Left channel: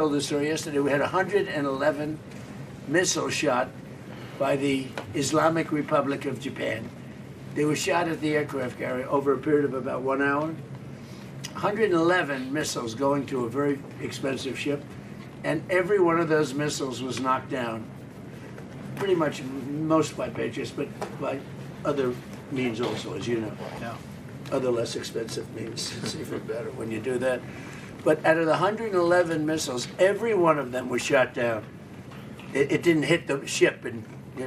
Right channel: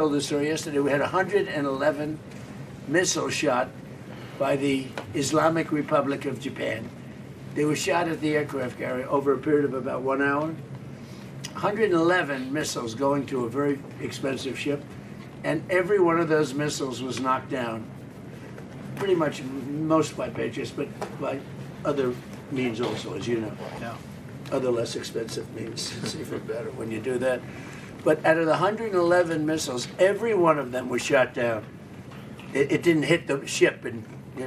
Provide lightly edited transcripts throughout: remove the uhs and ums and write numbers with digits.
told the story yesterday. We had 111 missiles shot by the Islamic Republic of Japan. They were shot at the aircraft carrier over a period of about 1 hour. 111 missiles going to a very expensive ship, and every one of those missiles was knocked down. Pretty much most by Patriots, but by other means also, as you know. Yeah. Other less expensive means. It's even better when you do that. But out of the 111 missiles, every one of them was shot down. It didn't hit the ship, and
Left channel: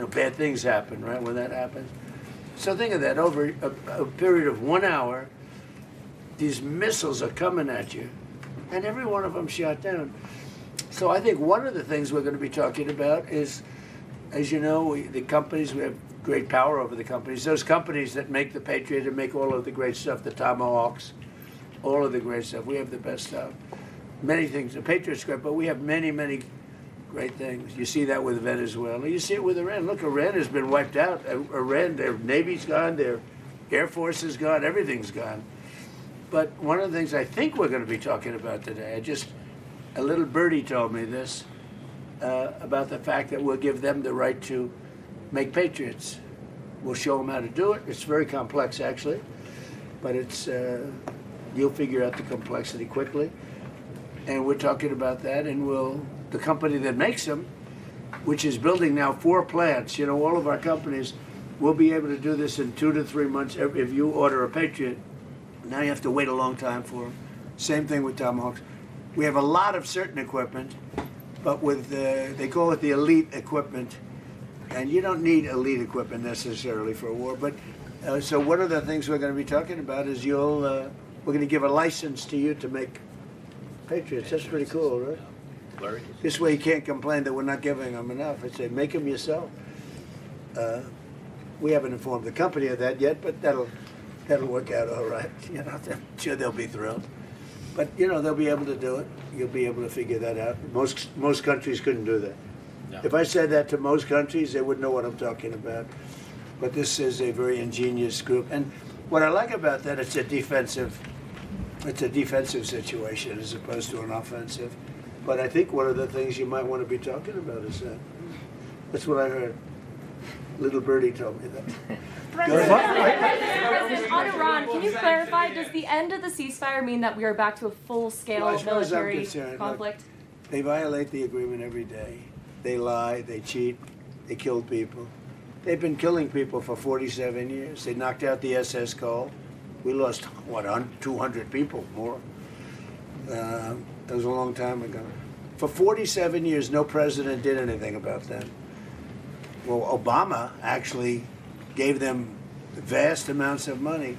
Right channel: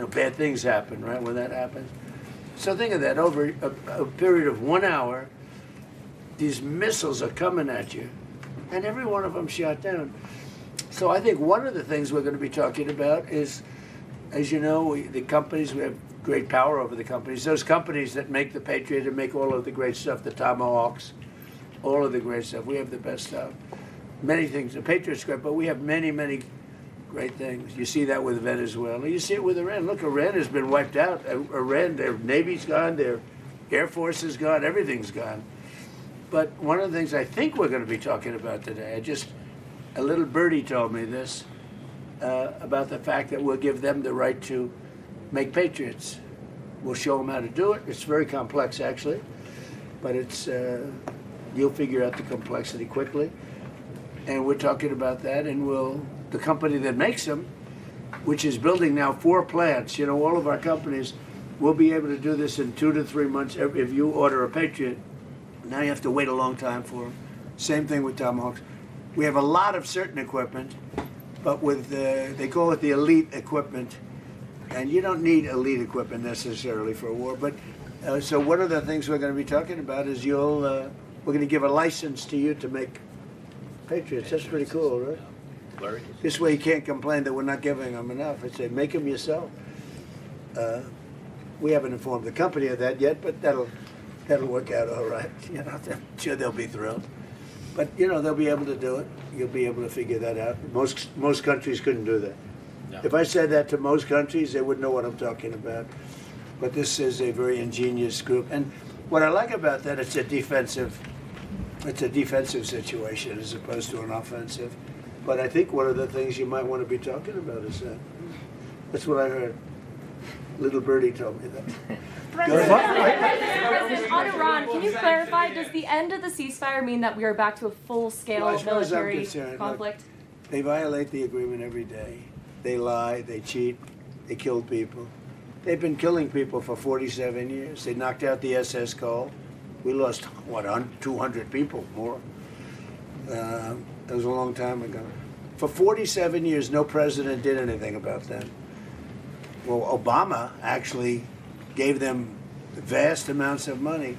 bad things happen, right, when that happens. So think of that, over a period of 1 hour, these missiles are coming at you, and every one of them shot down. So I think one of the things we're going to be talking about is, as you know, the companies, we have great power over the companies. Those companies that make the Patriot and make all of the great stuff, the Tomahawks, all of the great stuff. We have the best stuff. Many things. The Patriot's great, but we have many, many great things. You see that with Venezuela. You see it with Iran. Look, Iran has been wiped out. Iran, their Navy's gone, their Air Force is gone, everything's gone. But one of the things I think we're going to be talking about today, a little birdie told me this, about the fact that we'll give them the right to make Patriots. We'll show them how to do it. It's very complex, actually, but it's you'll figure out the complexity quickly. And we're talking about that, and the company that makes them, which is building now 4 plants, all of our companies will be able to do this in 2 to 3 months. If you order a Patriot, now you have to wait a long time for them. Same thing with Tomahawks. We have a lot of certain equipment, but with they call it the elite equipment, and you don't need elite equipment necessarily for a war. But so one of the things we're going to be talking about is we're going to give a license to you to make Patriots. That's pretty cool, right? This way you can't complain that we're not giving them enough. I say, make them yourself. We haven't informed the company of that yet, but that'll work out all right. I'm sure they'll be thrilled. But they'll be able to do it. You'll be able to figure that out. Most countries couldn't do that. No. If I said that to most countries, they wouldn't know what I'm talking about. But this is a very ingenious group, and what I like about that, it's a defensive situation as opposed to an offensive. But I think one of the things you might want to be talking about is that. That's what I heard. Little birdie told me that. On Iran, can you clarify, does the end of the ceasefire mean that we are back to a full-scale military conflict? Look, they violate the agreement every day. They lie, they cheat, they kill people. They've been killing people for 47 years. They knocked out the SS Cole. We lost, 200 people more. That was a long time ago. For 47 years, no president did anything about that. Well, Obama actually gave them vast amounts of money.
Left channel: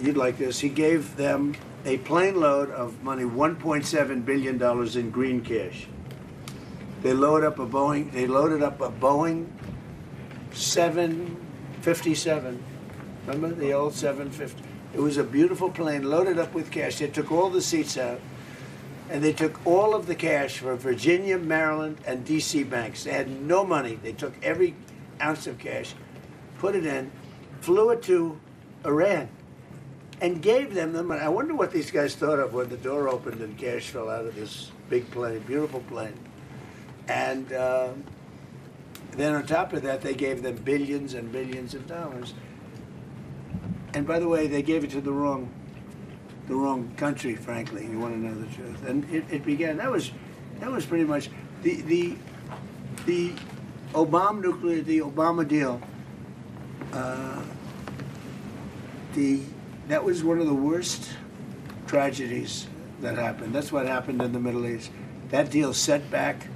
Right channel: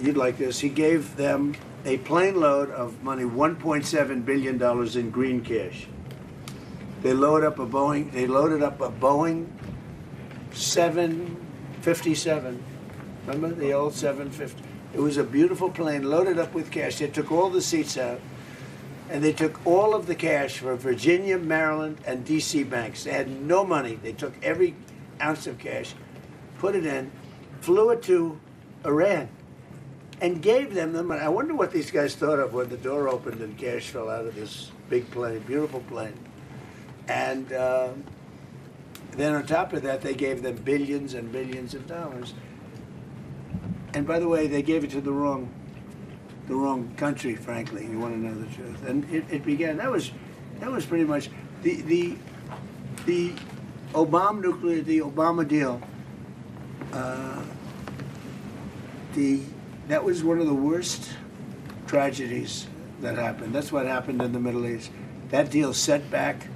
You'd like this. He gave them a plane load of money, $1.7 billion in green cash. They loaded up a Boeing 757. Remember the old 750? It was a beautiful plane loaded up with cash. They took all the seats out, and they took all of the cash from Virginia, Maryland, and D.C. banks. They had no money. They took every ounce of cash, put it in, flew it to Iran, and gave them the money. I wonder what these guys thought of when the door opened and cash fell out of this big plane, beautiful plane. And then on top of that, they gave them billions and billions of dollars. And by the way, they gave it to the wrong country, frankly. You want to know the truth. And it began. That was pretty much the Obama deal. That was one of the worst tragedies that happened. That's what happened in the Middle East. That deal set back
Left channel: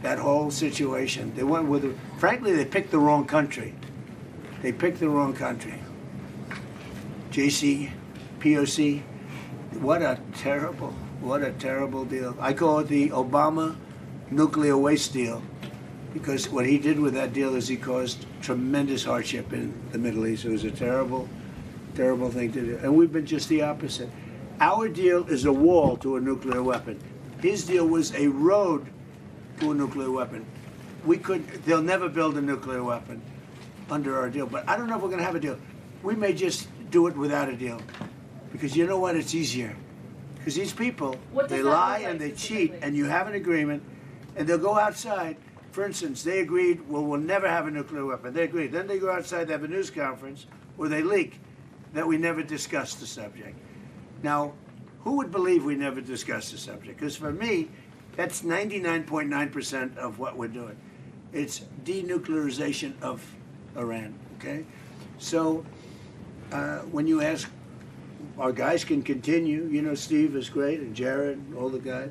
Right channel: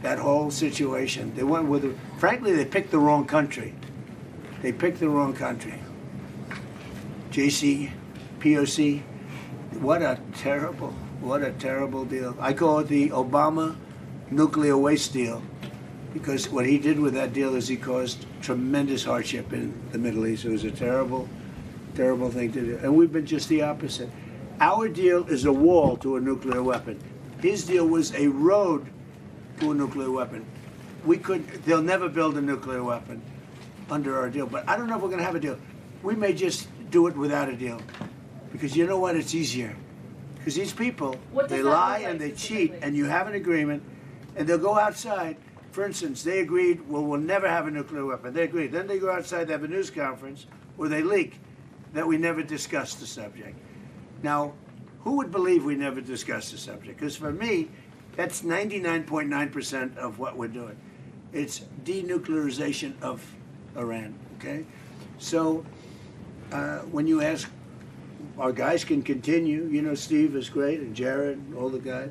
that whole situation. They went with frankly, they picked the wrong country. They picked the wrong country. POC. What a terrible deal. I call it the Obama nuclear waste deal, because what he did with that deal is he caused tremendous hardship in the Middle East. It was a terrible, terrible thing to do. And we've been just the opposite. Our deal is a wall to a nuclear weapon. His deal was a road to a nuclear weapon. They'll never build a nuclear weapon under our deal, but I don't know if we're going to have a deal. We may just do it without a deal, because you know what? It's easier. Because these people, What does they that lie look like and they cheat, specifically? and you have an agreement, and they'll go outside. For instance, they agreed, well, we'll never have a nuclear weapon. They agreed. Then they go outside, they have a news conference where they leak that we never discussed the subject. Now, who would believe we never discussed the subject? Because for me, that's 99.9% of what we're doing. It's denuclearization of Iran, okay? So when you ask, our guys can continue. You know, Steve is great, and Jared, and all the guys.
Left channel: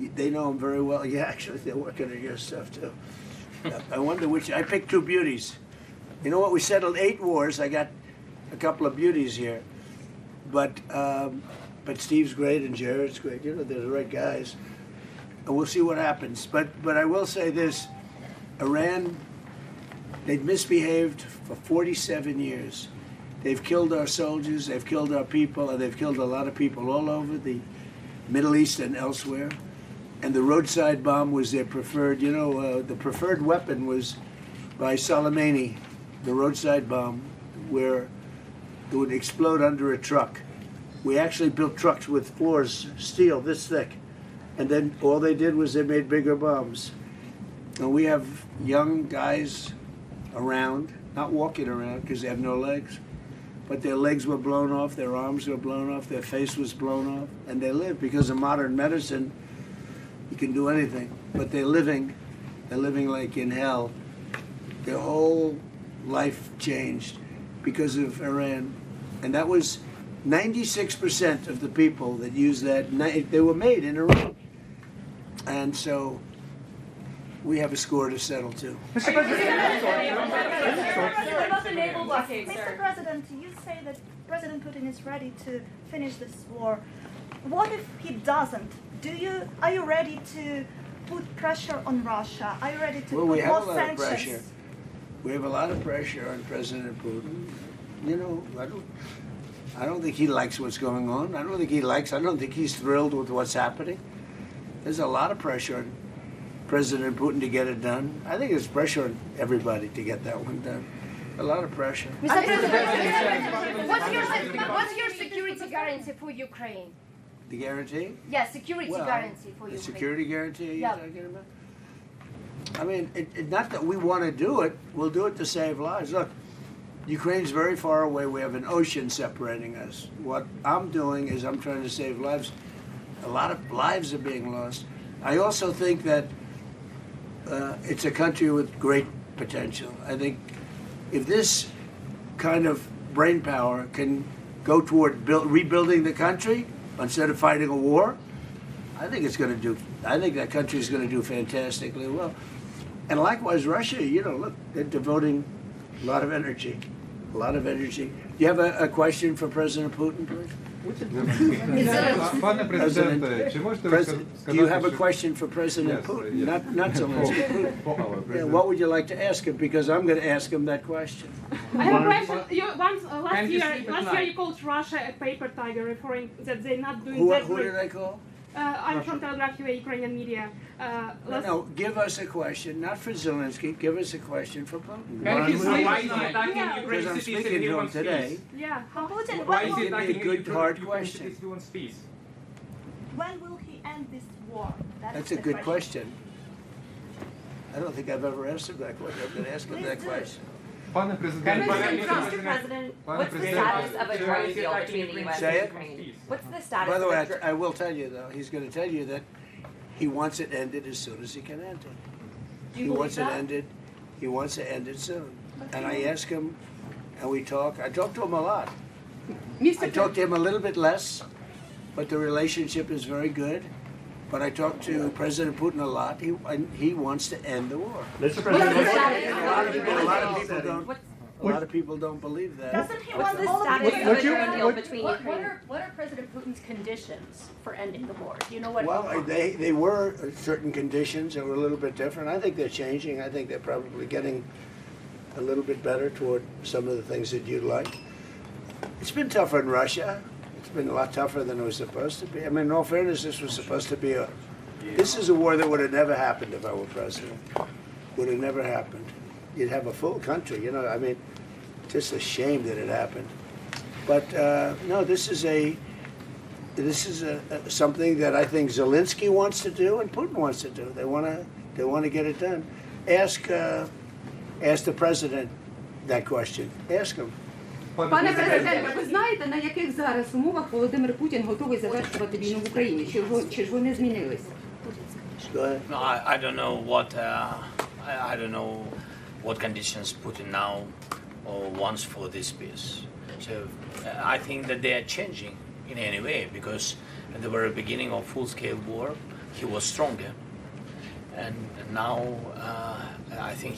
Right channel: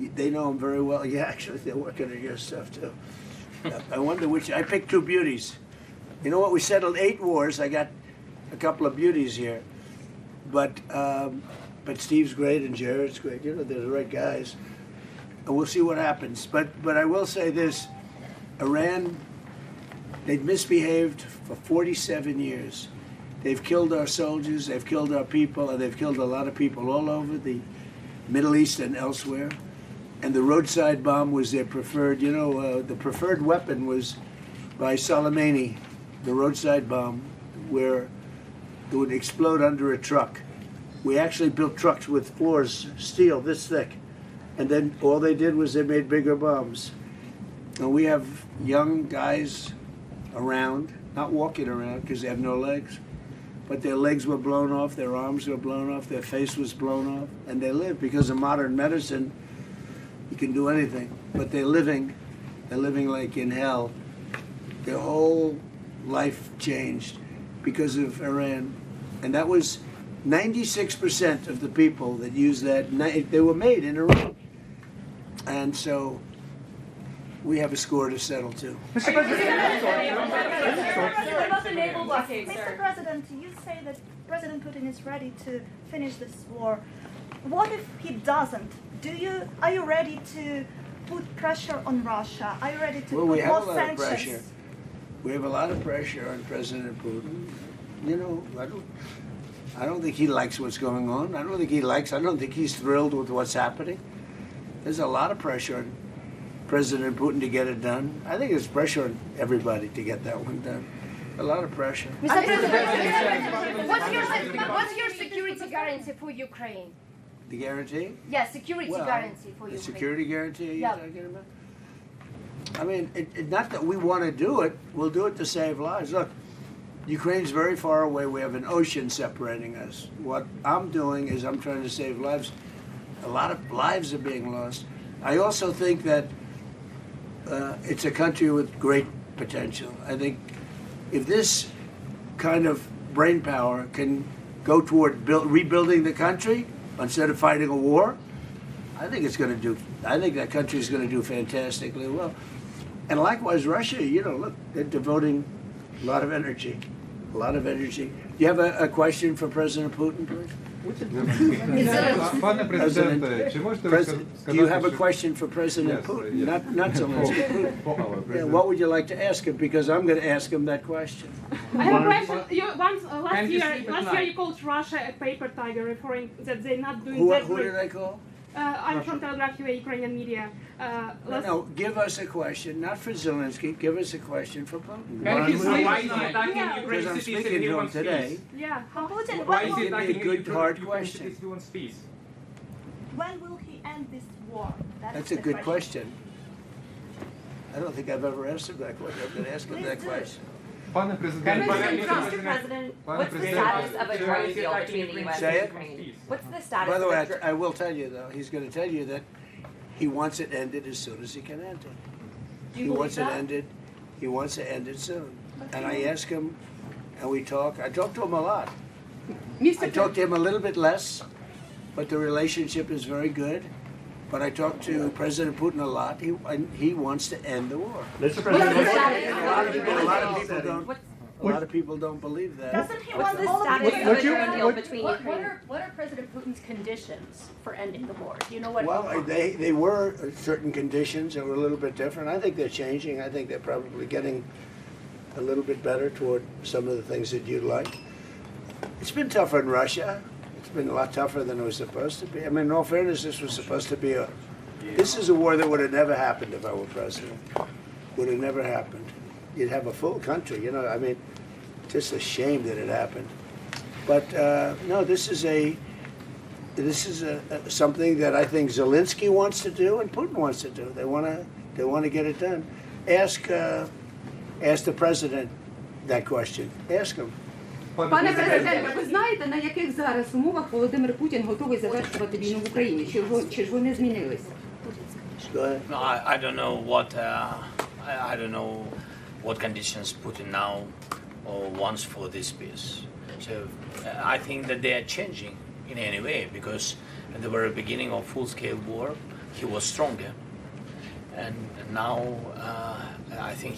They know him very well. Yeah, actually, they're working on your stuff, too. I wonder which. I picked two beauties. You know what? We settled 8 wars. I got a couple of beauties here. But Steve's great, and Jared's great. You know, they're the right guys. And we'll see what happens. But I will say this. Iran, they've misbehaved for 47 years. They've killed our soldiers, they've killed our people, and they've killed a lot of people all over the Middle East and elsewhere. And the roadside bomb was their preferred, you know, the preferred weapon was by Soleimani, the roadside bomb, where it would explode under a truck. We actually built trucks with floors, steel this thick. And then all they did was they made bigger bombs. And we have young guys around, not walking around because they have no legs, but their legs were blown off, their arms were blown off, their face was blown off, and they live because of modern medicine. You can do anything, but they're living like in hell. Their whole life changed because of Iran. And that was 96% of the people that used that, they were made in Iran. And so we have a score to settle too. What about the naval blockade, Mr. sir? President, you say that President Putin is ready to finish this war. What if he doesn't? Are you ready to put pressure on Russia? Are you ready to Well, we put have a more lot of sanctions? pressure. We have a lot of pressure on President Putin. You know, I don't think he likes what's going on. I don't think he's thrilled with what's happening. There's a lot of pressure on President Putin to get it done. I think there's pressure on everybody to get that one done. A lot of pressure. Mr. President, what's your security guarantee for Ukraine? The guarantee? Yes, security guarantee for The Ukraine. security guarantee you're Yeah. talking about? I mean, not that we want to do it. We'll do it to save lives. Look, Ukraine's very far away. We have an ocean separating us. What I'm doing is I'm trying to save lives. A lot of lives are being lost. I also think that it's a country with great potential. I think if this kind of brain power can go toward rebuilding the country instead of fighting a war, I think that country is going to do fantastically well. And likewise, Russia, you know, look, they're devoting a lot of energy. Do you have a question for President Putin, please? Пане президенте, чи можете ви сказати, Do you have a що- question for President Yes, Putin? yes. Not Zelensky. Putin. Yeah, what would you like to ask him? Because I'm going to ask him that question. I have a question. Last Can you year, sleep at last year night? you called Russia a paper tiger, referring that they're not doing Who that did great. I call? I'm from Telegraph UA, Ukrainian media. No, give us a question, not for Zelensky. Give us a question for Putin. Can he sleep Why at is he night? attacking Yeah. Ukraine Because I'm cities speaking if he to him wants today. peace? Yeah. Putin, Why is he Give me a attacking good, Ukraine hard Ukraine question. cities if he wants peace? when will he end this war? That's is a the good question. I don't think I've ever asked him that question. I'm going to ask him that Please do. question. Пане президенте, Mr. President, what's the status of a drone deal between the U.S. Say and it. Ukraine? What's the status By the way, of a I will tell you, though, he's going to tell you that he wants it ended as soon as he can end it. He wants it ended. He wants to end it soon. And I ask him, and we talk. I talk to him a lot. I talk to him a little bit less, but the relationship is very good. But I talk to President Putin a lot. He wants to end the war. What's the A lot status? of people don't believe that. Doesn't he What's want the all of status this? of a drone deal between What Ukraine? are President Putin's conditions for ending the war? Do you know what? Well, they were certain conditions that were a little bit different. I think they're changing. I think they're probably getting a little bit better toward some of the things that you'd like. It's been tougher in Russia. It's been a lot tougher than it was supposed to be. I mean, in all fairness, this was supposed to be this is a war that would have never happened if I were president. Would have never happened. You'd have a full country, you know, I mean, just a shame that it happened. But no, this is this is something that I think Zelenskyy wants to do and Putin wants to do. They want to get it done. Ask the president that question. Ask him. Пане президенте, ви знаєте, на яких зараз умовах Володимир Путін готовий завершувати війну в Україні? Чи ж вони змінилися? Go ahead. No, I don't know I don't know what conditions Putin now wants for this peace. So I think that they are changing in any way, because at the very beginning of full-scale war, he was stronger, and now I think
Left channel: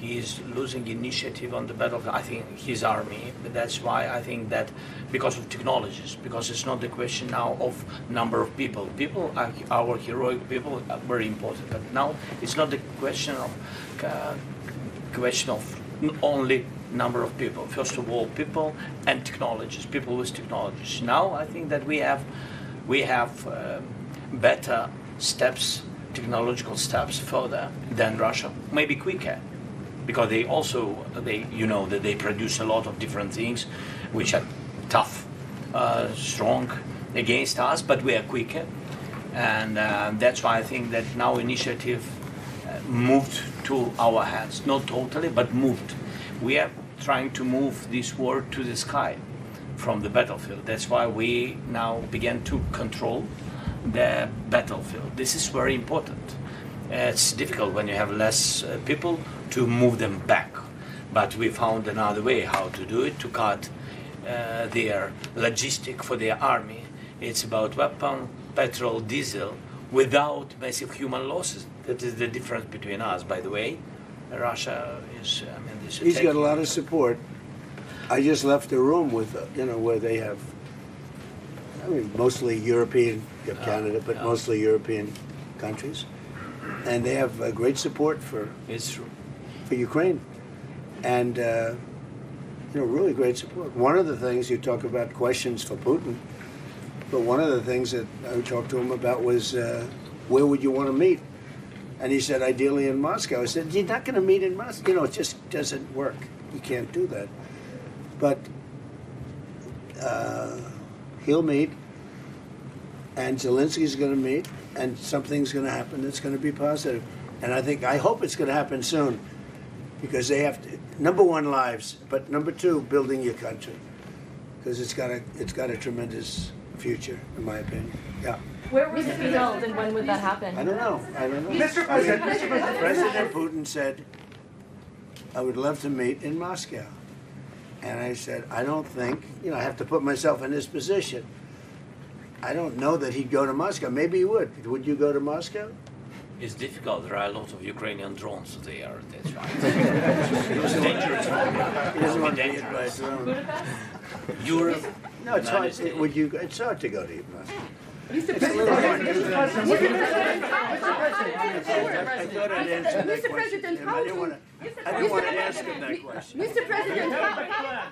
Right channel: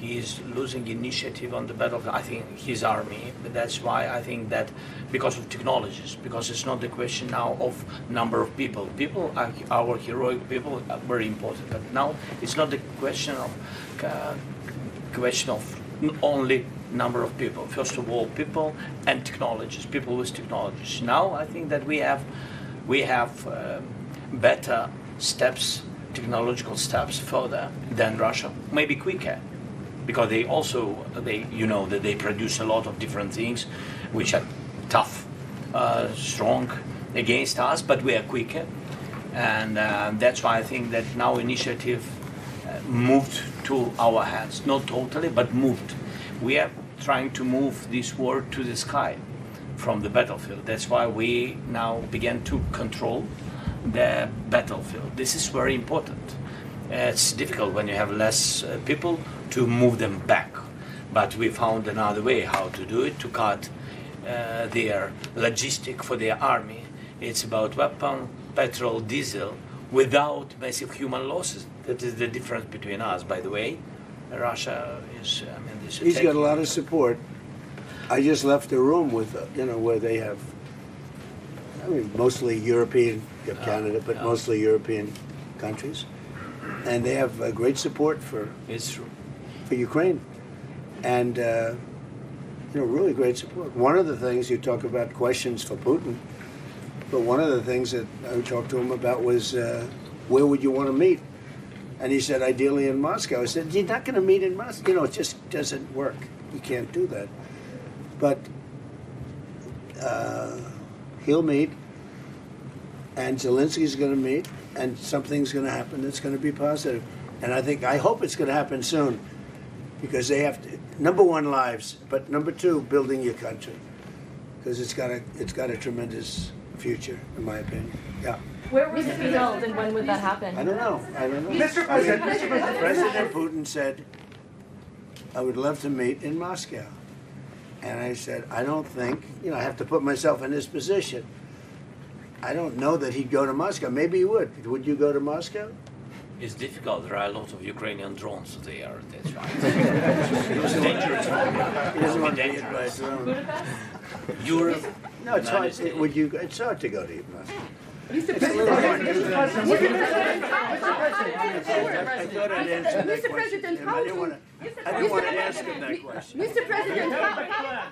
he is losing initiative on the battlefield. I think his army, but that's why I think that because of technologies, because it's not the question now of number of people. People are our heroic people are very important, but now it's not the question of only number of people. First of all, people and technologies. People with technologies. Now I think that we have better steps, technological steps further than Russia, maybe quicker. Because that they produce a lot of different things which are tough, strong against us, but we are quicker. And that's why I think that now initiative moved to our hands. Not totally, but moved. We are trying to move this war to the sky from the battlefield. That's why we now begin to control the battlefield. This is very important. It's difficult when you have less people to move them back, but we found another way how to do it, to cut their logistic for their army. It's about weapon, petrol, diesel, without massive human losses. That is the difference between us, by the way. Russia is, he's got a lot of support. I just left the room with, where they have, mostly European, you have Canada, but mostly European countries. And they have great support for Ukraine, and really great support. One of the things you talk about questions for Putin, but one of the things that I talked to him about was where would you want to meet? And he said ideally in Moscow. I said you're not going to meet in Moscow. It just doesn't work. You can't do that. But he'll meet, and Zelensky's going to meet. And something's going to happen that's going to be positive. And I hope it's going to happen soon, because they have to, number one, lives, but number two, building your country, because it's got a tremendous future, in my opinion. Yeah. Where would it be held, and when would that happen? I don't know. Mr. President, President Putin said, I would love to meet in Moscow. And I said, I don't think, I have to put myself in this position. I don't know that he'd go to Moscow. Maybe he would. Would you go to Moscow? It's difficult. There are a lot of Ukrainian drones there. That's right. It's dangerous. He doesn't want to be hit by a drone. Europe. No, it's hard. It's hard to go to Moscow. Mr. President,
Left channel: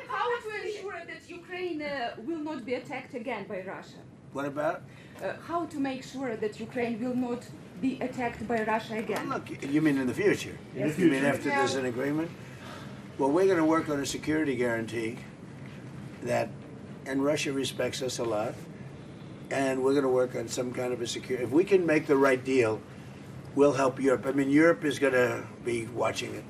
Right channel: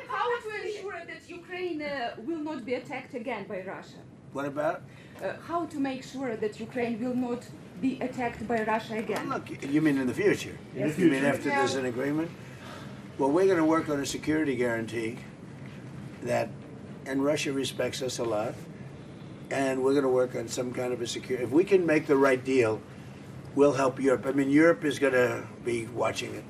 how to ensure that Ukraine will not be attacked again by Russia? What about? How to make sure that Ukraine will not be attacked by Russia again? Well, look, you mean in the future? Yes. You mean after there's an agreement? Well, we're going to work on a security guarantee and Russia respects us a lot, and we're going to work on some kind of a security. If we can make the right deal, we'll help Europe. Europe is going to be watching it,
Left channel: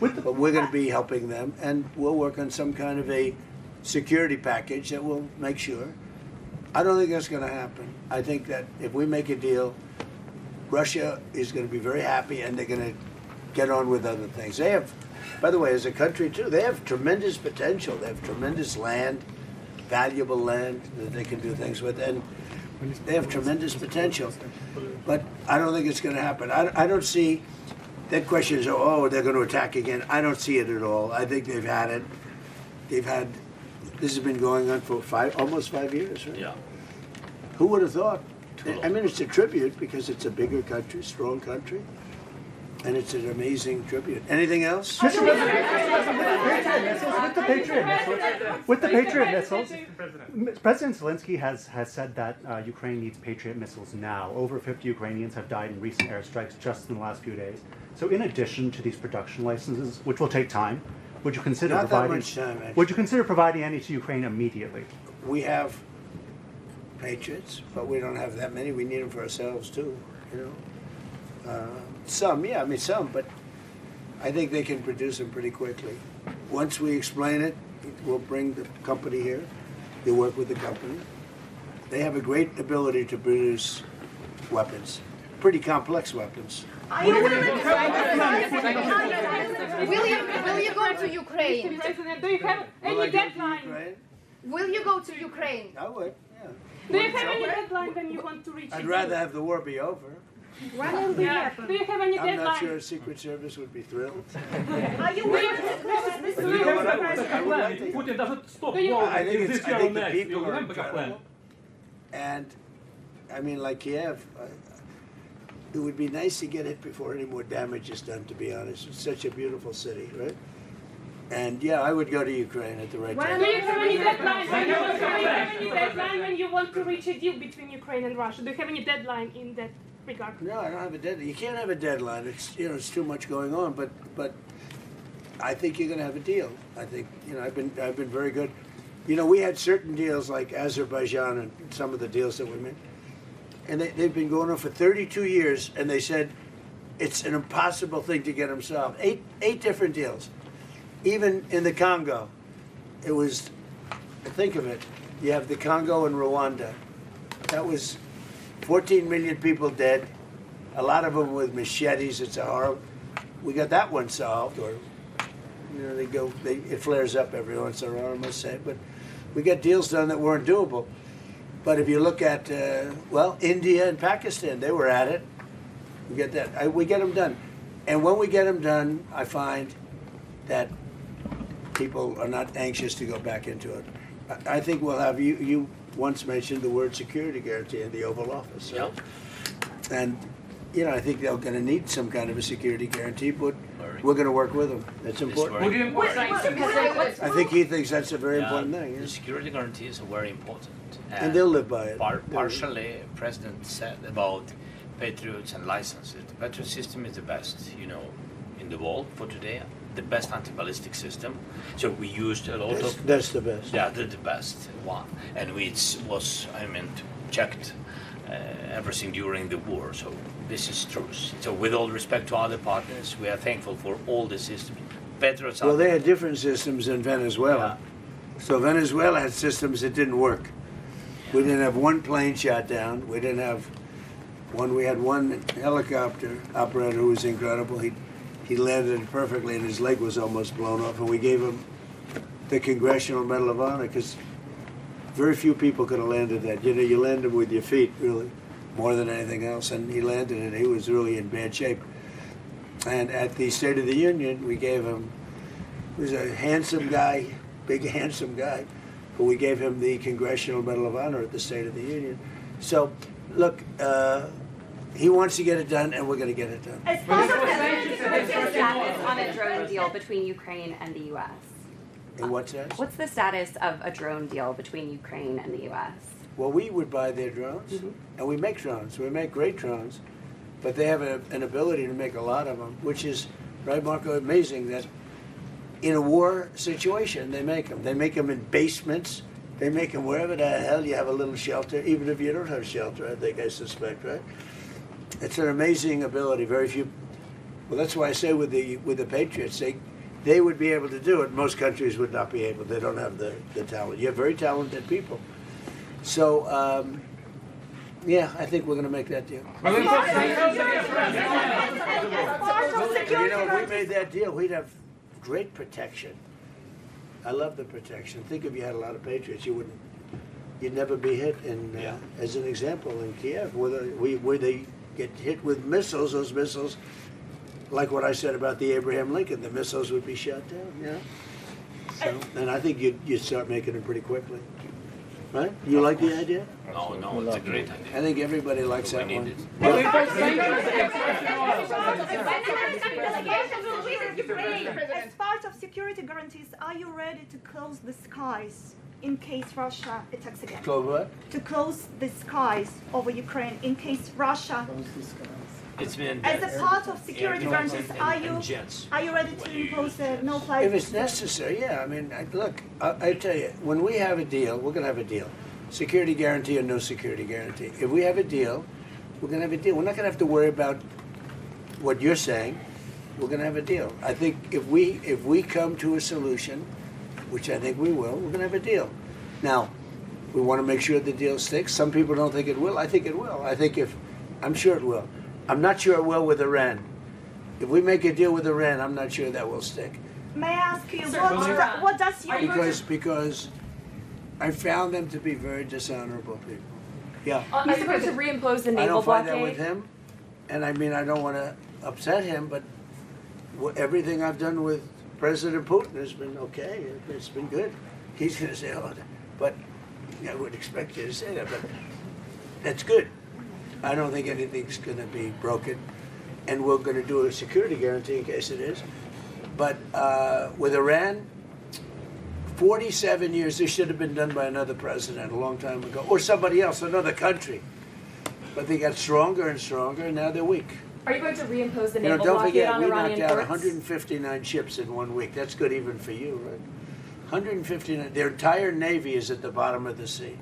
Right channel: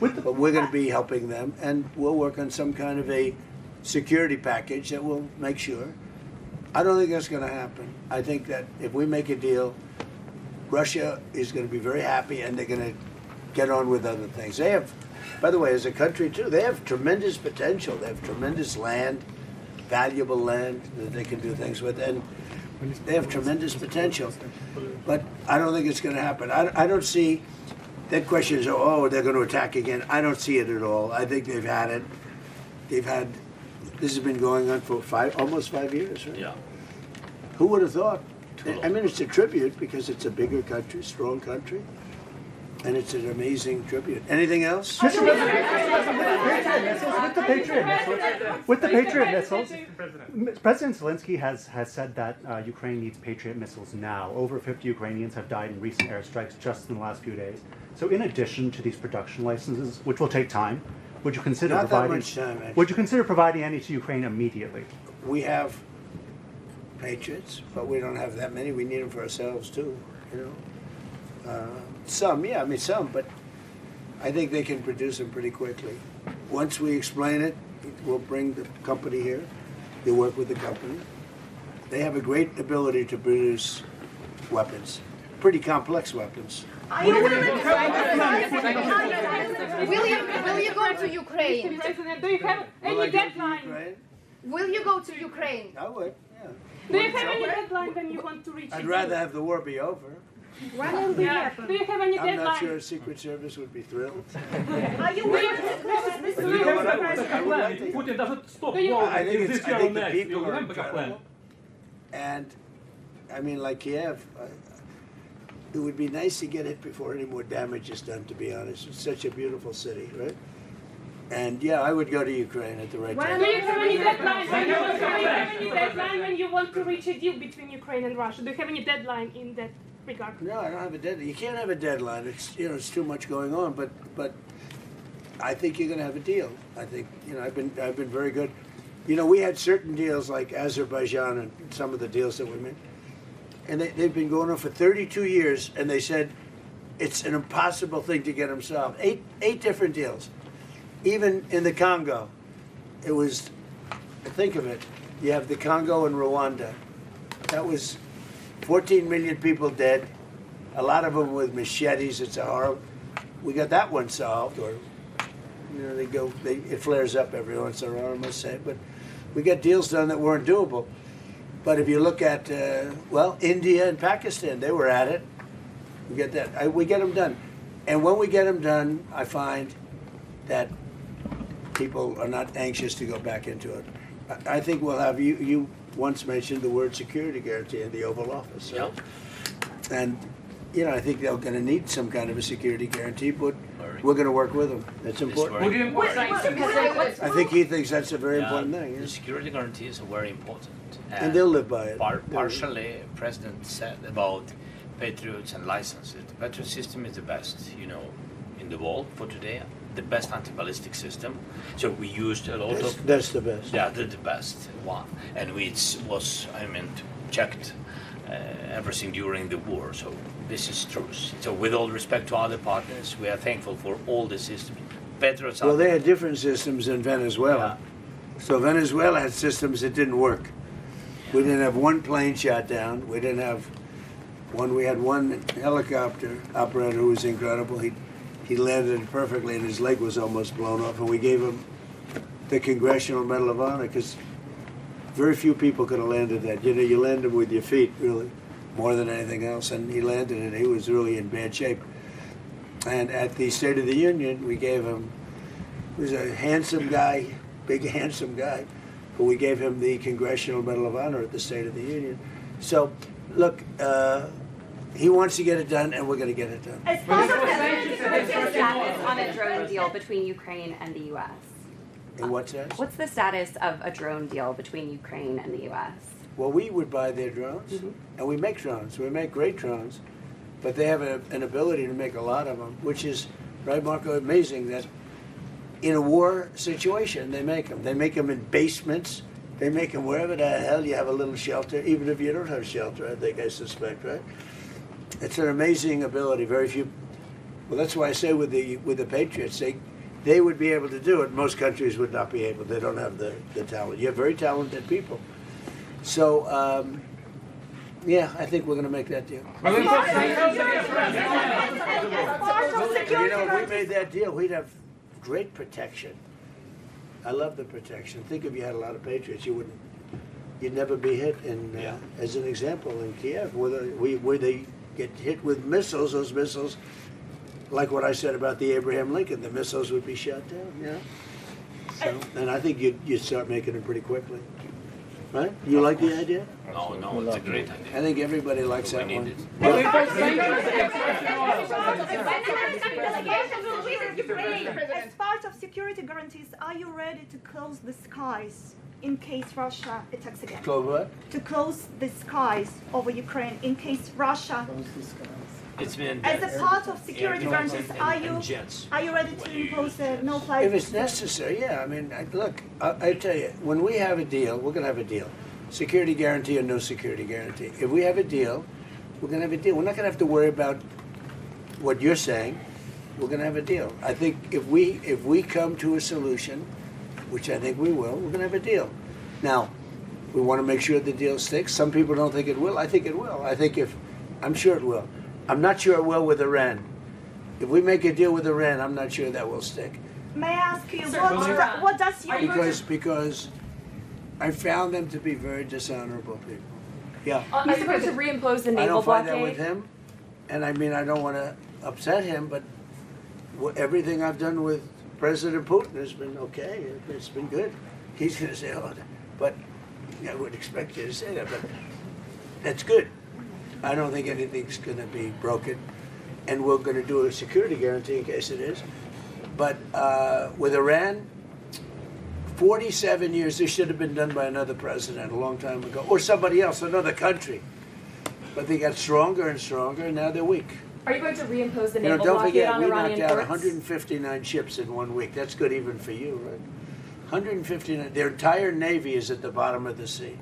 but we're going to be helping them, and we'll work on some kind of a security package that will make sure. I don't think that's going to happen. I think that if we make a deal, Russia is going to be very happy, and they're going to get on with other things. They have, by the way, as a country too, they have tremendous potential. They have tremendous land, valuable land that they can do things with, and they have tremendous potential. But I don't think it's going to happen. I don't see, that question is, they're going to attack again. I don't see it at all. I think they've had it. This has been going on for almost 5 years, right? Yeah. Who would have thought? It's a tribute, because it's a bigger country, strong country, and it's an amazing tribute. Anything else? Mr. President, with the Patriot missiles, President Zelenskyy has said that Ukraine needs Patriot missiles now. Over 50 Ukrainians have died in recent airstrikes just in the last few days. So in addition to these production licenses, which will take time, would you consider providing any to Ukraine immediately? We have Patriots, but we don't have that many. We need them for ourselves too, you know. Some, yeah, I mean some, but I think they can produce them pretty quickly. Once we explain it, we'll bring the company here. They work with the company. They have a great ability to produce weapons, pretty complex weapons. Are you willing to will you go to Ukraine? President, do you have any deadline? Will you go to Ukraine? I would, yeah. Do you have any deadline when you want to reach I'd it? rather have the war be over. When will it happen? Do you have any I'm deadline? not sure Secret Service would be thrilled. Are you willing to close this But you know what I would like to- Putin doesn't stop Do you- war I think in it's, this I year think or the next. people You are have backup plan. incredible. And, I mean, like Kiev, it would be nice to get it before any more damage is done, to be honest. It's such a beautiful city, right? And yeah, I would go to Ukraine at the right Do time. you have any deadline? Do you have any deadline when you want to reach a deal between Ukraine and Russia? Do you have any deadline in that regard? No, I don't have a deadline. You can't have a deadline. It's, you know, it's too much going on. But I think you're going to have a deal. I think, you know, I've been very good. You know, we had certain deals like Azerbaijan and some of the deals that we made, and they've been going on for 32 years. And they said it's an impossible thing to get them solved. Eight different deals. Even in the Congo, it was. Think of it. You have the Congo and Rwanda. That was 14 million people dead, a lot of them with machetes. It's a horror. We got that one solved, or you know, it flares up every once in a while, I must say. But we got deals done that weren't doable. But if you look at well, India and Pakistan, they were at it. We get that. We get them done, and when we get them done, I find that people are not anxious to go back into it. I think we'll have you once mentioned the word security guarantee in the Oval Office. Right? Yeah. And, you know, I think they're going to need some kind of a security guarantee, but we're going to work with them. That's important. I think he thinks that's a very important thing. Yeah. The security guarantees are very important. And they'll live by it. Partially, the President said about Patriots and licenses. The Patriot system is the best, you know, in the world for today. The best anti-ballistic system. So we used a lot of... That's the best. Yeah, the best one. And was, checked everything during the war. So this is true. So with all respect to other partners, we are thankful for all the systems. Patriots well, they had different systems in Venezuela. Yeah. So Venezuela had systems that didn't work. We didn't have one plane shot down. We didn't have one. We had one helicopter operator who was incredible. He landed it perfectly, and his leg was almost blown off. And we gave him the Congressional Medal of Honor because very few people could have landed that. You know, you land them with your feet, really, more than anything else. And he landed it. He was really in bad shape. And at the State of the Union, we gave him. He was a handsome guy, big handsome guy, but we gave him the Congressional Medal of Honor at the State of the Union. So, look. He wants to get it done, and we're going to get it done. What's the status on a drone deal between Ukraine and the U.S.? In what sense? What's the status of a drone deal between Ukraine and the U.S.? Well, we would buy their drones, and we make drones. We make great drones, but they have an ability to make a lot of them, which is, right, Marco, amazing that in a war situation, they make them. They make them in basements. They make them wherever the hell you have a little shelter, even if you don't have shelter, I suspect, right? It's an amazing ability. Very few. Well, that's why I say with the Patriots, they would be able to do it. Most countries would not be able. They don't have the talent. You have very talented people. So, yeah, I think we're going to make that deal. You know, if we made that deal, we'd have great protection. I love the protection. Think if you had a lot of Patriots, you'd never be hit. As an example, in Kiev, where they get hit with missiles, those missiles, like what I said about the Abraham Lincoln, the missiles would be shot down. Yeah. So, and I think you'd start making them pretty quickly. Right? You like the idea? No, it's a great idea. I think everybody likes that one. As part of security guarantees, are you ready to close the skies in case Russia attacks again? Close what? To close the skies over Ukraine in case Russia. It's been as a part of security guarantees, are you ready to impose a no-fly? If it's necessary, yeah. I mean, look, I tell you, when we have a deal, we're going to have a deal. security guarantee or no security guarantee. If we have a deal, we're going to have a deal. We're not going to have to worry about what you're saying. We're going to have a deal. I think if we come to a solution, which I think we will, we're going to have a deal. Now, we want to make sure the deal sticks. Some people don't think it will. I think it will. I'm sure it will. I'm not sure it will with Iran. If we make a deal with Iran, I'm not sure that will stick. May I ask you, Sir, what does your Because I found them to be very dishonorable people. Yeah. Are you going to reimpose the I naval don't find that blockade? with him, and I mean I don't want to upset him, but everything I've done with President Putin has been okay. It's been good. He's going to say, "Oh," but I would expect you to say that, but that's good. I don't think anything's going to be broken, and we're going to do a security guarantee in case it is. But with Iran, 47 years, this should have been done by another president a long time ago, or somebody else, another country. But they got stronger and stronger, and now they're weak. Are you going to reimpose the naval Don't blockade forget, on we Iranian knocked out ports? 159 ships in 1 week. That's good even for you, right? 159. Their entire navy is at the bottom of the sea.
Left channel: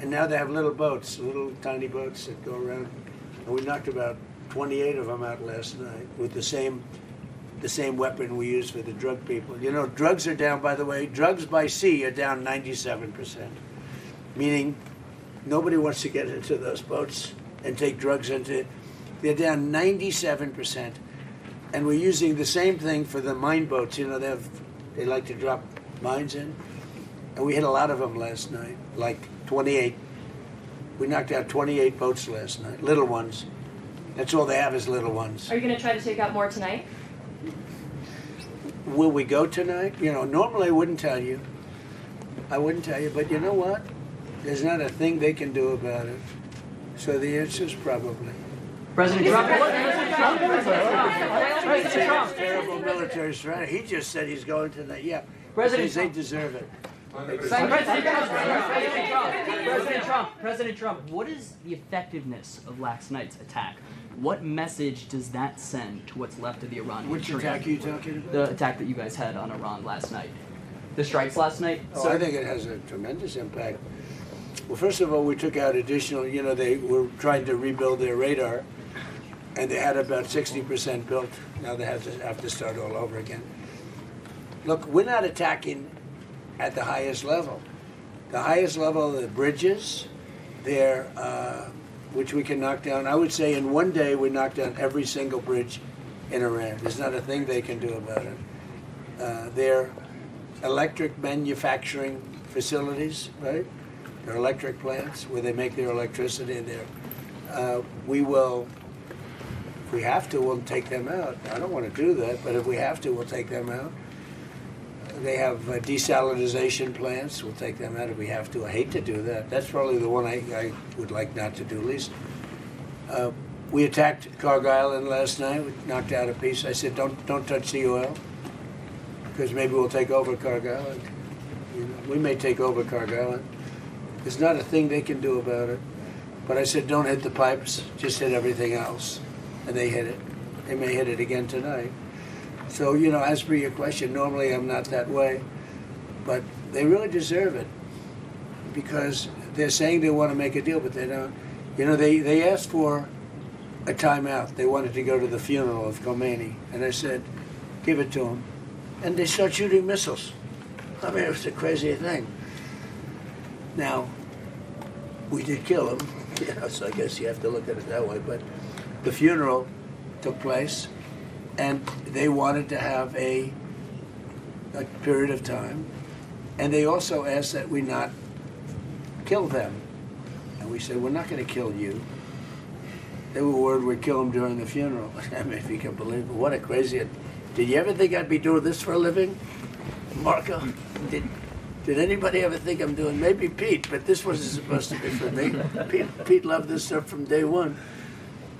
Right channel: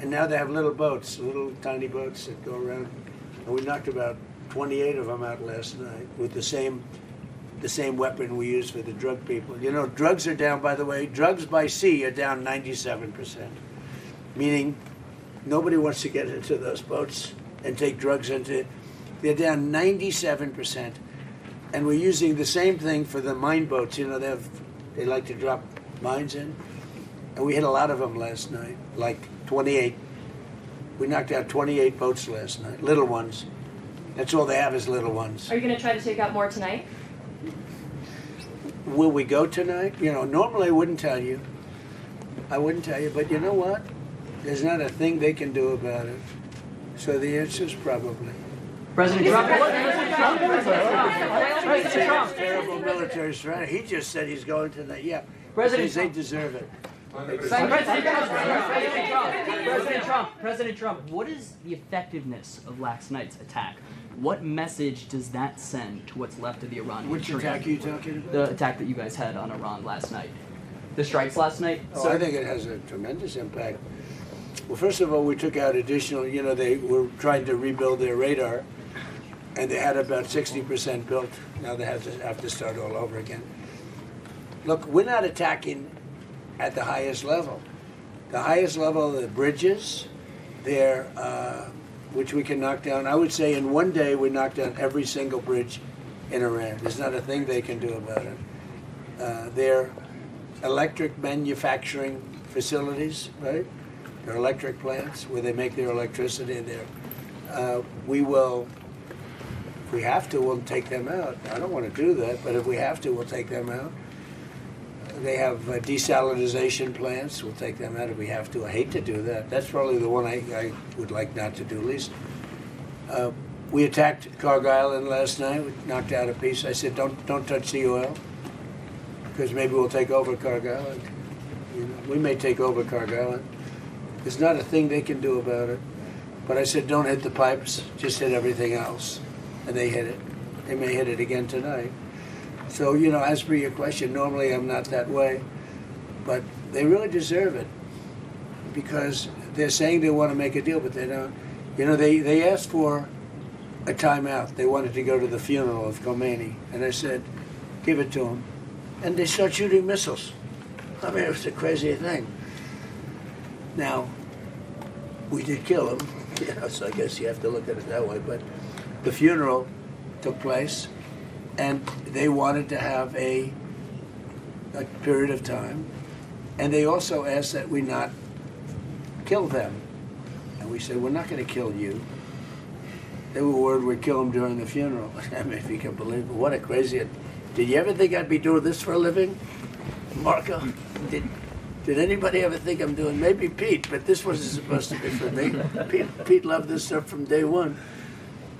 And now they have little boats, little tiny boats that go around. And we knocked about 28 of them out last night with the same weapon we use for the drug people. You know, drugs are down, by the way, drugs by sea are down 97%. Meaning nobody wants to get into those boats and take drugs into it. They're down 97%. And we're using the same thing for the mine boats. You know, they like to drop mines in. And we hit a lot of them last night, like 28. We knocked out 28 boats last night, little ones. That's all they have is little ones. Are you going to try to take out more tonight? Will we go tonight? You know, normally I wouldn't tell you. But you know what? There's not a thing they can do about it. So the answer is probably. President Trump. Terrible military strategy. He just said he's going tonight. Yeah. President They deserve it. President Trump, what is the effectiveness of last night's attack? What message does that send to what's left of the Iranian Which attack are you talking about? The attack that you guys had on Iran last night. The strikes last night? Oh, I think it has a tremendous impact. Well, first of all, we took out additional, you know, they were trying to rebuild their radar, and they had about 60% built. Now they have to start all over again. Look, we're not attacking at the highest level. The highest level are the bridges, which we can knock down. I would say in one day we knocked down every single bridge in Iran. There's not a thing they can do about it. Their electric manufacturing facilities, right? Their electric plants where they make their electricity there. We will, if we have to, we'll take them out. I don't want to do that, but if we have to, we'll take them out. They have desalinization plants. We'll take them out if we have to. I hate to do that. That's probably the one I would like not to do least. We attacked Cargill Island last night. We knocked out a piece. I said, don't touch the oil, because maybe we'll take over Cargill Island. You know, we may take over Cargill Island. There's not a thing they can do about it. But I said, don't hit the pipes. Just hit everything else. And they hit it. They may hit it again tonight. So, you know, as for your question, normally I'm not that way, but they really deserve it because they're saying they want to make a deal, but they don't. You know, they asked for a timeout. They wanted to go to the funeral of Khomeini, and I said, give it to them. And they start shooting missiles. I mean, it was the craziest thing. Now, we did kill him, you know, so I guess you have to look at it that way, but the funeral took place. And they wanted to have a period of time. And they also asked that we not kill them. And we said, we're not going to kill you. They were worried we'd kill them during the funeral. I mean, if you can believe it. What a crazy... Did you ever think I'd be doing this for a living? Marco? Did anybody ever think I'm doing... Maybe Pete, but this wasn't supposed to be for me. Pete loved this stuff from day one.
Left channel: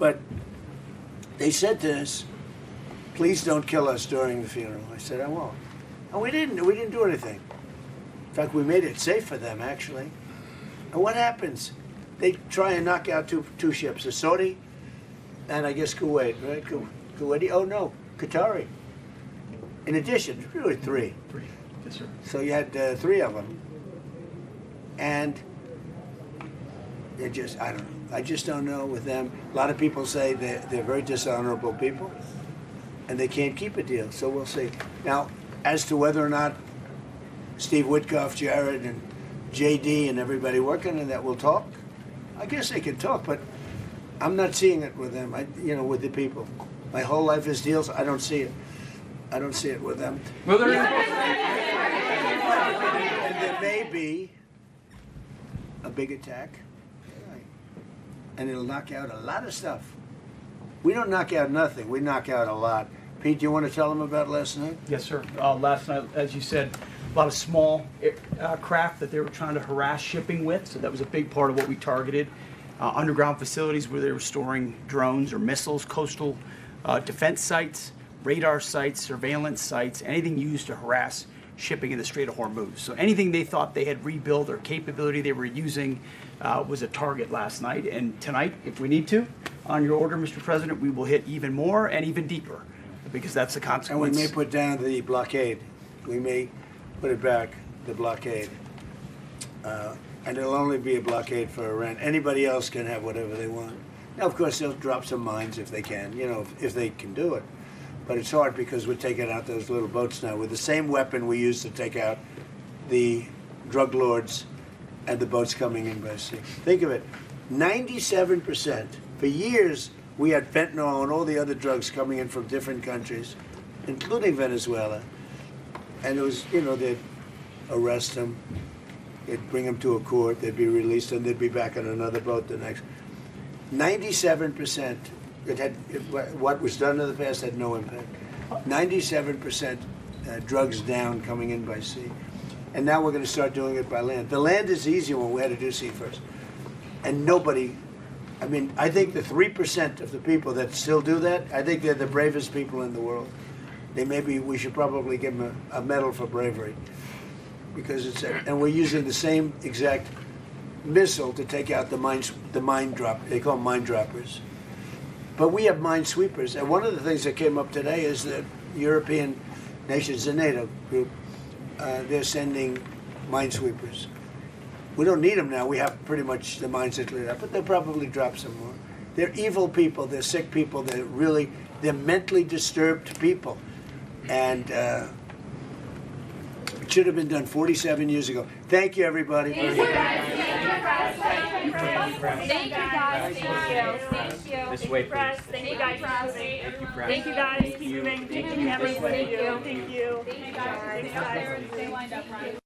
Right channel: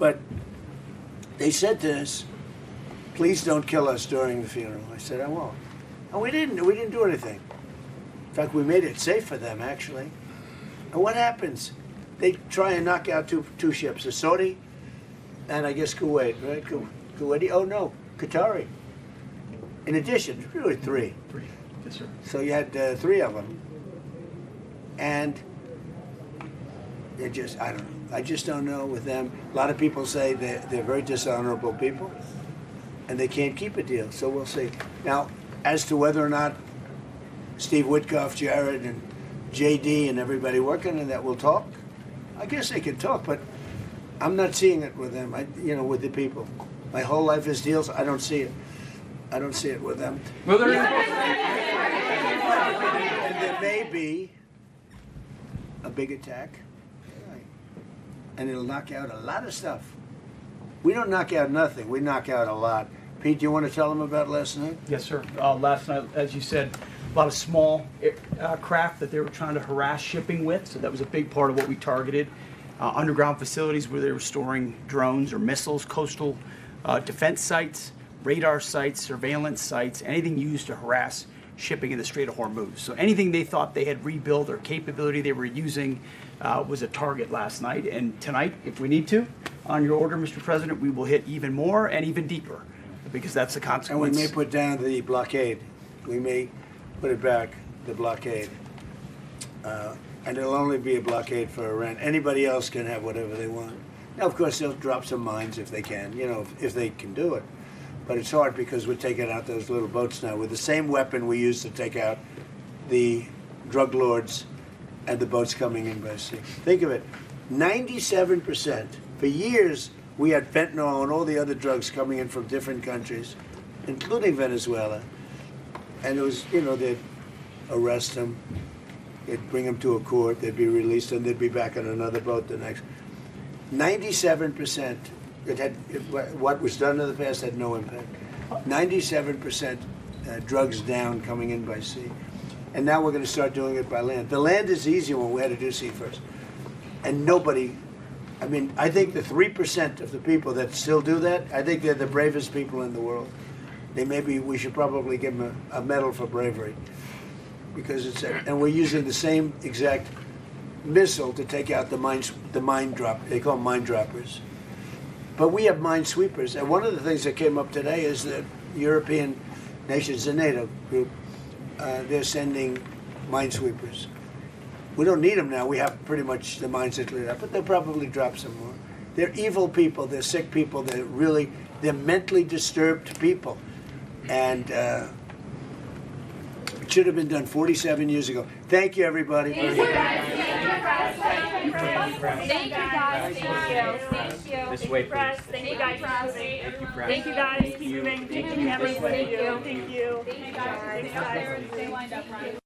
But they said to us, please don't kill us during the funeral. I said, I won't. And we didn't do anything. In fact, we made it safe for them, actually. And what happens? They try and knock out two ships, a Saudi and I guess Kuwait, right? Kuwaiti, oh no, Qatari. In addition, really three. Yes, sir. So you had 3 of them. And it just, I don't know. I just don't know with them. A lot of people say they're very dishonorable people, and they can't keep a deal. So we'll see. Now, as to whether or not Steve Witkoff, Jared, and JD and everybody working on that will talk, I guess they could talk, but I'm not seeing it with them. With the people. My whole life is deals. I don't see it. I don't see it with them. Well, there And there may be a big attack, and it'll knock out a lot of stuff. We don't knock out nothing. We knock out a lot. Pete, do you want to tell them about last night? Yes, sir. Last night, as you said, a lot of small craft that they were trying to harass shipping with, so that was a big part of what we targeted. Underground facilities where they were storing drones or missiles, coastal defense sites, radar sites, surveillance sites, anything used to harass shipping in the Strait of Hormuz. So anything they thought they had rebuilt or capability they were using was a target last night. And tonight, if we need to, on your order, Mr. President, we will hit even more and even deeper, because that's the consequence. And we may put down the blockade. We may put it back, the blockade. And it'll only be a blockade for Iran. Anybody else can have whatever they want. Now, of course, they'll drop some mines if they can, if they can do it. But it's hard because we're taking out those little boats now with the same weapon we used to take out the drug lords and the boats coming in by sea. Think of it, 97%. For years, we had fentanyl and all the other drugs coming in from different countries, including Venezuela. And it was, they'd arrest them, they'd bring them to a court, they'd be released, and they'd be back on another boat the next. 97%. What was done in the past had no impact. 97% drugs down coming in by sea. And now we're going to start doing it by land. The land is easy when we had to do sea first. And nobody, I think the 3% of the people that still do that, I think they're the bravest people in the world. We should probably give them a medal for bravery. Because and we're using the same exact missile to take out the mine drop. They call them mine droppers. But we have mine sweepers. And one of the things that came up today is that European nations, the NATO group, they're sending mine sweepers. We don't need them now. We have pretty much the mines that cleared up, but they'll probably drop some more. They're evil people. They're sick people. They're mentally disturbed people. And it should have been done 47 years ago. Thank you, everybody. Thank you, guys. Thank you. This way, please. Thank you guys. Thank you, guys. Keep moving. Thank you, everyone. Thank you. Thank you. Thank you, guys. Thanks, guys. Stay lined up, Ryan.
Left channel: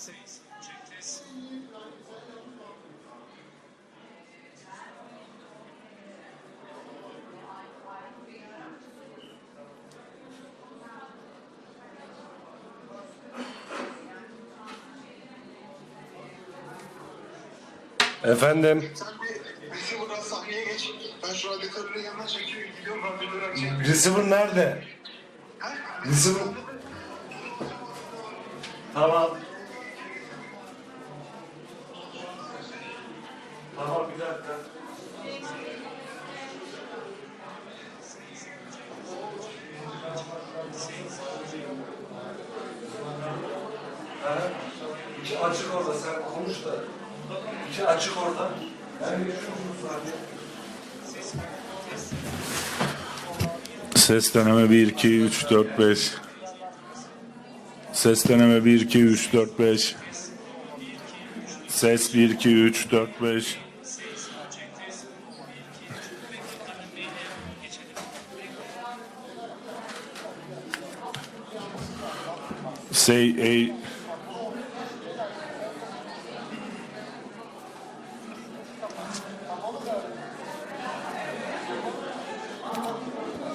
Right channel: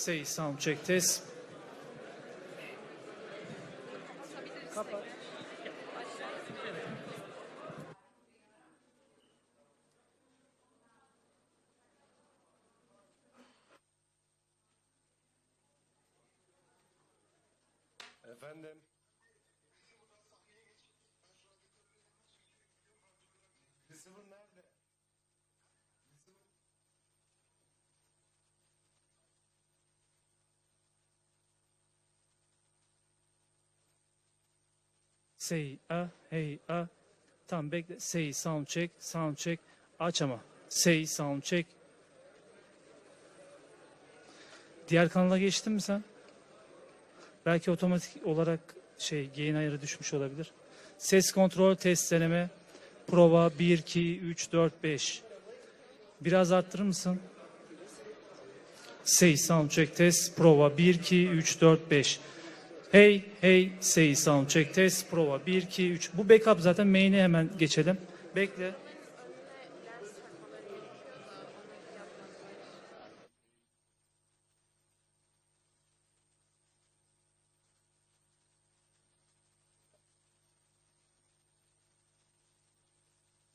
Say sound check test. Efendim? Receiver'dan sahneye geç. Ben şu radyatörün yanına çekiyorum. Gidiyorum radyatörü açayım. Receiver nerede? Receiver... Tamam. Tamam bir dakika. Say hey Tamam bekle. Say sound check. Aç ama. Say sound check. Diğer kanala geçtin mi sen? Belki otomatik olarak yeni düşmüş olabilir. Ses kontrol test deneme. Prova 1 2 Ses deneme 1 2 3 4 5. Biraz arttırır mısın? Ses deneme 1 2 3 Say 4 sound 5. check test. Prova 1 2 3 4 5. Ses 1 2 3 4 5. Hey say sound check test. Prova 1 2 3. Bu backup zaten main'e hemen geçelim. Bekle. Say hey.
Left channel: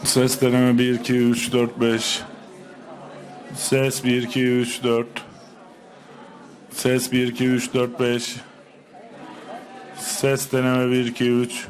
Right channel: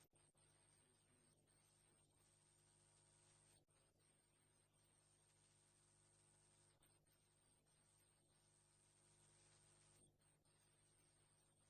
Ses deneme 1 2 3 4 5. Ses 1 2 3 4. Ses 1 2 3 4 5. Ses deneme 1 2 3.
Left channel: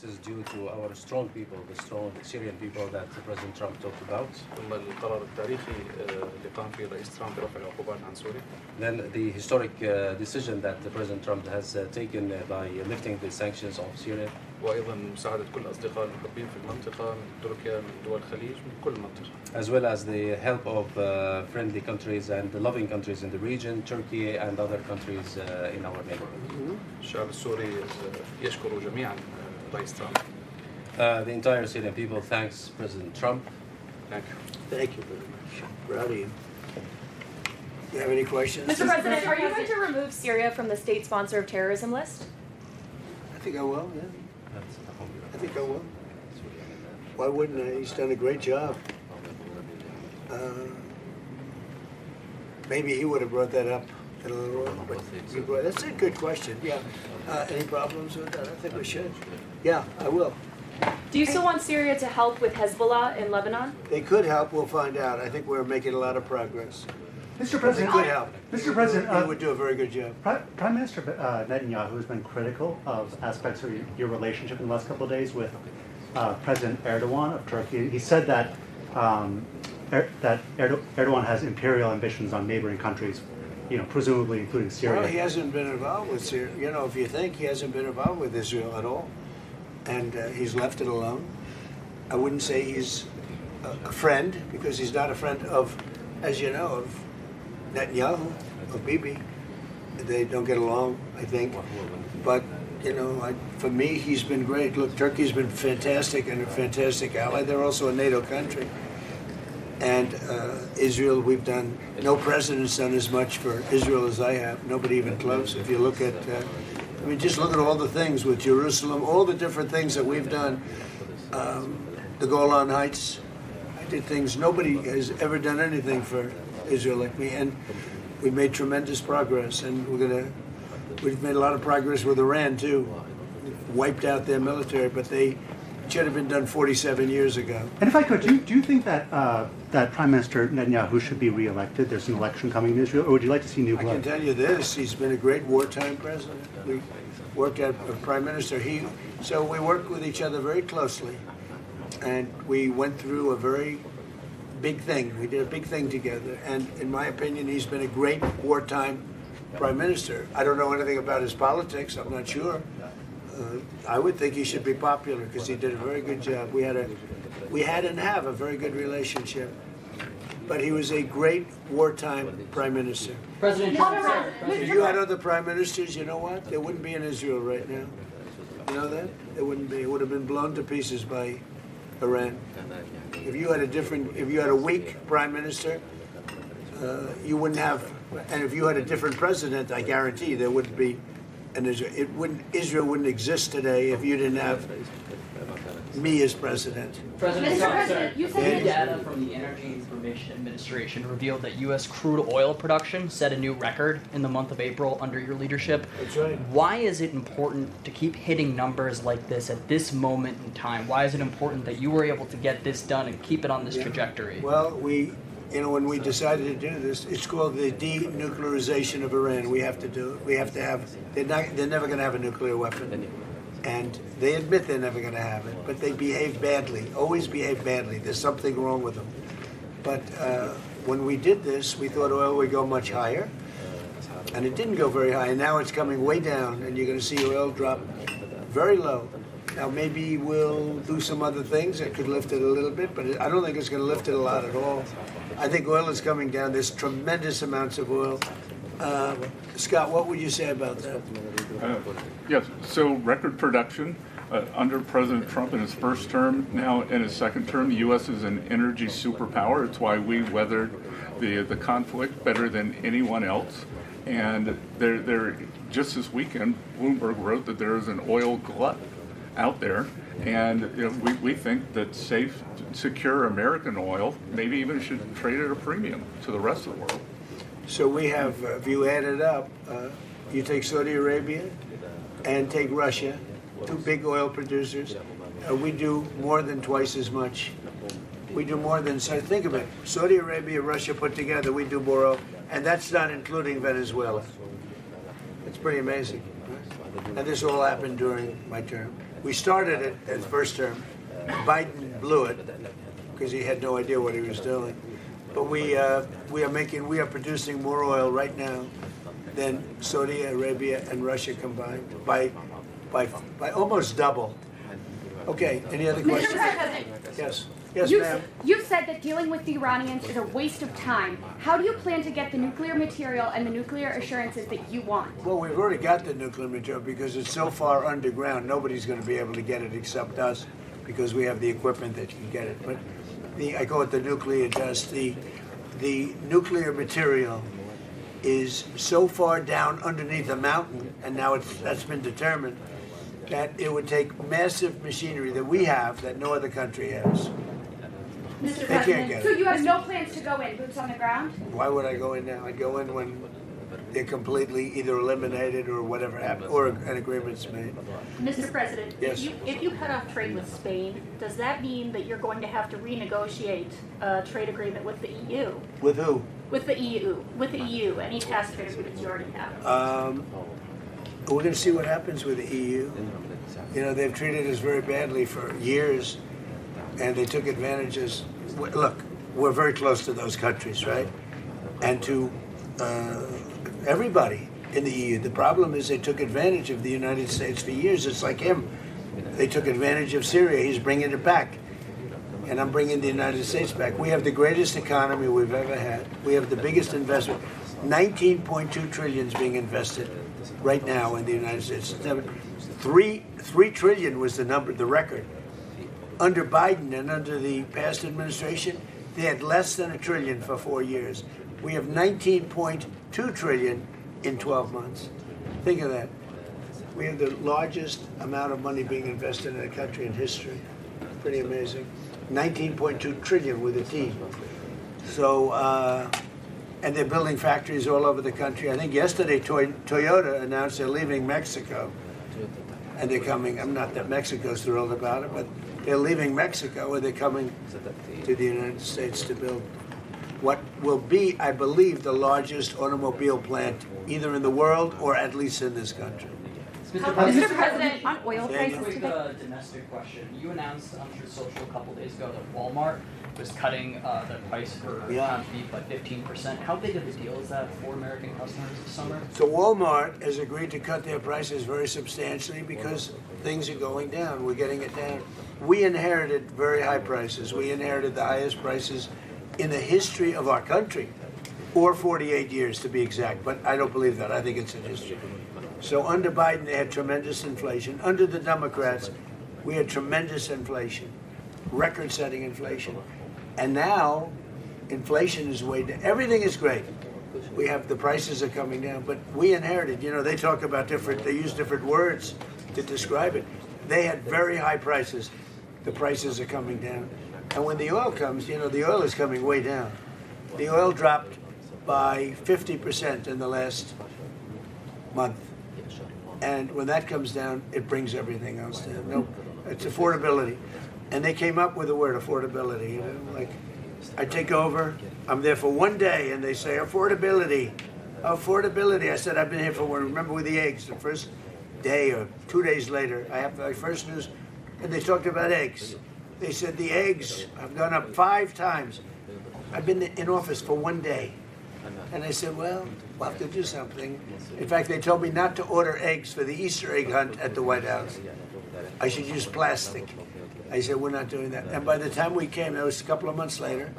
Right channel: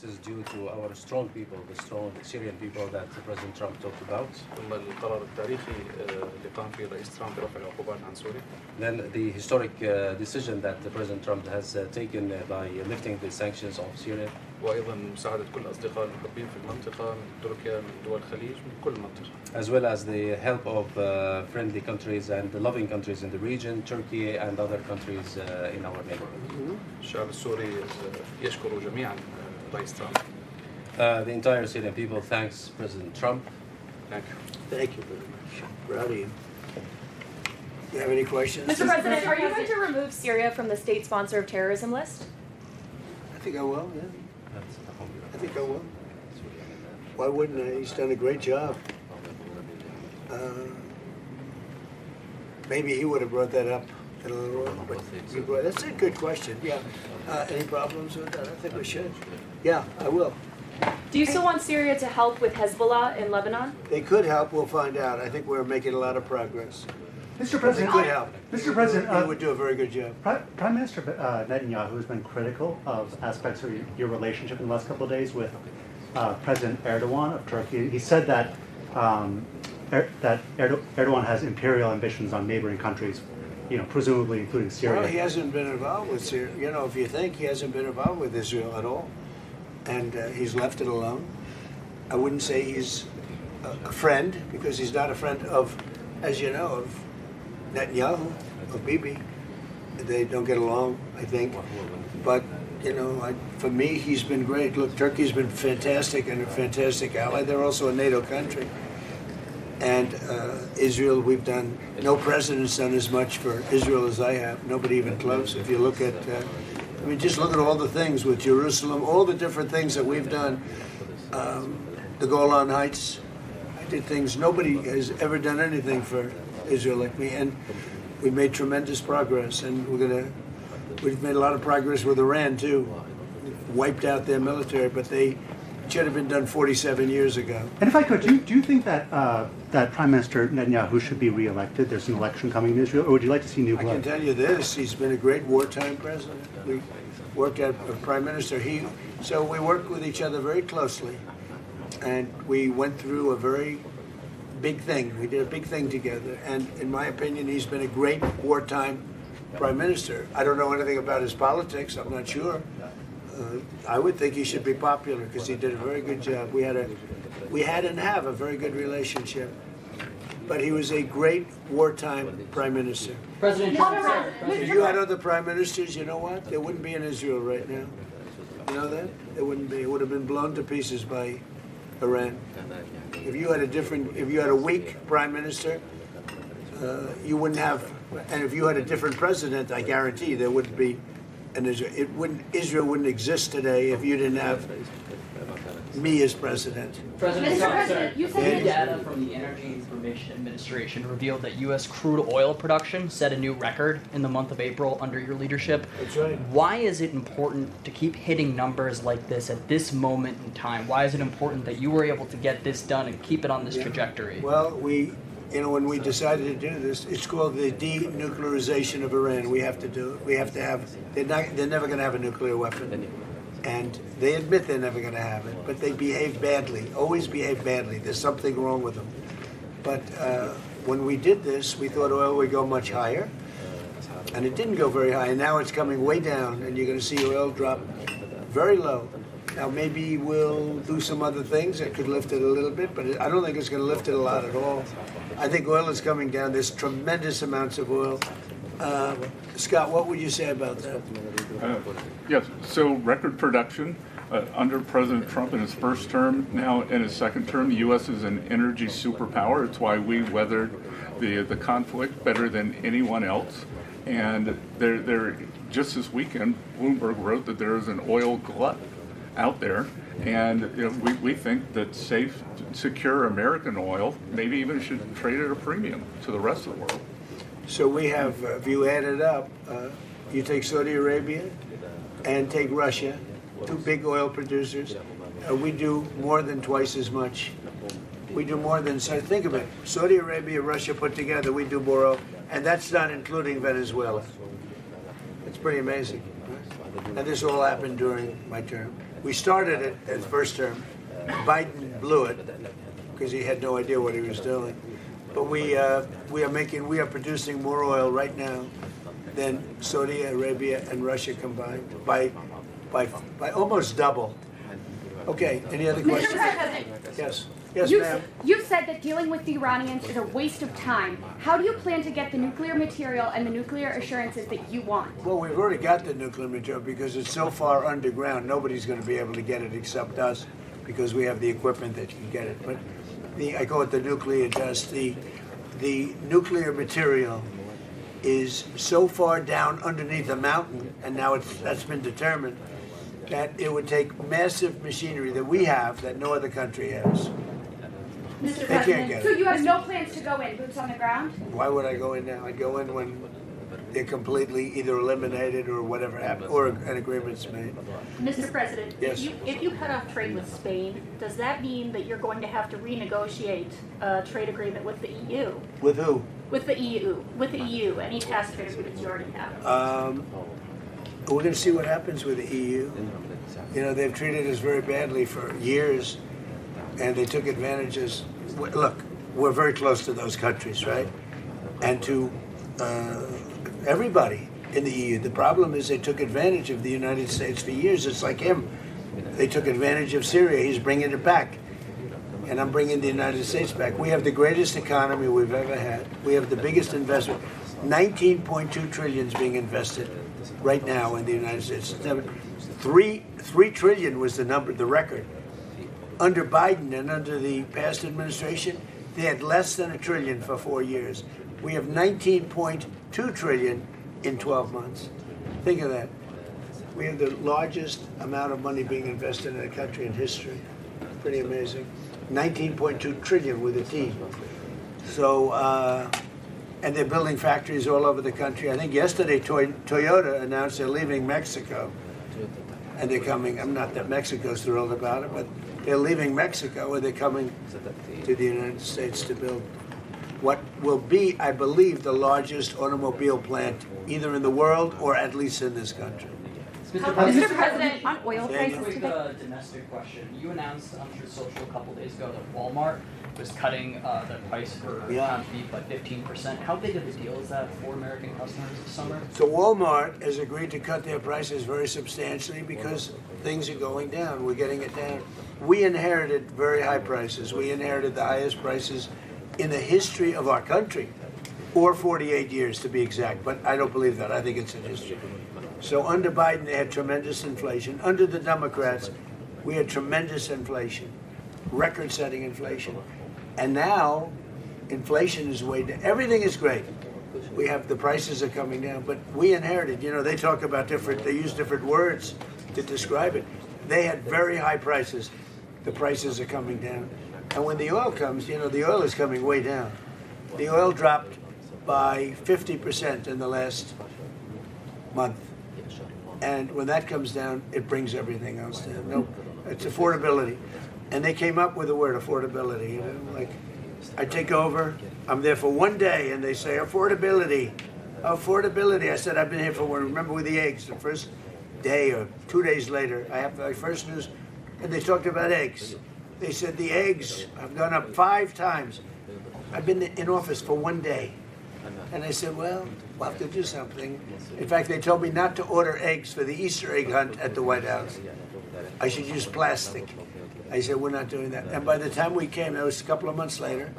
This is due to our strong people, the strong Syrian people that President Trump talked about. ثم القرار التاريخي اللي قام فيه الرئيس ترامب برفع العقوبات عن سوريا. Then the historic decision that President Trump has taken by lifting the sanctions of Syria. وأيضا مساعدة كل الأصدقاء المحبين في المنطقة من تركيا من دول الخليج من كل المنطقة. As well as the help of friendly countries and the loving countries in the region, Turkey and other countries in our neighborhood. الشعب السوري يشكر جميعا الرئيس ترامب. The entire Syrian people thanks President Trump. Thank you. Thank you very much. Proud of you. You have any questions? Mr. President, are you going to remove Syria from the state sponsor of terrorism list? I think I will, yeah. I think I will. Why wouldn't I? He's done a great job. Maybe he would have brought that up in a little while. That's a good question, yeah. Any problems with that? I think we should. Yeah, I will. Do you still want Syria to help with Hezbollah in Lebanon? They could help, we'll find out. I think we're making a lot of progress. Mr. President, they could help. Mr. President, they would do a very good job. Prime Minister Netanyahu has been critical of aspects of your relationship in the last couple of days with President Erdogan of Turkey. He said that Erdogan has imperial ambitions on neighboring countries, presumably including Syria. Well, he hasn't been involved with Syria. If you think, he hasn't been involved with Israel at all, and he's left it alone. I wouldn't say he's a friend, because he's not a friend of, as you know, of Netanyahu, of Bibi. They don't get along, I think. But, for me, he's been great. Look, Turkey's been fantastic and a fantastic ally. They're also a NATO country. And Israel, no president's done as much for Israel as I have. Nobody even close. If you look at, just look at all the things with Jerusalem, all the different things that we've done. The Golan Heights, I did things, nobody has ever done anything for Israel like me. And we made tremendous progress. And we've made a lot of progress with Iran too. Wiped out their military, but they should have been done 47 years ago. And if I could, do you think that that Prime Minister Netanyahu should be re-elected? There's an election coming in Israel, or would you like to see new blood? I can tell you this: he's been a great wartime president. We worked as a prime minister. So we worked with each other very closely, and we went through a very big thing. We did a big thing together, and in my opinion, he's been a great wartime prime minister. I don't know anything about his politics. I'm not sure. I would think he should be popular because he did a very good job. We had and have a very good relationship. But he was a great wartime prime minister. President Trump said, If you had other prime ministers, you know what? There wouldn't be in Israel right now. You know that? There wouldn't be. It would have been blown to pieces by Iran. If you had a weak prime minister, you wouldn't have. And if you had a different president, I guarantee there wouldn't be. And Israel wouldn't exist today if you didn't have me as president. President Trump, sir, new data from the Energy Information Administration revealed that U.S. crude oil production set a new record in the month of April under your leadership. That's right. Why is it important to keep hitting numbers like this at this moment in time? Why is it important that you were able to get this done and keep it on this trajectory? Well, when we decided to do this, it's called the denuclearization of Iran. We have to do it. We have to have. They're never going to have a nuclear weapon, and they admit they're never going to have it. But they behave badly. Always behave badly. There's something wrong with them. But when we did this, we thought oil would go much higher, and it didn't go very high. And now it's coming way down, and you're going to see oil drop very low. Now maybe we'll do some other things that could lift it a little bit, but I don't think it's going to lift it a lot at all. I think oil is coming down. There's tremendous amounts of oil. Scott, what would you say about that? Yes, so record production under President Trump in his first term. Now in his second term, the U.S. is an energy superpower. It's why we weathered the conflict better than anyone else. And just this weekend, Bloomberg wrote that there is an oil glut out there, and we think that safe, secure American oil maybe even should trade at a premium to the rest of the world. So we have, if you add it up, you take Saudi Arabia and take Russia, two big oil producers, we do more than twice as much. We do more than, so think of it, Saudi Arabia, Russia put together, we do more oil, and that's not including Venezuela. It's pretty amazing. And this all happened during my term. We started it as first term. Biden blew it because he had no idea what he was doing. But we are producing more oil right now than Saudi Arabia and Russia combined by almost double. Okay, any other questions? Mr. President. Yes. Yes, ma'am. You said that dealing with the Iranians is a waste of time. How do you plan to get the nuclear material and the nuclear assurances that you want? Well, we've already got the nuclear material because it's so far underground, nobody's going to be able to get it except us because we have the equipment that can get it. But I call it the nuclear dust. The nuclear material is so far down underneath a mountain, and now that's been determined, that it would take massive machinery that we have that no other country has. Mr. They President, can't get so it. you have no plans to go in, boots on the ground? Why would I go in now? I'd go in when they're completely either eliminated or whatever happened, or an agreement's made. Mr. President, Yes. if you cut off trade with Spain, does that mean that you're going to have to renegotiate a trade agreement with the EU? With who? With the EU, any past trade agreements you already have? We're going to see what happens with the EU. You know, they've treated us very badly for years, and they took advantages. Look, we're very close to those countries, right? And to everybody in the EU. The problem is they took advantage of the United States for years. It's like him. They took advantage of Syria. He's bringing it back. And I'm bringing the United States back. We have the greatest economy we've ever had. We have the biggest investment. 19.2 trillion is being invested right now in the United States. 3 trillion was the record. Under Biden and under the past administration, they had less than $1 trillion for 4 years. We have 19.2 trillion in 12 months. Think of that. We have the largest amount of money being invested in a country in history. Pretty amazing. 19.2 trillion with a T. So, and they're building factories all over the country. I think yesterday Toyota announced they're leaving Mexico. And they're coming, I'm not that Mexico's thrilled about it, but they're leaving Mexico and they're coming to the United States to build what will be, I believe, the largest automobile plant either in the world or at least in this country. Mr. President, on oil prices Quick today. domestic question. You announced on Truth Social a couple days ago that Walmart was cutting the price for ground beef by 15%. How big of a deal is that for American customers this summer? So Walmart has agreed to cut their prices very substantially because things are going down. We're getting it down. We inherited very high prices. We inherited the highest prices in the history of our country, or 48 years to be exact, but I don't believe that. I think it's in history. So under Biden, they had tremendous inflation. Under the Democrats, we had tremendous inflation, record-setting inflation. And now, inflation is way down. Everything is great. We have, the prices are coming down, but we inherited, you know, they talk about they use different words to describe it. They had very high prices. The prices are coming down. And when the oil comes, you know, the oil is coming way down. The oil dropped by 50% in the last month. And when that comes down, it brings everything else down. No, it's affordability. And they came up with the word affordability. You know, like, I take over, I'm there for 1 day, and they say, affordability, affordability. I said, I've been here for one. Remember with the eggs, the first day or 2 days later, I have my first news, and they talked about eggs. They said the eggs have gone up 5 times. I've been in office for 1 day. And I said, well, we'll have to do something. In fact, they told me not to order eggs for the Easter egg hunt at the White House. I should use plastic. I said, we're not doing that. And by the time we came, that was a couple of months later,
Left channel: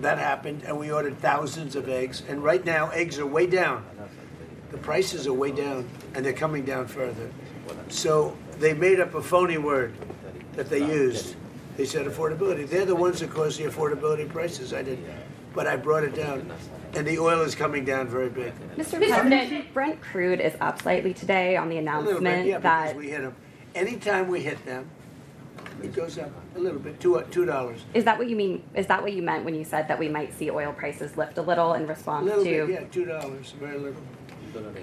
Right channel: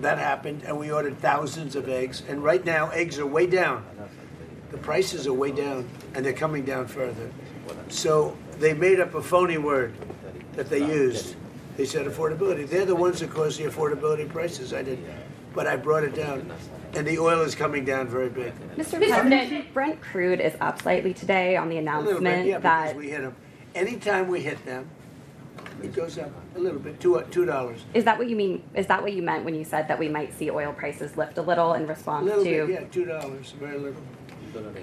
that happened, and we ordered thousands of eggs. And right now, eggs are way down. The prices are way down, and they're coming down further. So they made up a phony word that they used. They said affordability. They're the ones that caused the affordability prices. I did. But I brought it down. And the oil is coming down very big. Mr. President, Brent crude is up slightly today on the announcement bit, that because we hit them. Anytime we hit them, it goes up a little bit, $2. Is that what you mean? Is that what you meant when you said that we might see oil prices lift a little in response A little to? bit, yeah, $2, very little.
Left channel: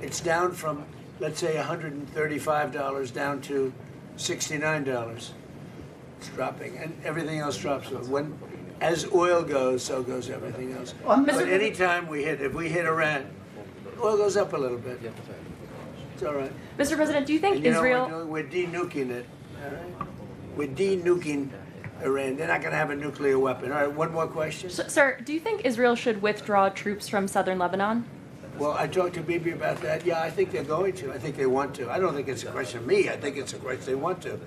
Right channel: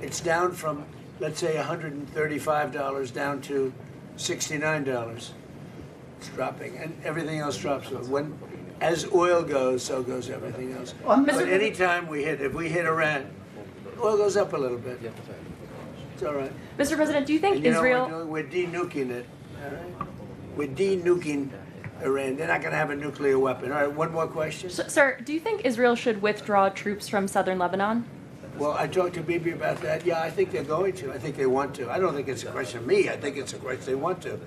It's down from, let's say, $135 down to $69. It's dropping, and everything else drops. As oil goes, so goes everything else. But anytime if we hit Iran, oil goes up a little bit. It's all right. Mr. President, do you think And, you Israel? know, we're de-nuking it. All right? We're de-nuking Iran. They're not going to have a nuclear weapon. All right, one more question. Sir, do you think Israel should withdraw troops from southern Lebanon? Well, I talked to Bibi about that. Yeah, I think they're going to. I think they want to. I don't think it's a question of me. I think it's a question they want to.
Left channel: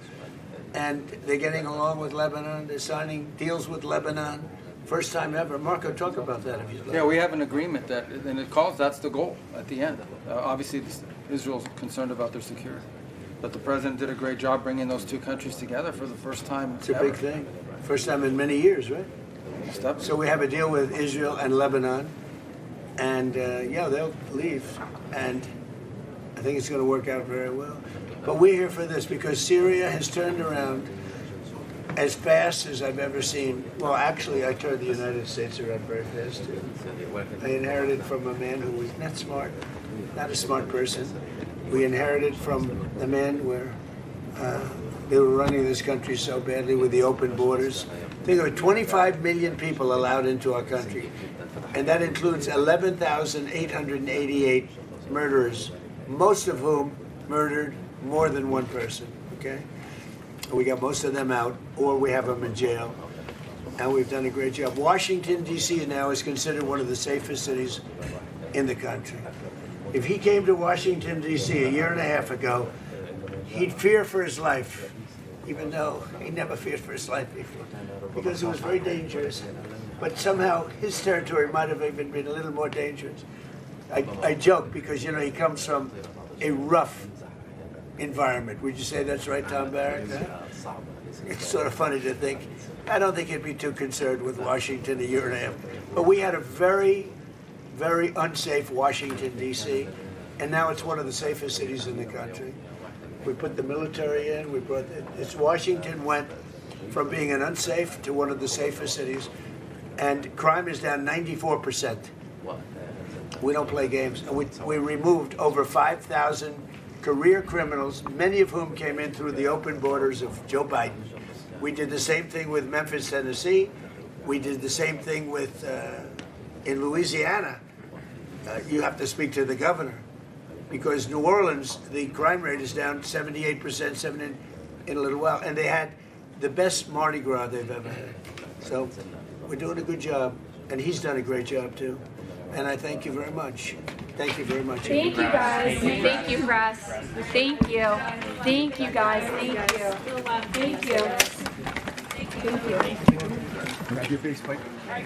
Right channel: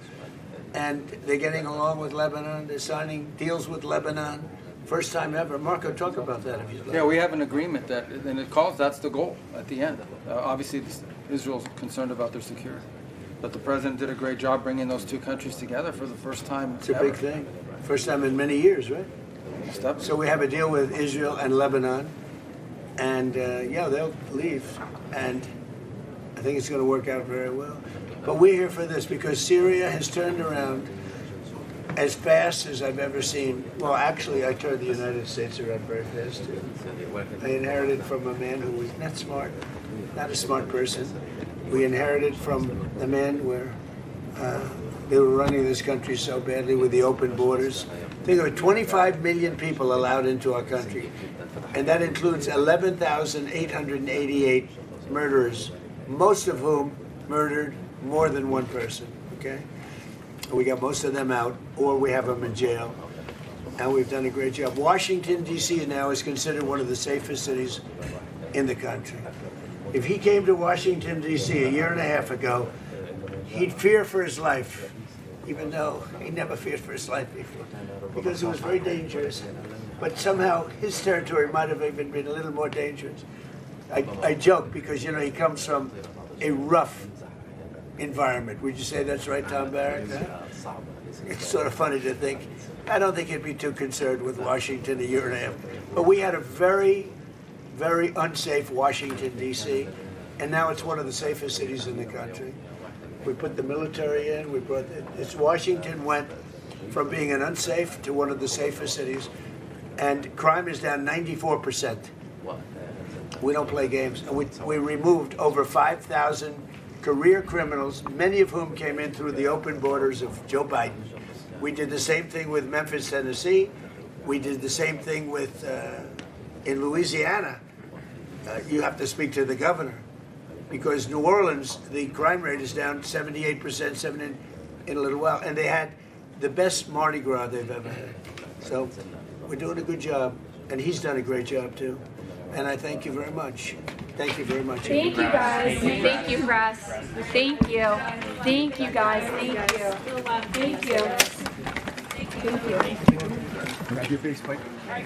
And they're getting along with Lebanon. They're signing deals with Lebanon. First time ever. Marco, talk about that if you'd like. Yeah, we have an agreement that, and it calls, that's the goal at the end. Obviously, Israel's concerned about their security. But the president did a great job bringing those two countries together for the first time It's a big thing. First time in many years, right? So we have a deal with Israel and Lebanon. And yeah, they'll leave. And I think it's going to work out very well. But we're here for this because Syria has turned around as fast as I've ever seen. Well, actually, I turned the United States around very fast, too. I inherited from a man who was not smart, not a smart person. We inherited from the man where they were running this country so badly with the open borders. Think of it, 25 million people allowed into our country. And that includes 11,888 murderers, most of whom murdered more than one person, okay? We got most of them out, or we have them in jail, and we've done a great job. Washington, D.C. now is considered one of the safest cities in the country. If he came to Washington, D.C. a year and a half ago, he'd fear for his life, even though he never feared for his life before, because it was very dangerous. But somehow his territory might have even been a little more dangerous. I joke because, you know, he comes from a rough environment. Would you say that's right, Tom Barrett? It's sort of funny to think. I don't think he'd be too concerned with Washington a year and a half. But we had a very, very unsafe Washington, D.C., and now it's one of the safest cities in the country. We put the military in. Washington went from being an unsafe to one of the safest cities, and crime is down 94%. We don't play games. And we removed over 5,000 career criminals, many of whom came in through the open borders of Joe Biden. We did the same thing with Memphis, Tennessee. We did the same thing with in Louisiana. You have to speak to the governor, because New Orleans, the crime rate is down 78% in a little while, and they had the best Mardi Gras they've ever had. So we're doing a good job, and he's done a great job too. And I thank you very much. Thank you very much. Thank you, guys. Thank you, press. Thank you. Thank you, guys. Thank you. Thank you. Thank you.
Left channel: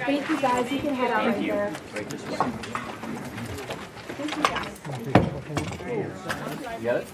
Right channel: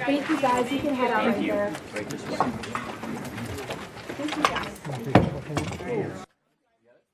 Thank you, guys. You can head out right there. Thank you, guys. You got it?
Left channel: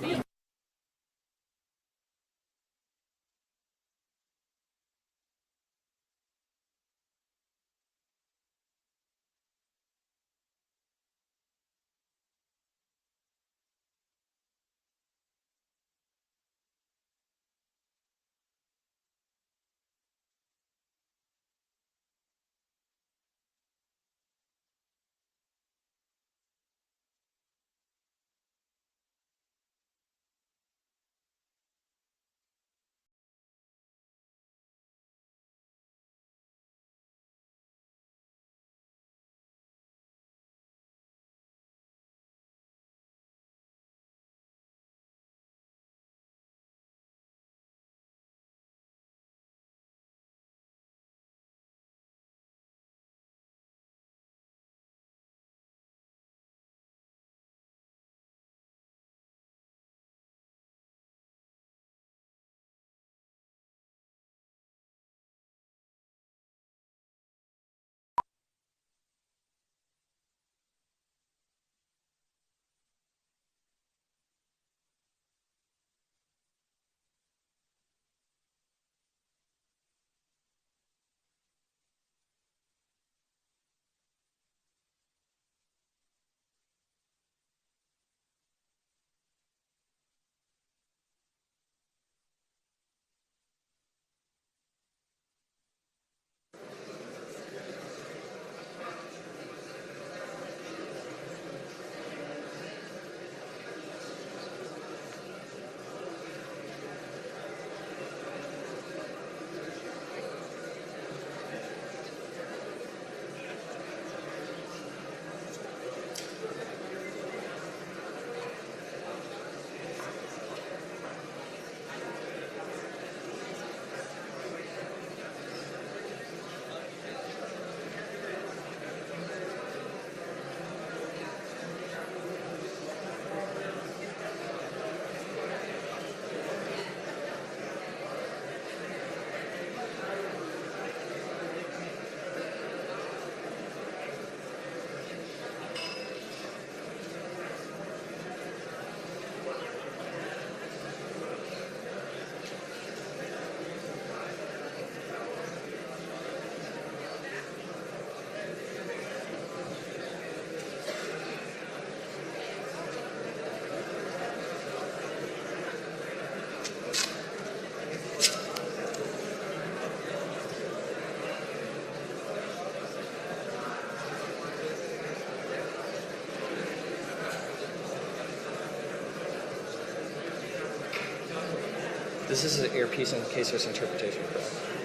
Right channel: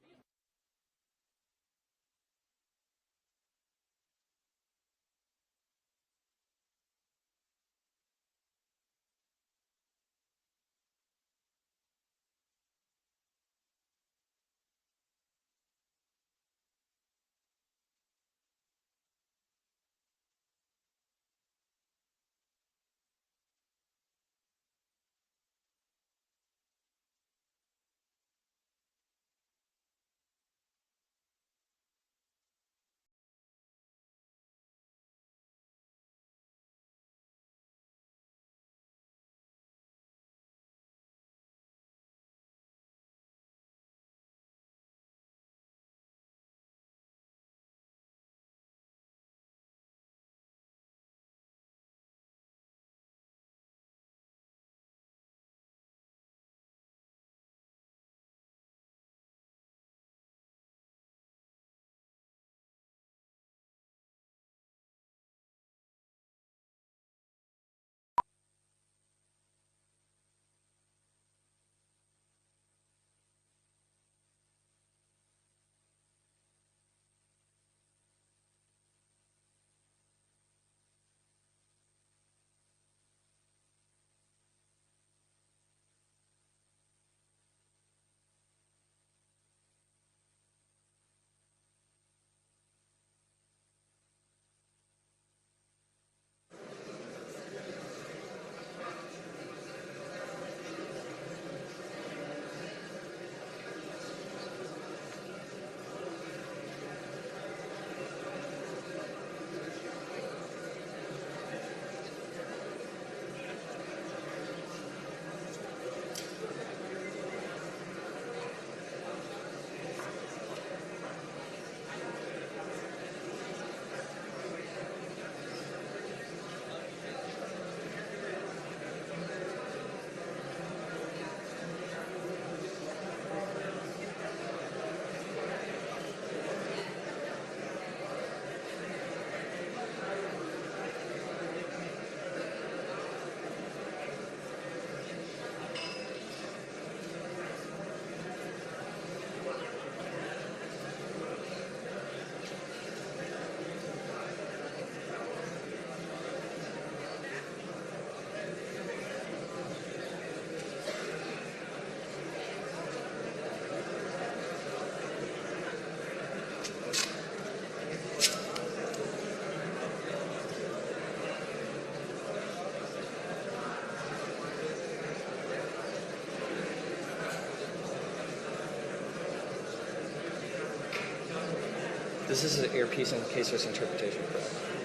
This is an earpiece in case there's interpretation.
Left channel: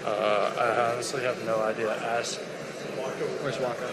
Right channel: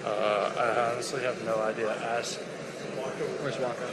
I honestly have no idea. Ask. Where's Walker?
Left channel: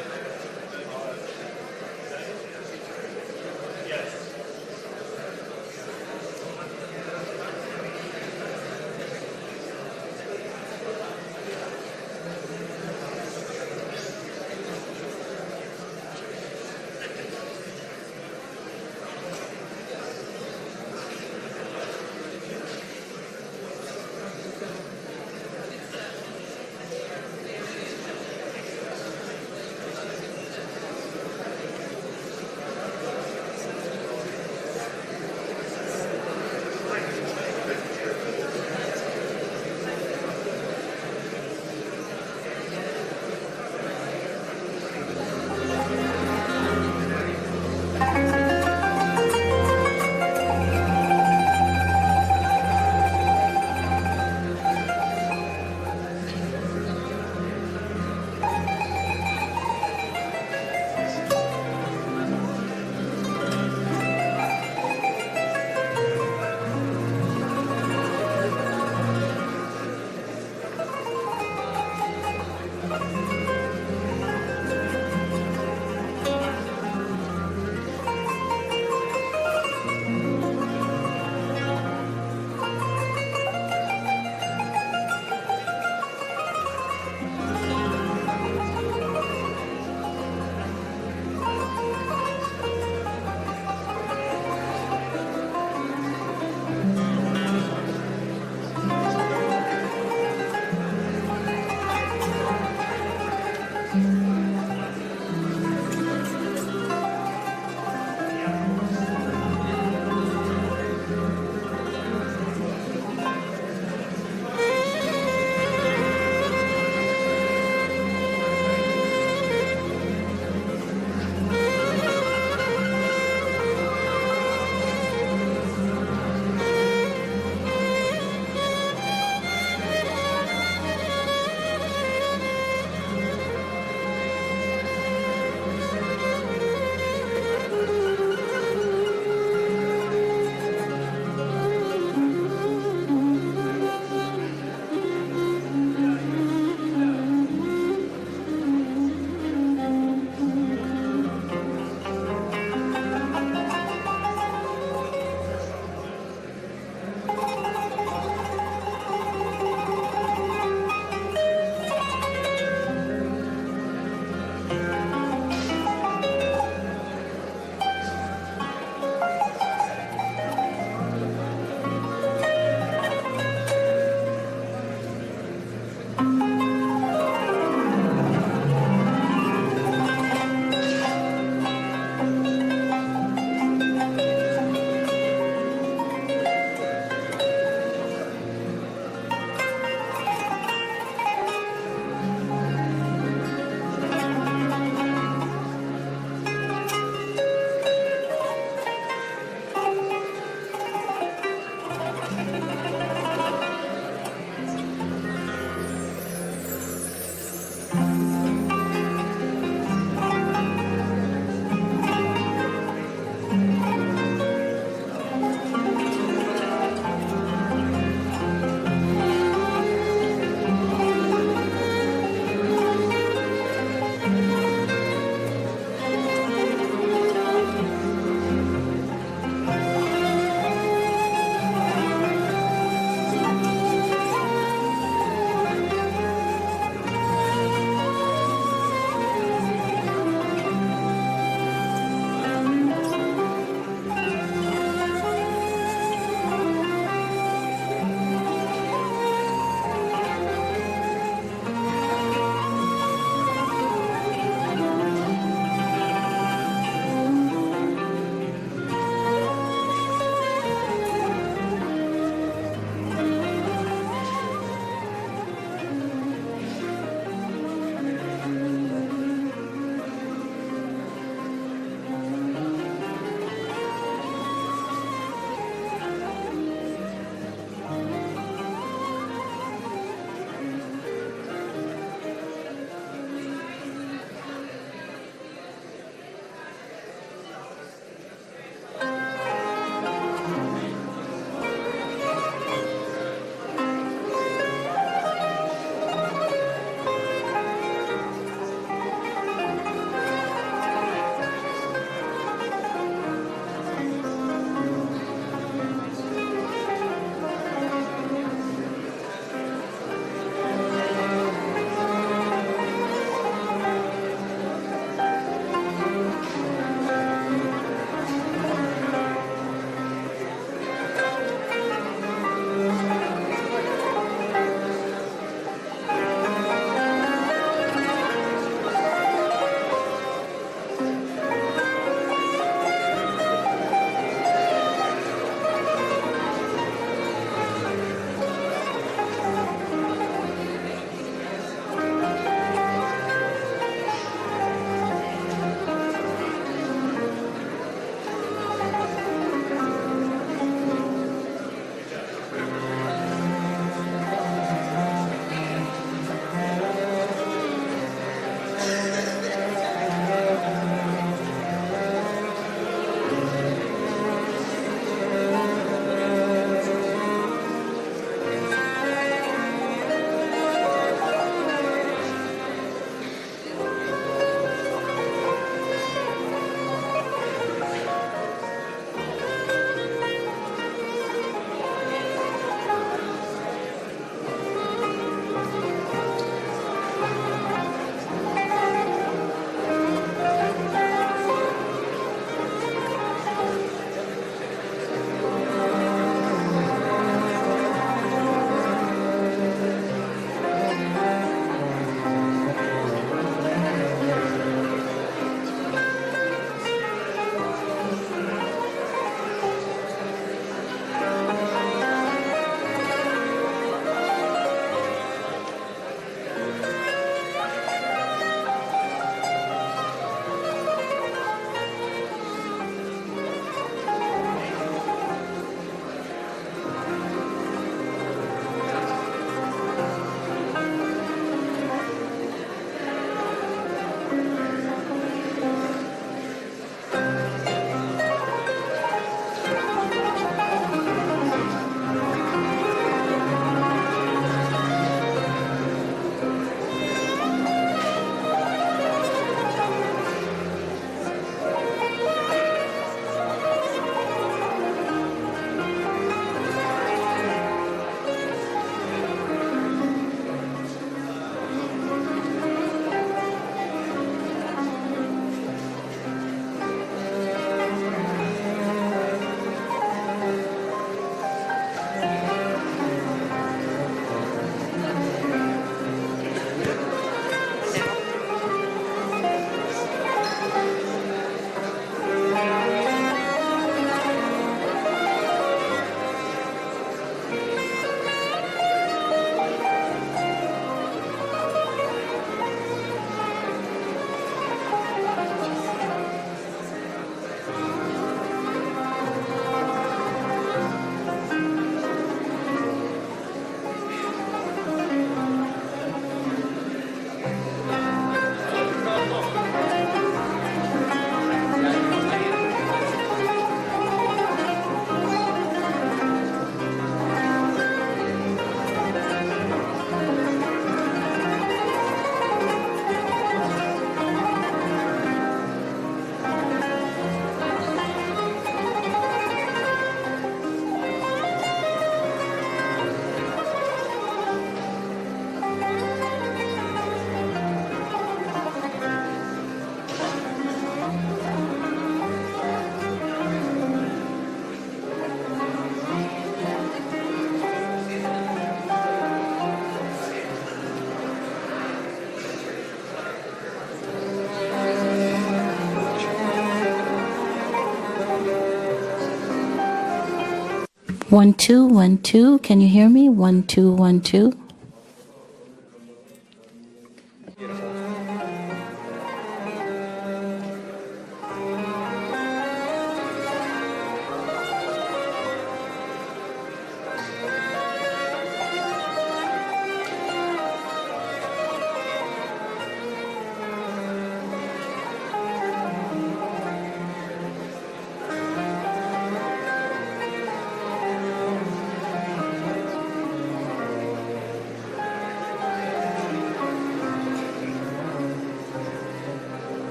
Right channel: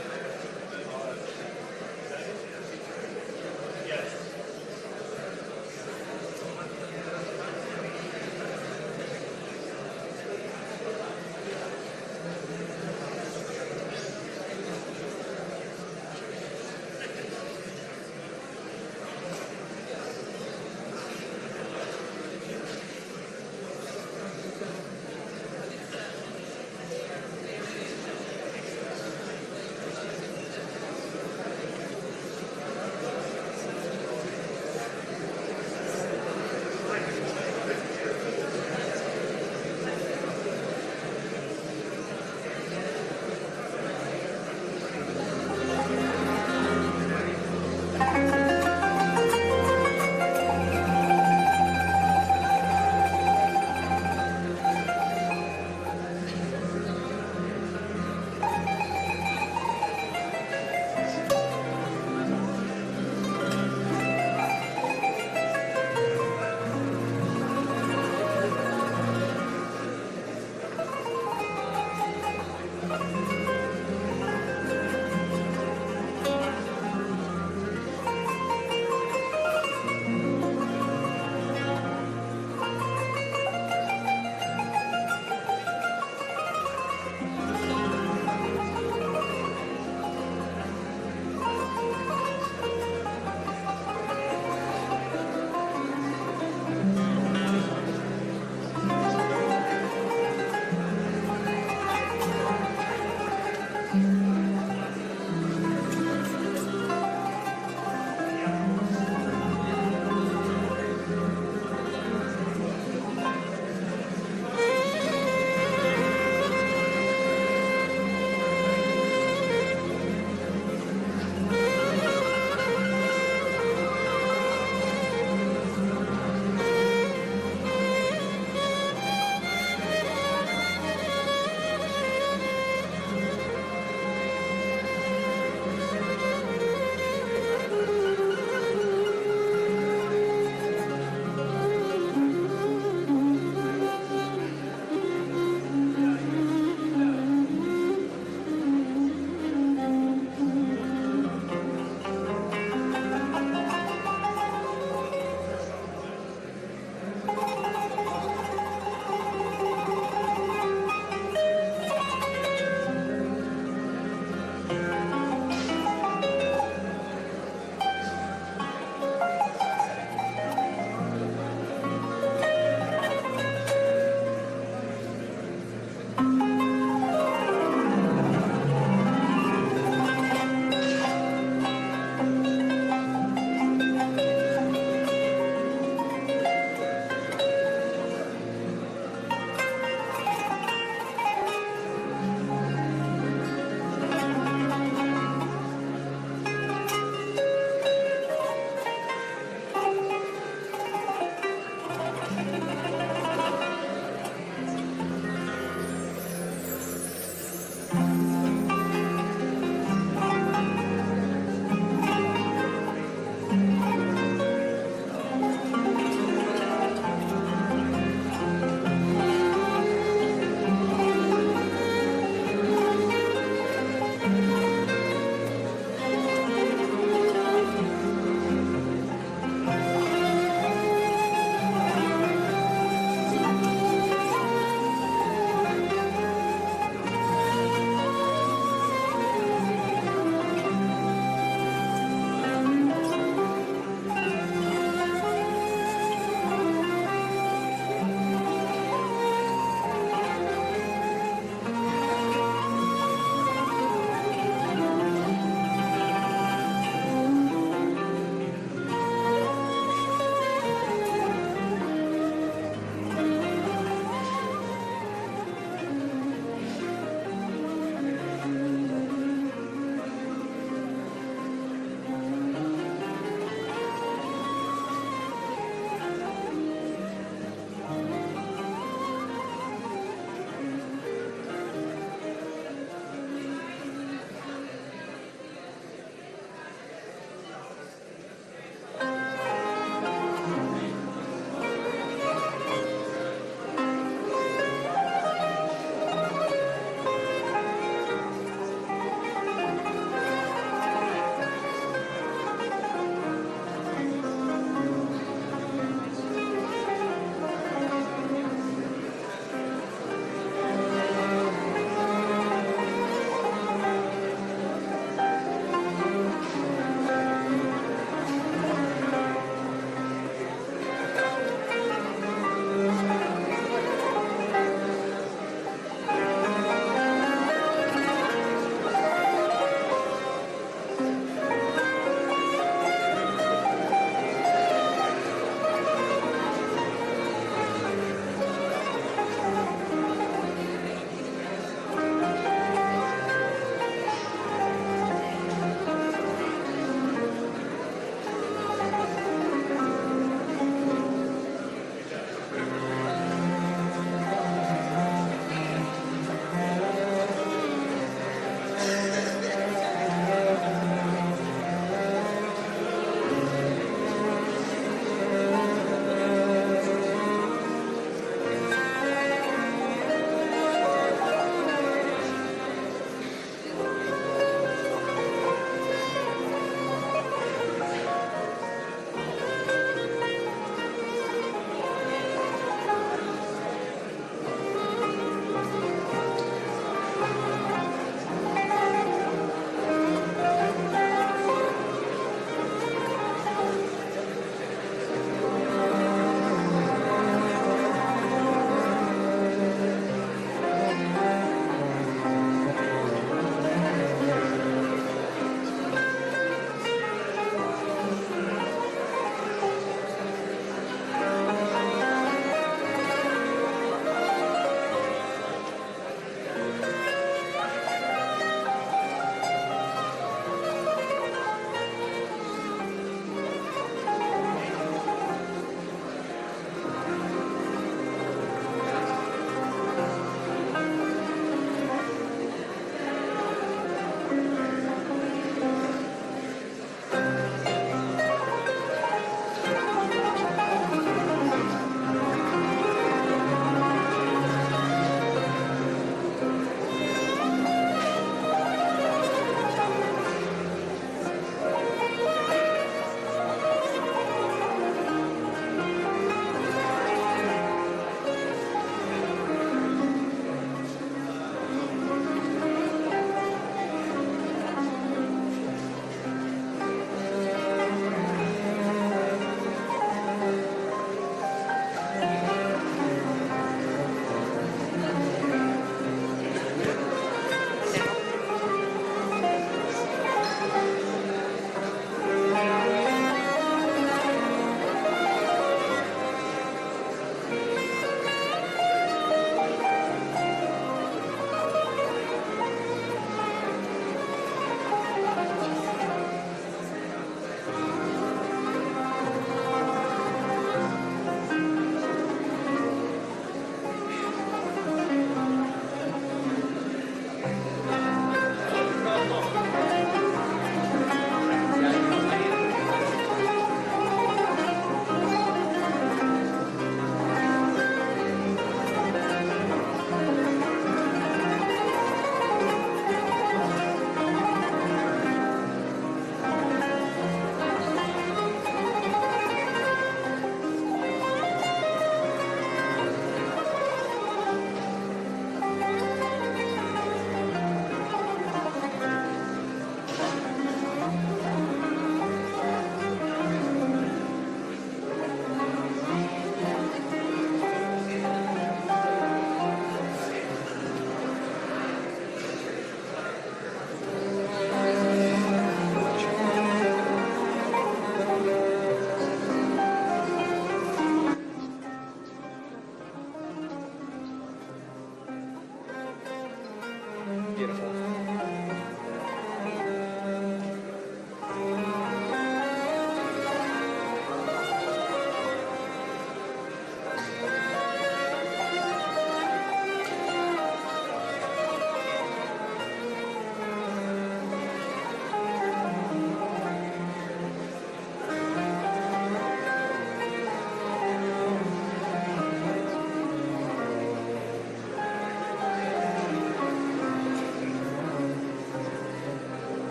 1 2 1 2. Can you hear me? 1 2 1 2.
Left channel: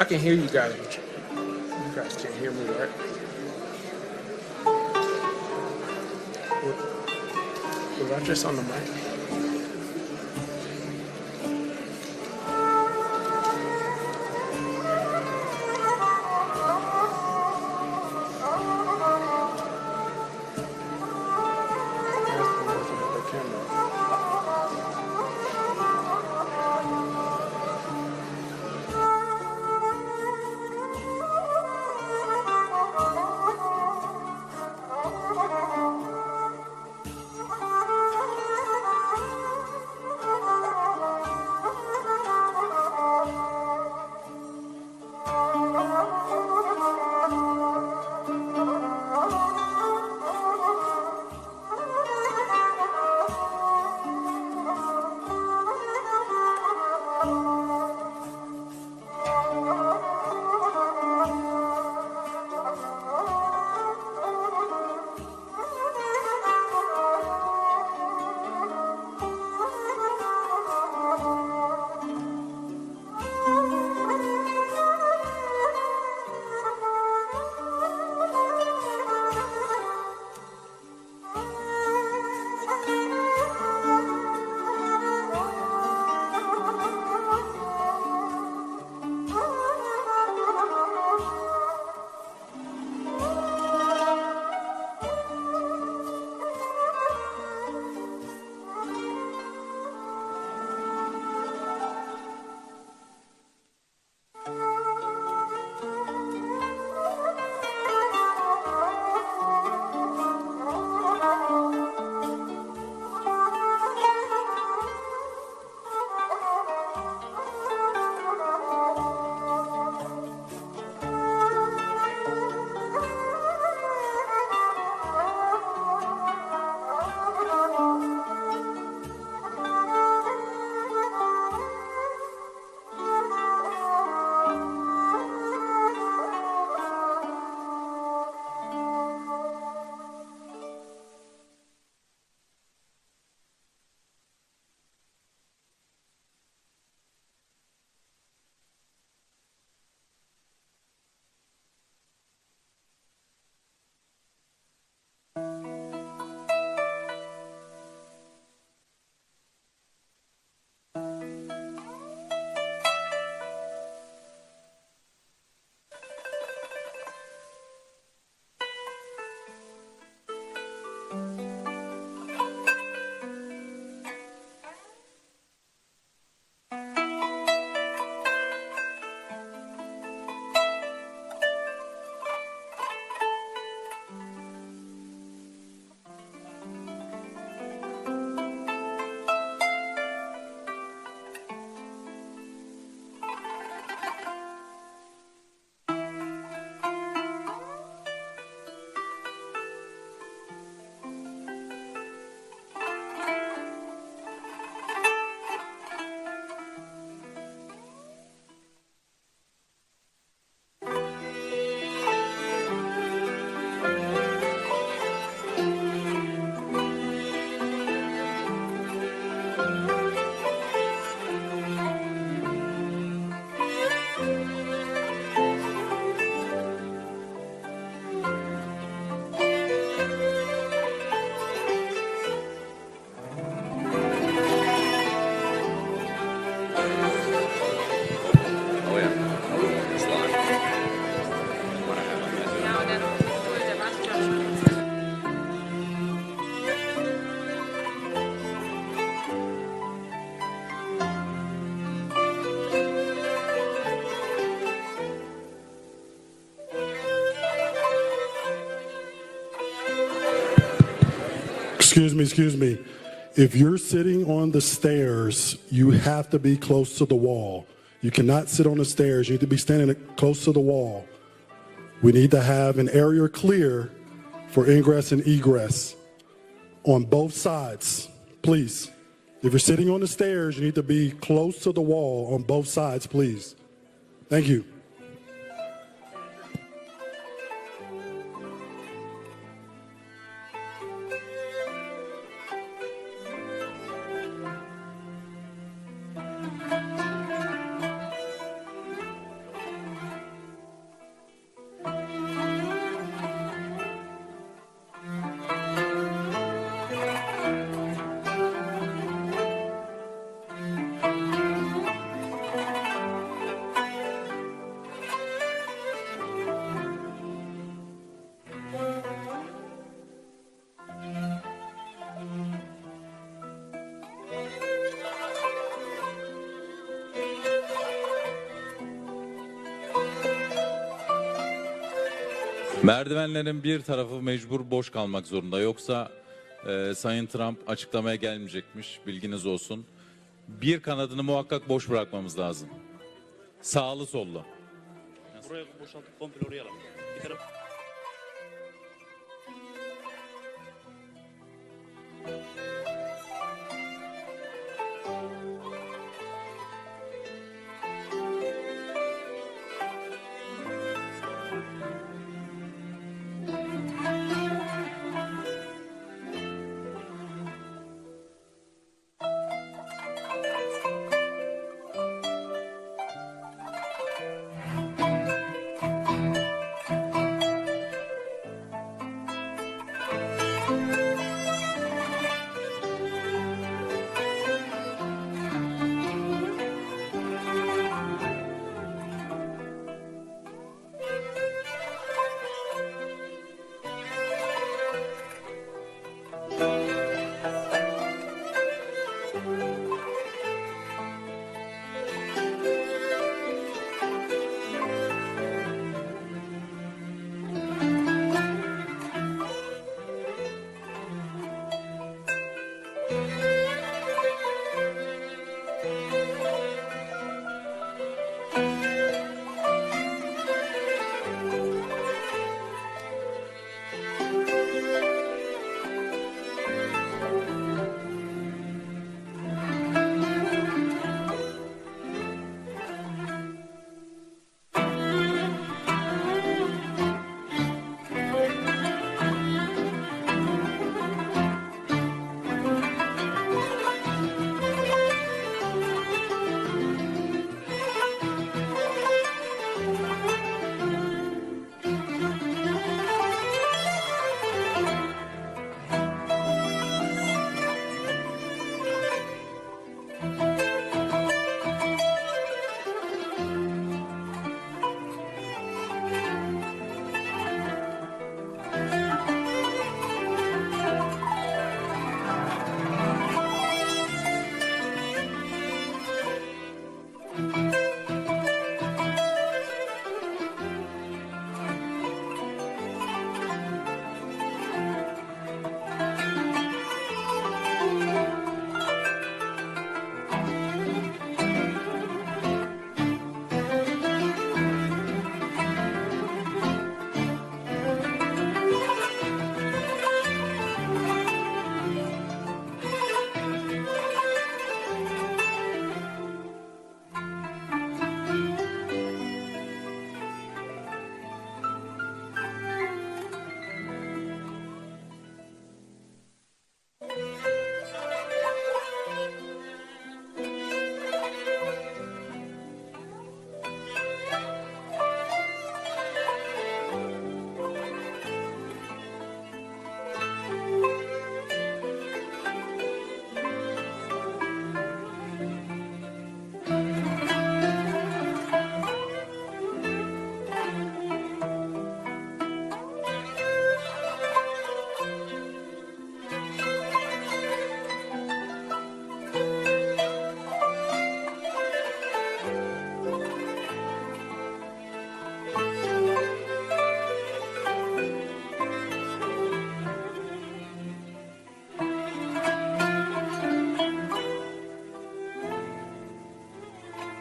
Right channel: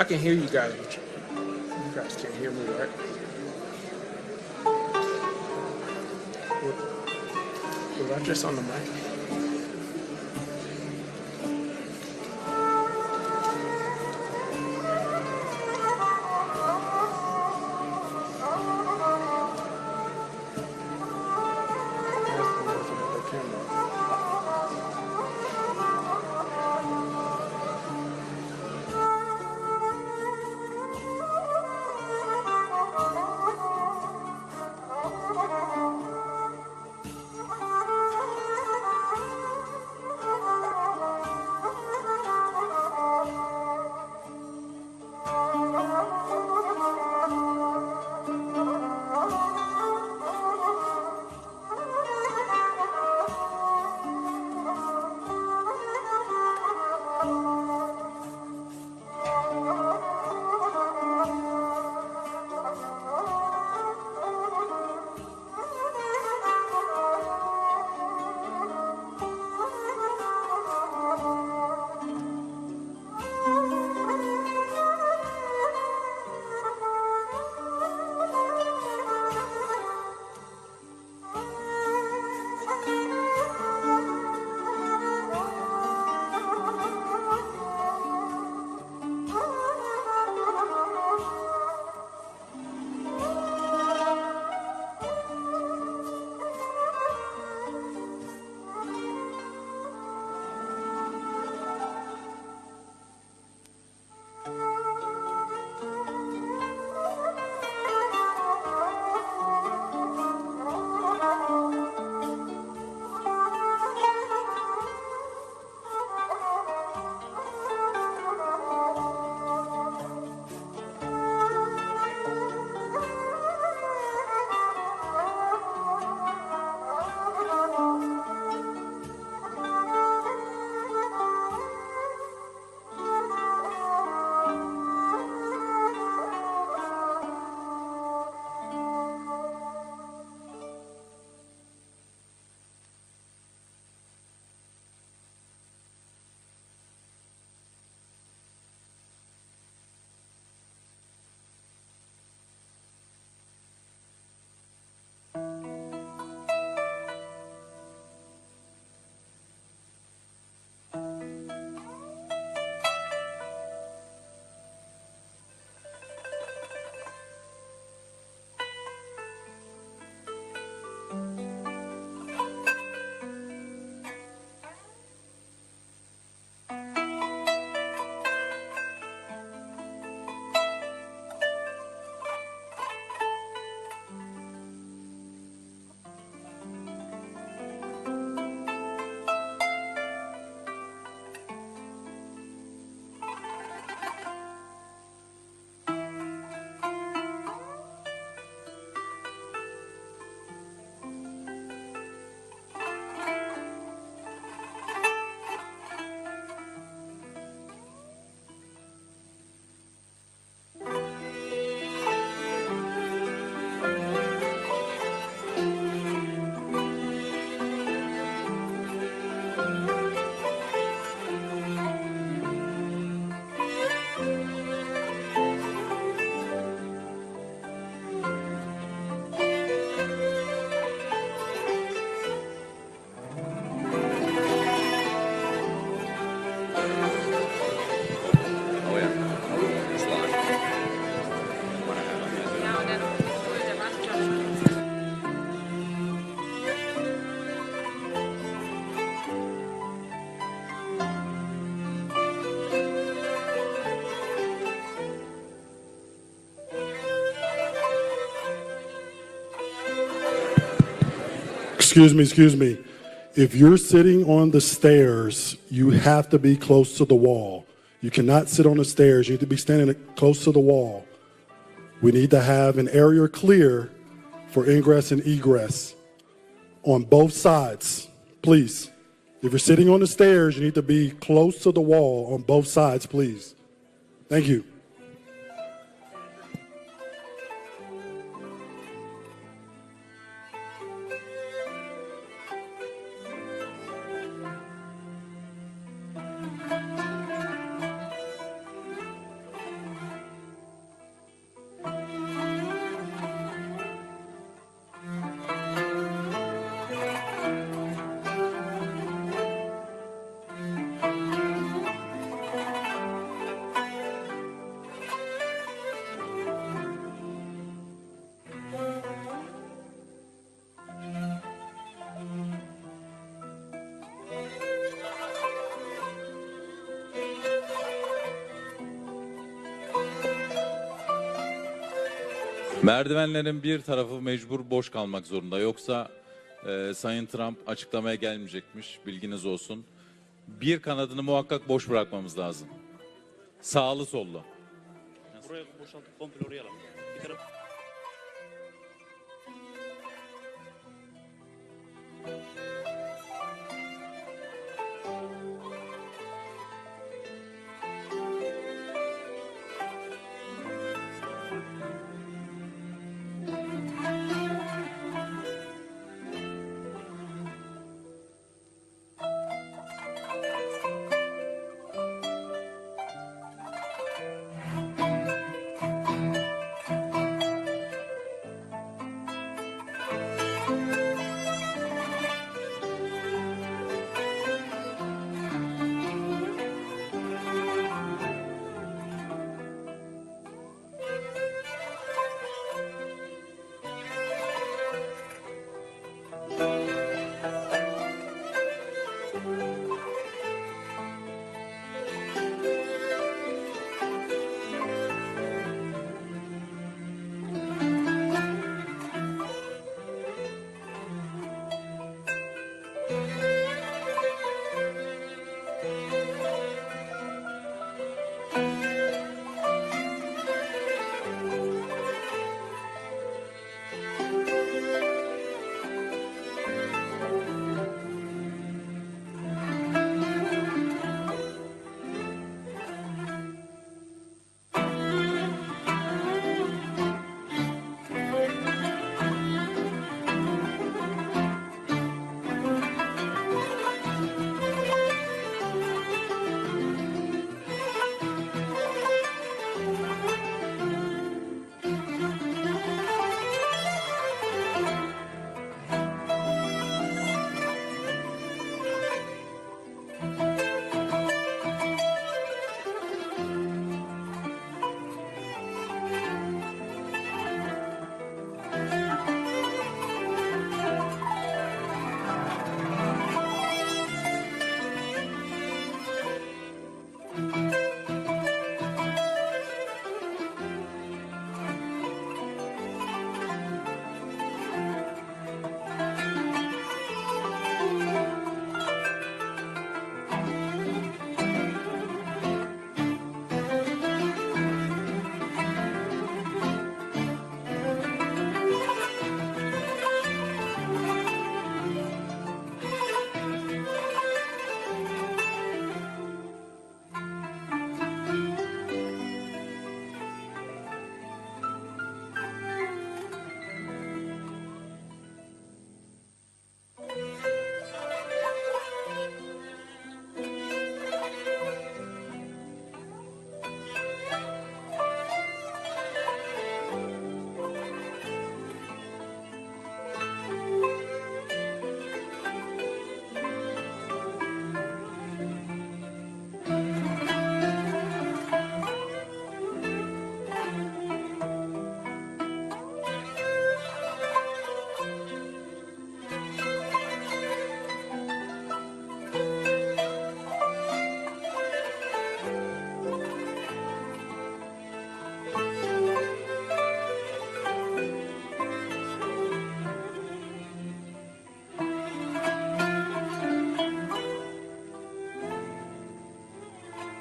I can hear you guys, but you guys can't hear me, right? Was I just on the mic? Excuse me. If you're sitting on the stairs, you have to be close to the wall. You cannot sit on the stairs. You need to be standing close to the wall. We need to have an area clear for ingress and egress on both sides, please. If you're sitting on the stairs, you need to be close to the wall on both sides, please. Thank you. Merdivenlerin bir tarafı mecbur boş kalmak zorunda. Yoksa Sayın Trump açıklamaya gelmeyecekmiş. Bilginiz olsun. Bir kanadını muhakkak boş bırakmamız lazım. Sağlı sollu. Buraya boşaltıp komple oraya alalım. Bir taraf...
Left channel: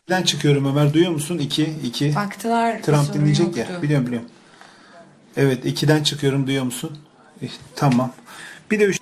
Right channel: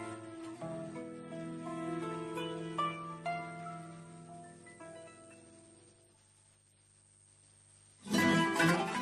2'den çıkıyorum Ömer. Duyuyor musun? 2. Baktılar. Trump dinleyecek ya. Biliyorum. Evet 2'den çıkıyorum. Duyuyor musun? Tamam. Bir de 3.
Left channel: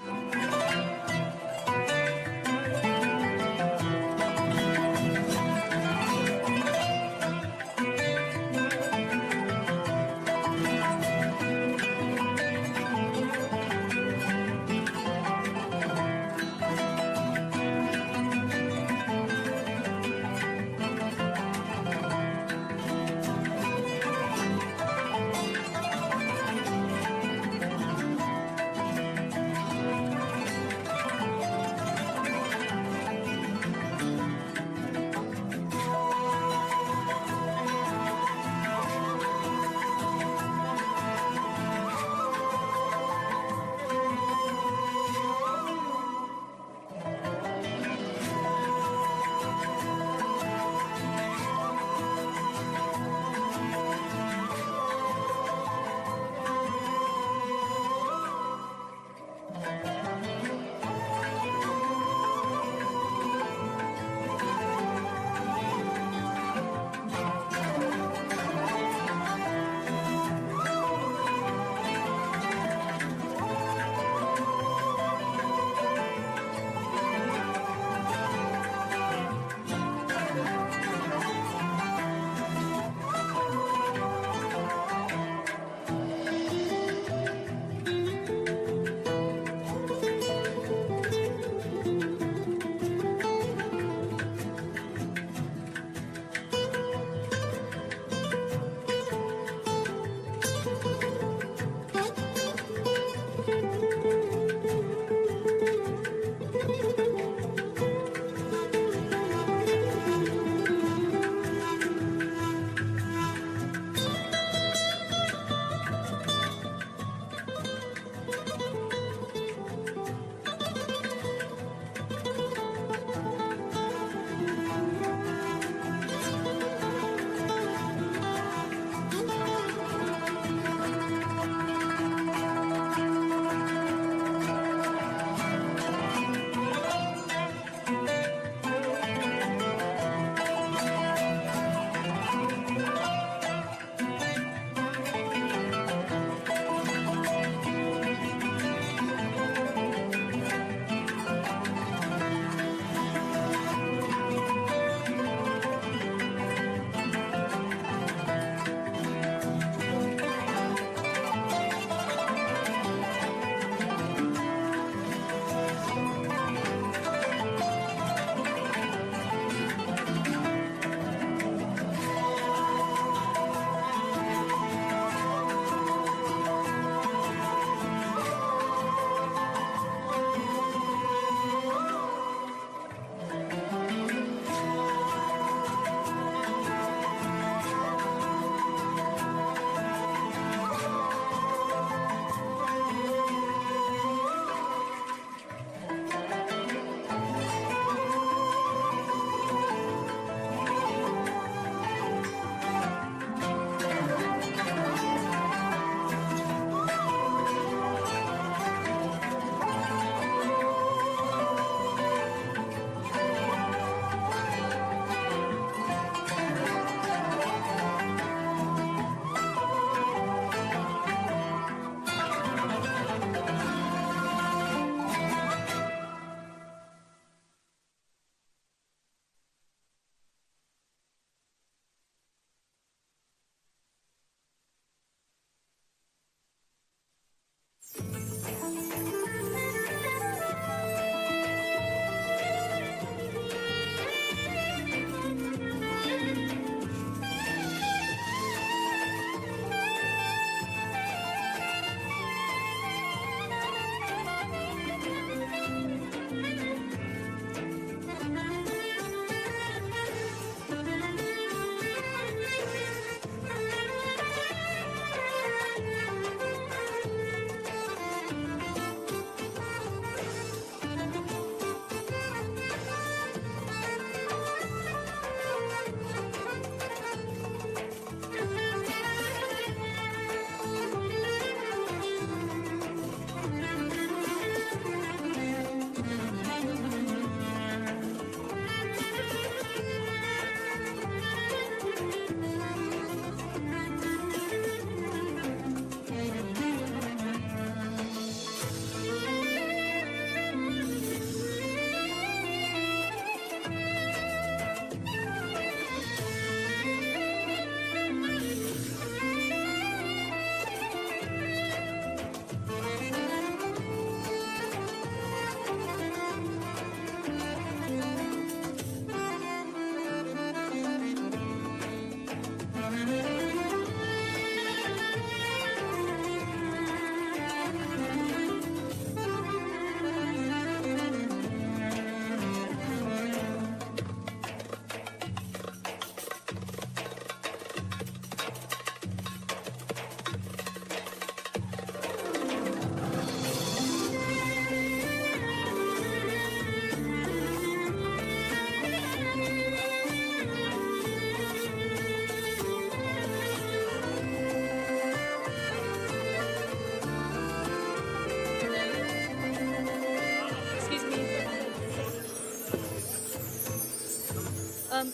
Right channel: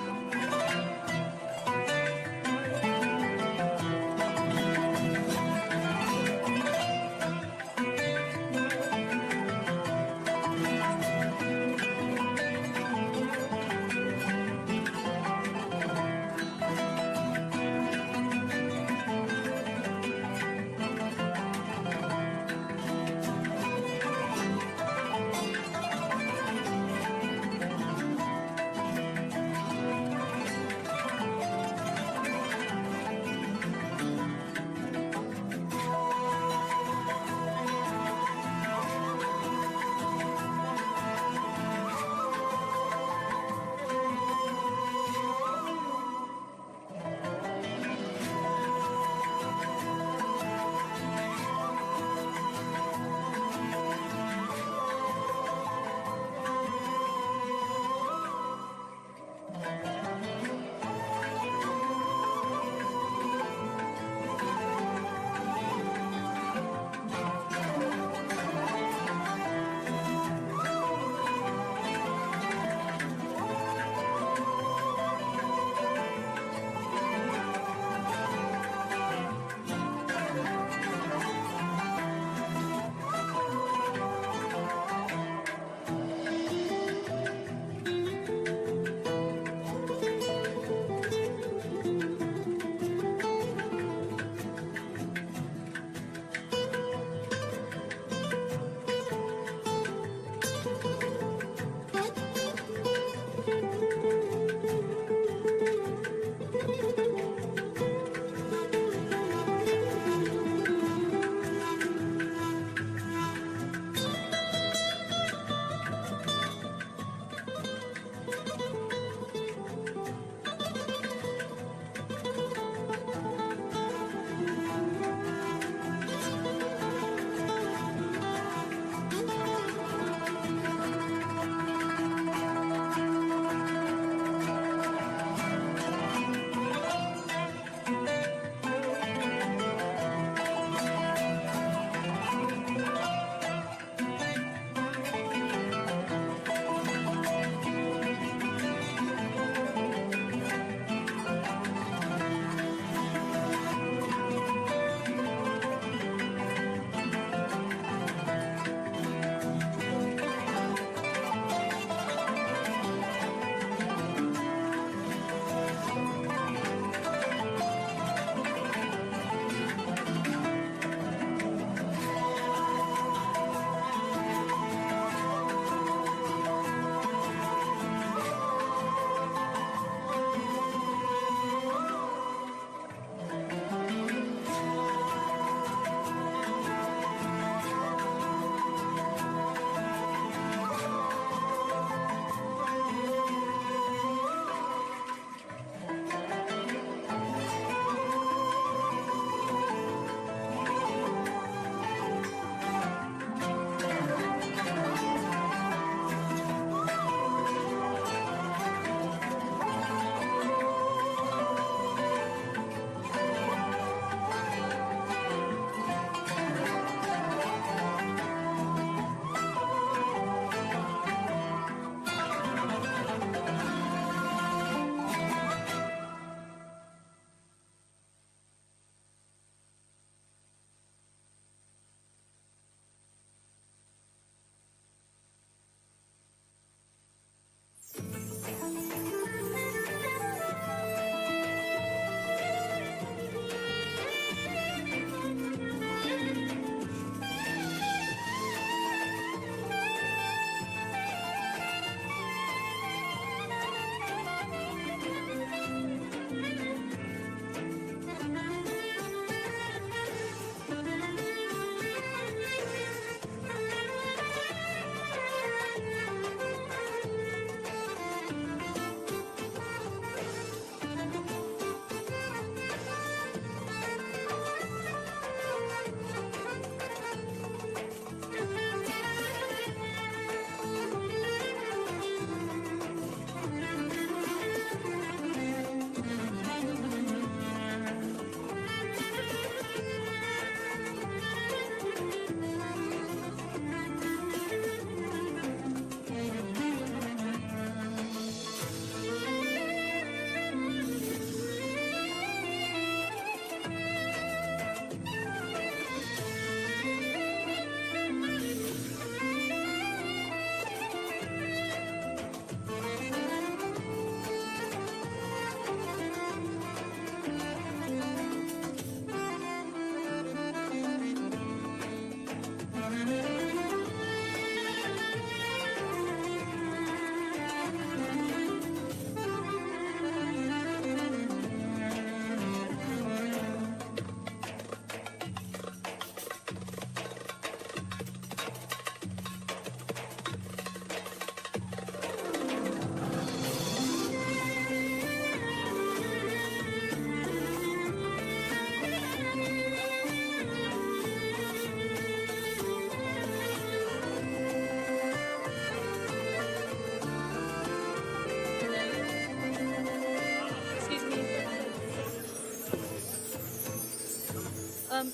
Ma'am,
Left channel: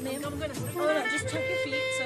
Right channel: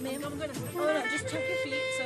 I'm gonna hold on. Just tuck your feet. So.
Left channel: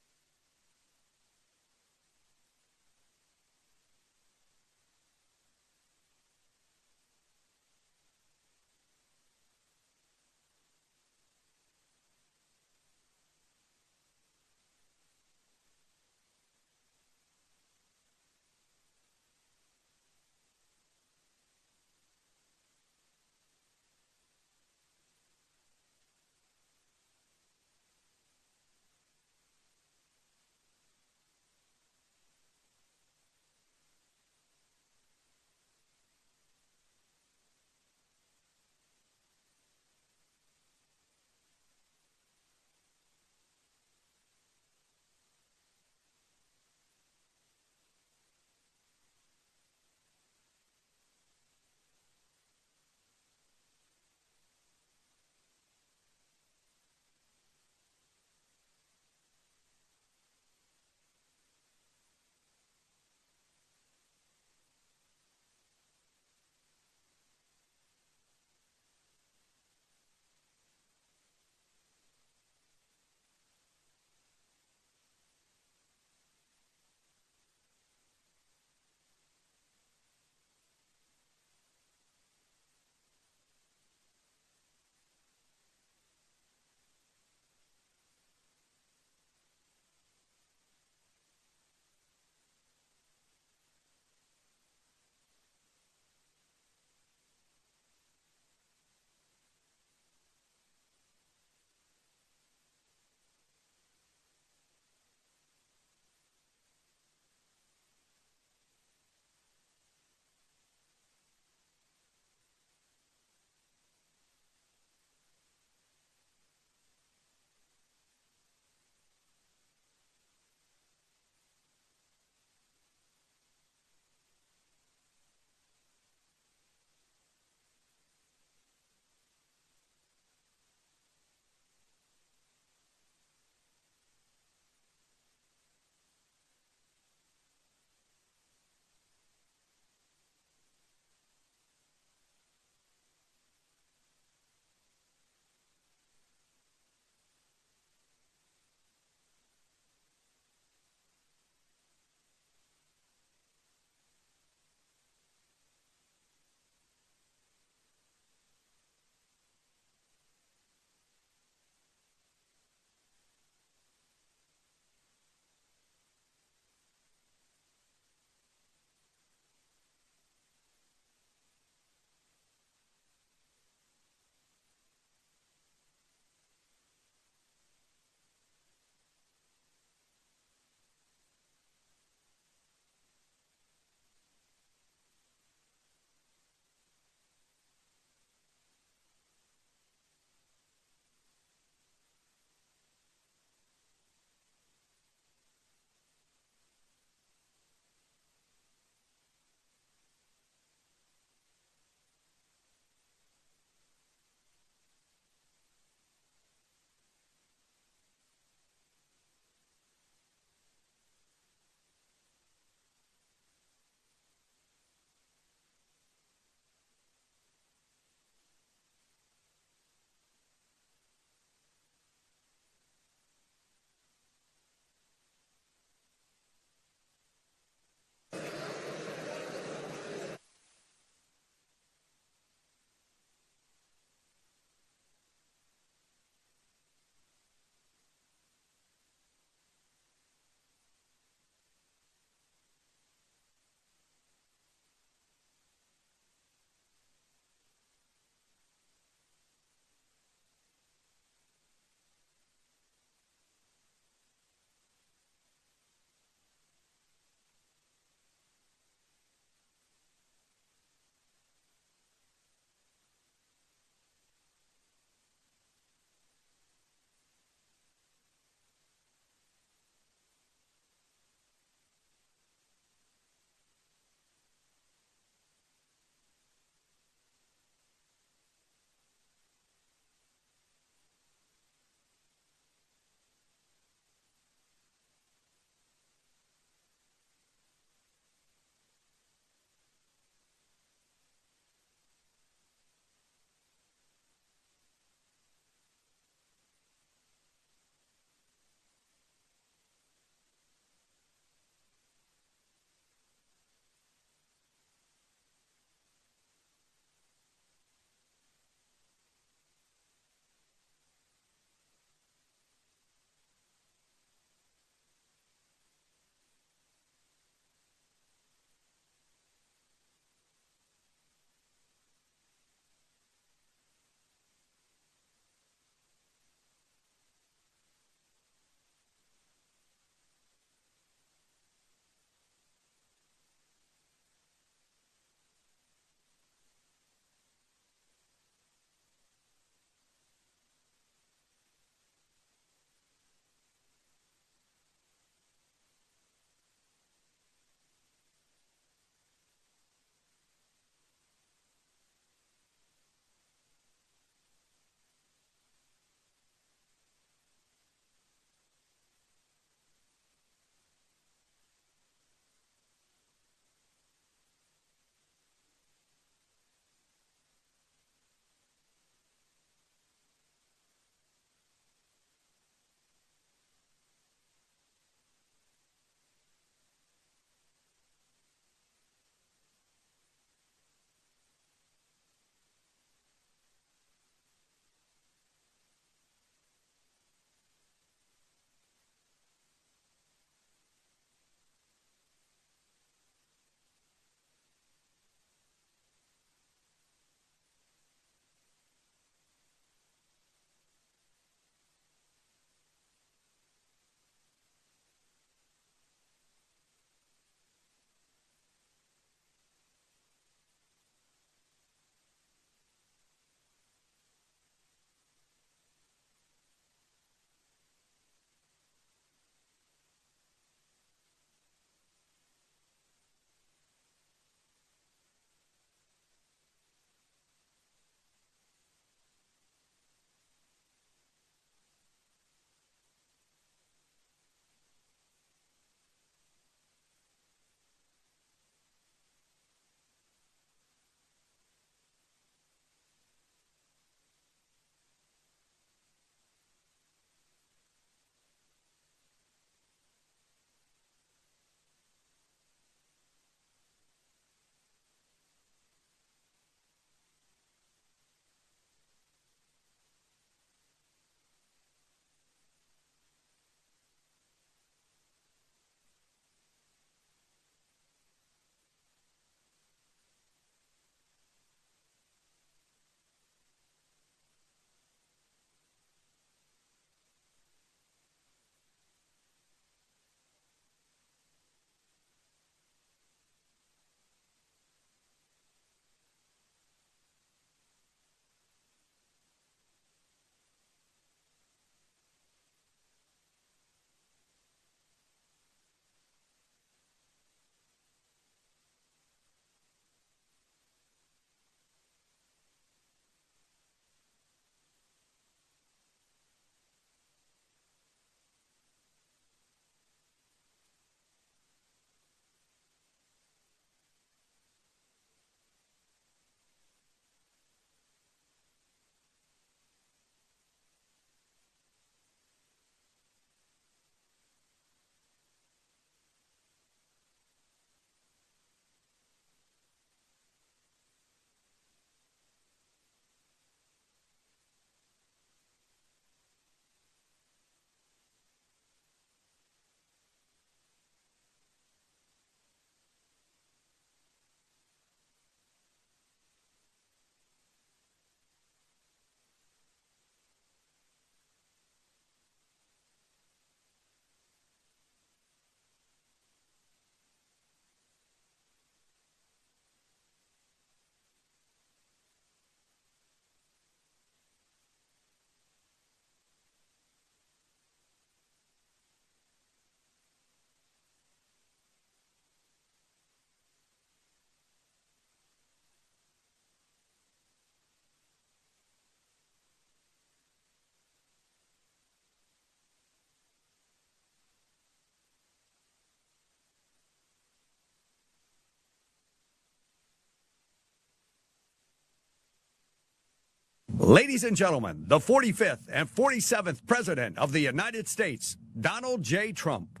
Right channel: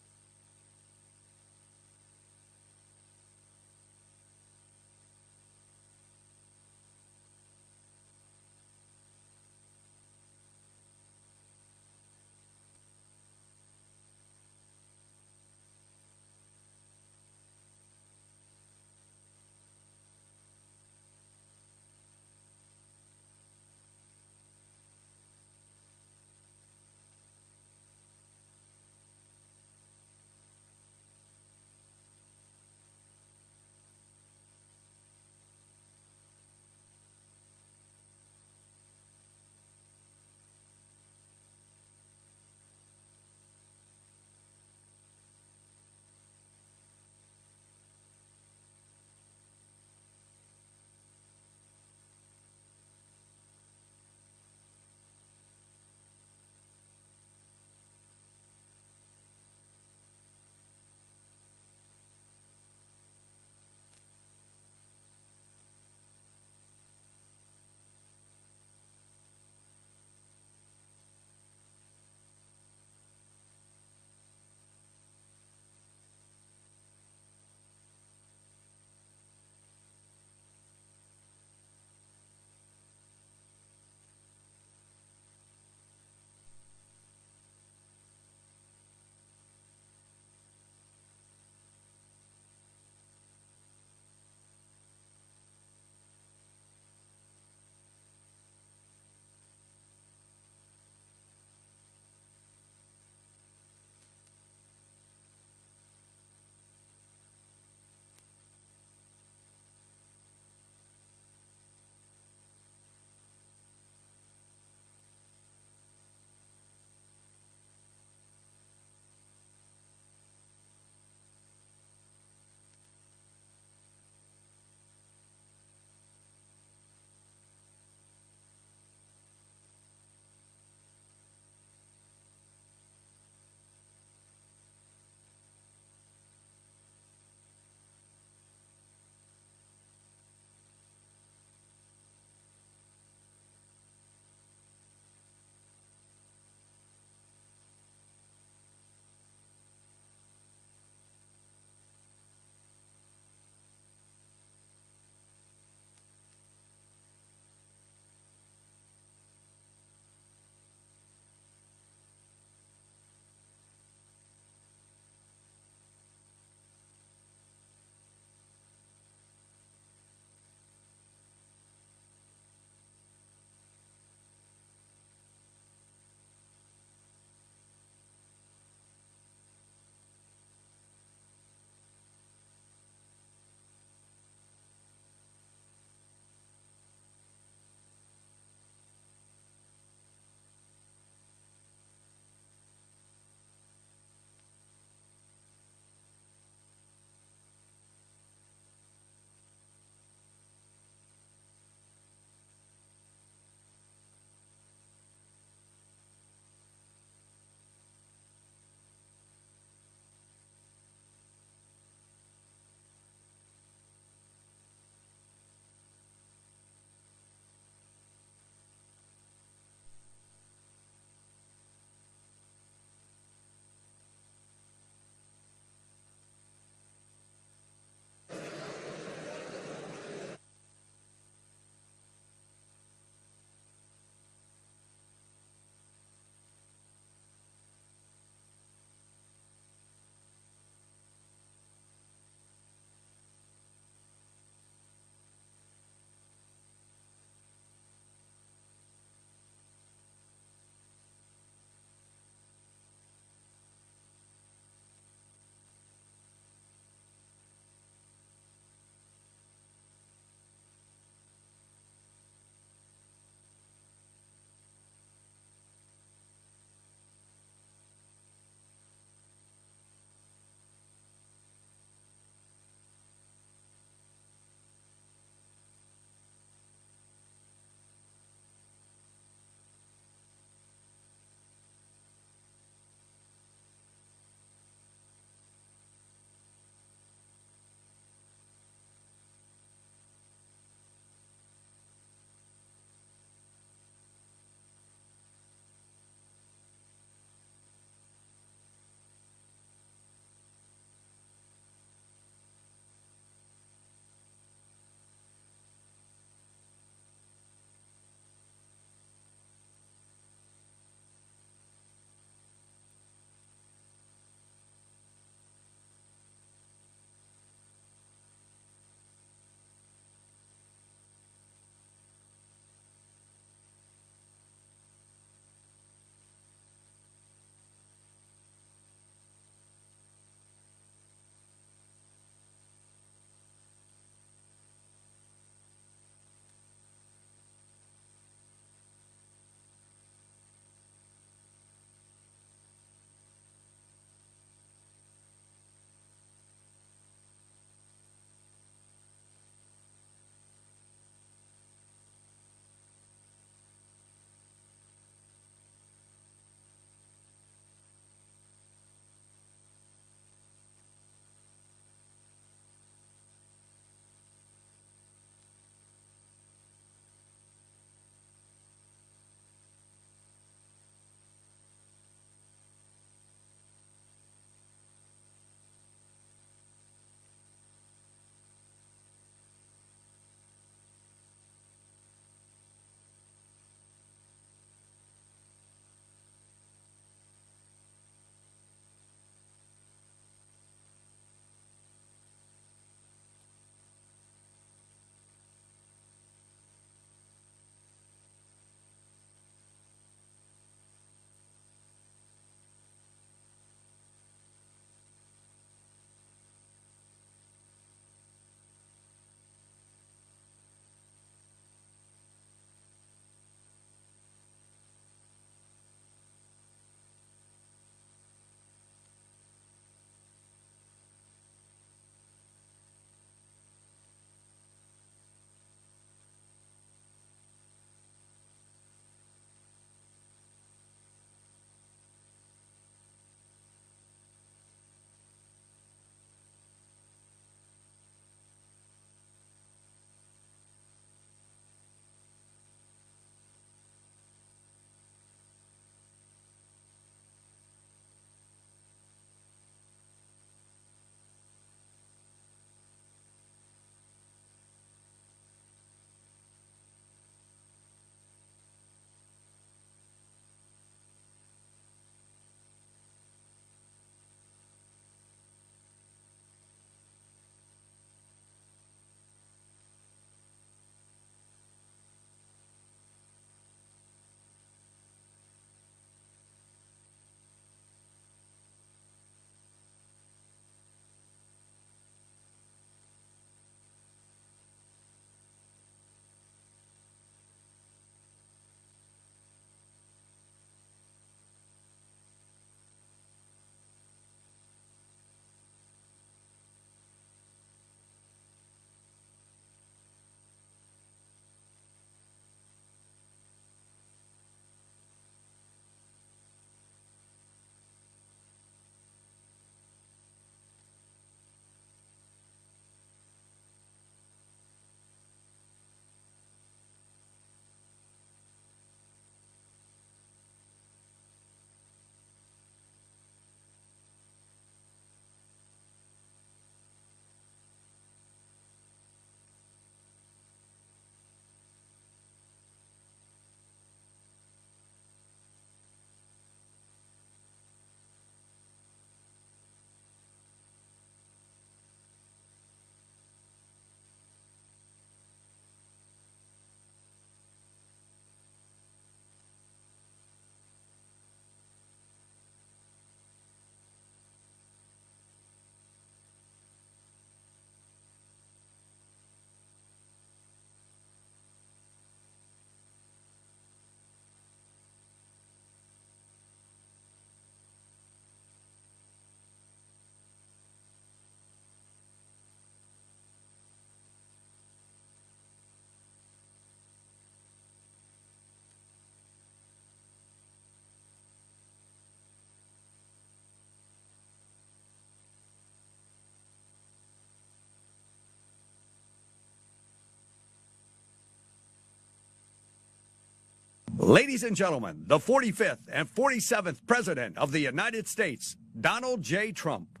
Ladies and gentlemen, the 45th and 47th President of the United States, Donald J. Trump.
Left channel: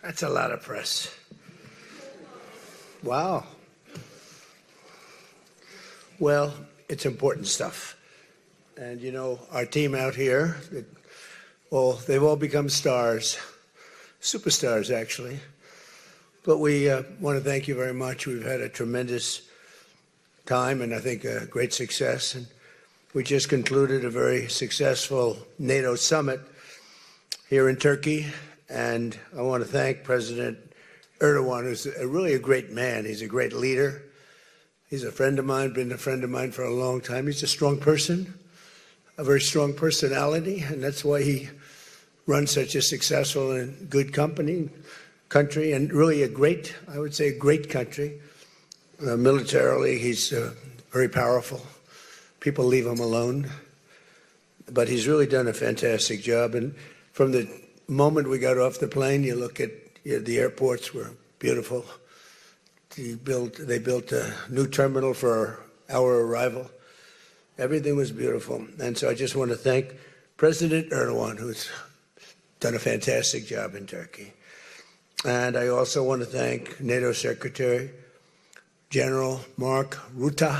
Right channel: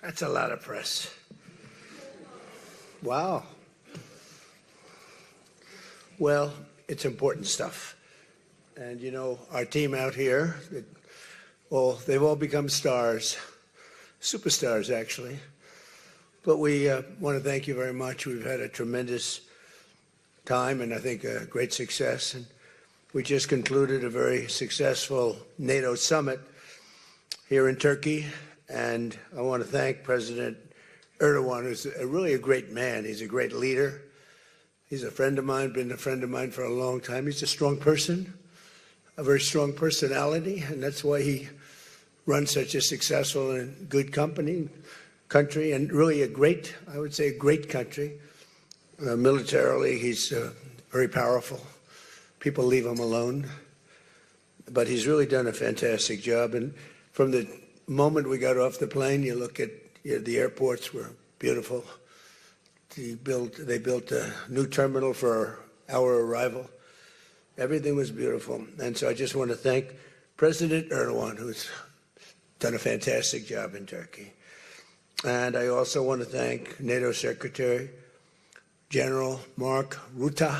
That's a lot of press. Wow. Well, it's important stuff. And you know, our team out here, they've all become stars, superstars actually. But we want to thank you very much. We've had a tremendous time and I think a great success. And we just concluded a very successful NATO Summit here in Turkey. And I want to thank President Erdogan, who's really a great man. He's a great leader. He's a friend of mine, been a friend of mine for a long time. He's a strong person, a very strong personality, and that's why he runs such a successful and good country, and really a great, I would say, a great country. Militarily, he's very powerful. People leave him alone, but he's really done a fantastic job. And from the moment we got off the plane, you look at the airports were beautiful. They built a new terminal for our arrival. Everything was beautiful. And so I just want to thank President Erdogan, who's done a fantastic job in Turkey. And I also want to thank NATO Secretary General Mark Rutte.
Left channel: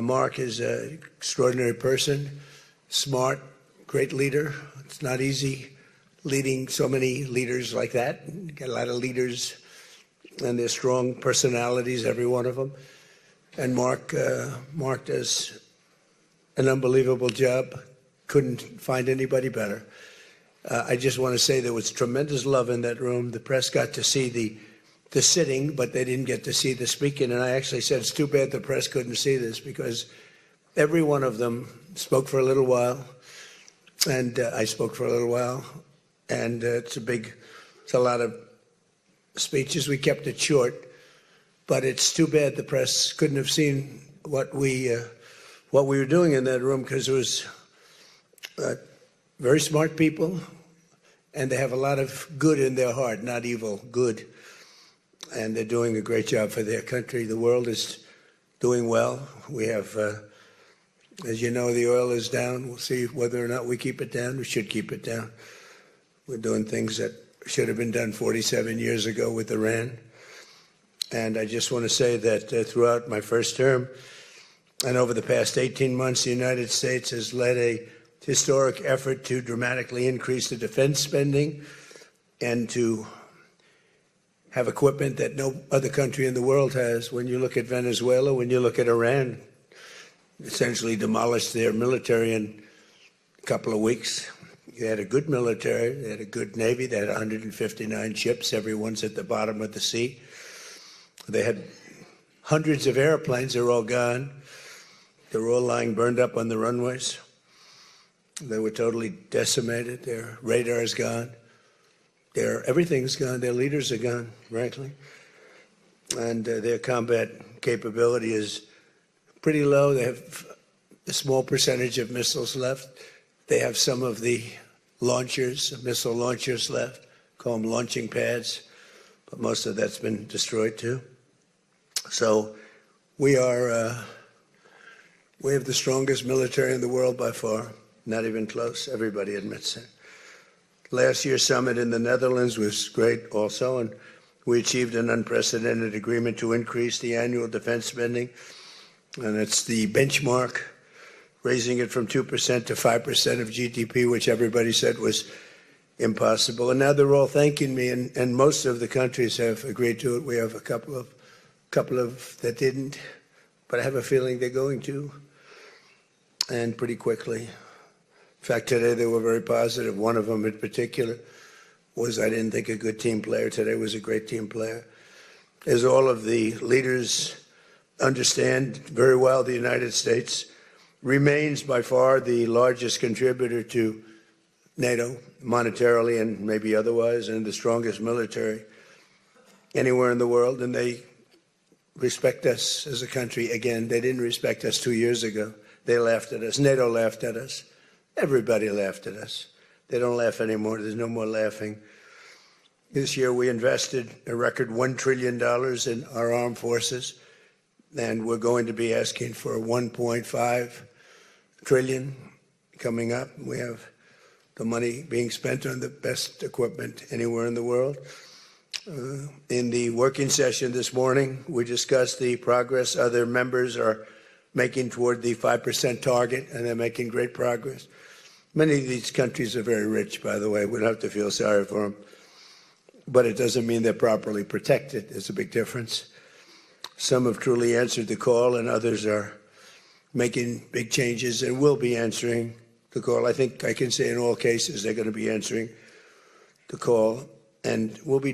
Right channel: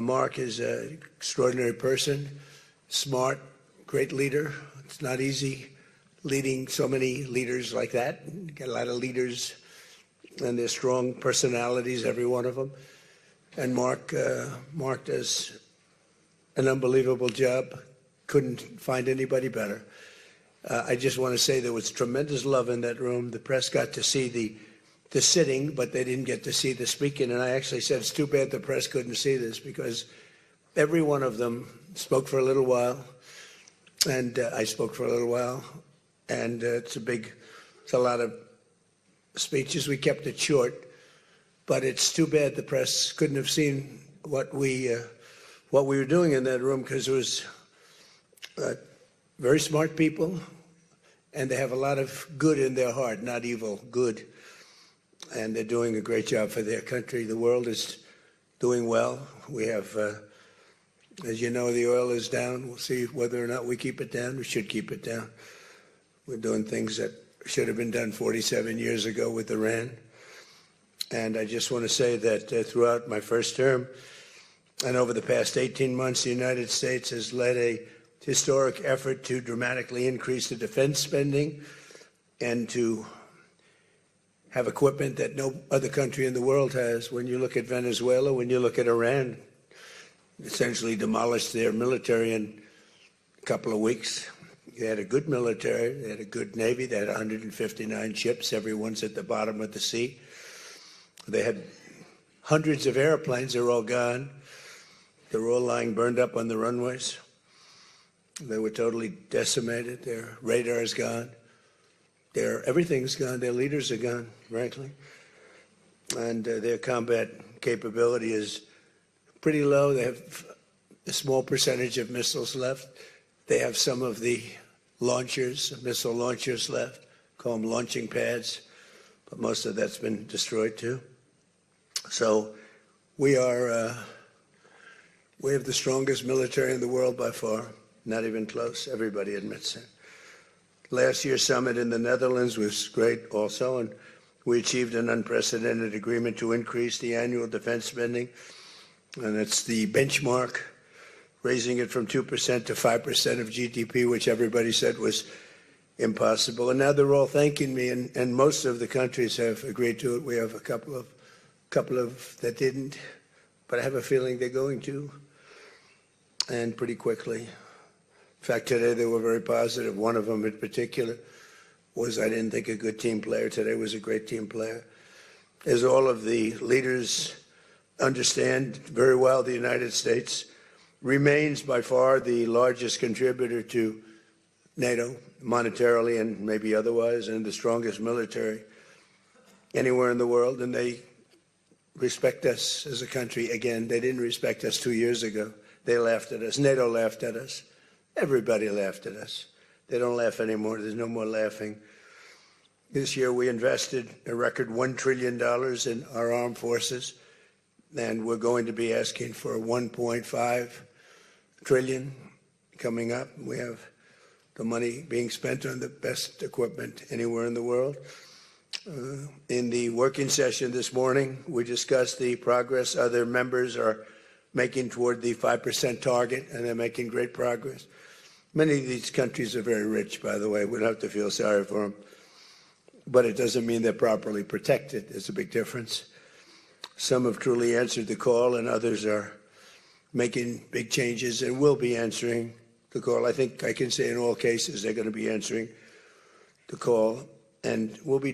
Mark is an extraordinary person, smart, great leader. It's not easy leading so many leaders like that. You get a lot of leaders and they're strong personalities, every one of them. And Mark does an unbelievable job. Couldn't find anybody better. I just want to say there was tremendous love in that room. The press got to see the sitting, but they didn't get to see the speaking. And I actually said, it's too bad the press couldn't see this, because every one of them spoke for a little while, and I spoke for a little while. And it's a lot of speeches. We kept it short, but it's too bad the press couldn't have seen what we were doing in that room, because it was very smart people, and they have a lot of good in their heart, not evil, good. And they're doing a great job for their country. The world is doing well. We have, as you know, the oil is down. We'll see whether or not we keep it down. We should keep it down. We're doing things that should have been done 47 years ago with Iran. And I just want to say that throughout my first term and over the past 18 months, the United States has led a historic effort to dramatically increase the defense spending and to have equipment that no other country in the world has. When you look at Venezuela, when you look at Iran, essentially demolished their military in a couple of weeks. They had a good military, they had a good Navy, they had 159 ships, everyone's at the bottom of the sea. They had hundreds of airplanes, they're all gone. They're all lying burned up on the runways. They were totally decimated. Their radar's gone. Everything's gone. Their leaders are gone, frankly. And their combat capability is pretty low. They have a small percentage of missiles left. They have some of the missile launchers left, call them launching pads, but most of that's been destroyed too. So we have the strongest military in the world by far. Not even close. Everybody admits it. Last year's summit in the Netherlands was great also, and we achieved an unprecedented agreement to increase the annual defense spending, and it's the benchmark, raising it from 2% to 5% of GDP, which everybody said was impossible. And now they're all thanking me, and most of the countries have agreed to it. We have a couple of that didn't, but I have a feeling they're going to, and pretty quickly. In fact, today they were very positive. One of them in particular was, I didn't think, a good team player. Today was a great team player. As all of the leaders understand very well, the United States remains by far the largest contributor to NATO, monetarily and maybe otherwise, and the strongest military anywhere in the world. And they respect us as a country. Again, they didn't respect us 2 years ago. They laughed at us. NATO laughed at us. Everybody laughed at us. They don't laugh anymore. There's no more laughing. This year we invested a record $1 trillion in our armed forces, and we're going to be asking for $1.5 trillion coming up. We have the money being spent on the best equipment anywhere in the world. In the working session this morning, we discussed the progress other members are making toward the 5% target, and they're making great progress. Many of these countries are very rich, by the way. We don't have to feel sorry for them. But it doesn't mean they're properly protected. There's a big difference. Some have truly answered the call, and others are making big changes and will be answering the call. I think I can say in all cases they're going to be answering the call. And we'll be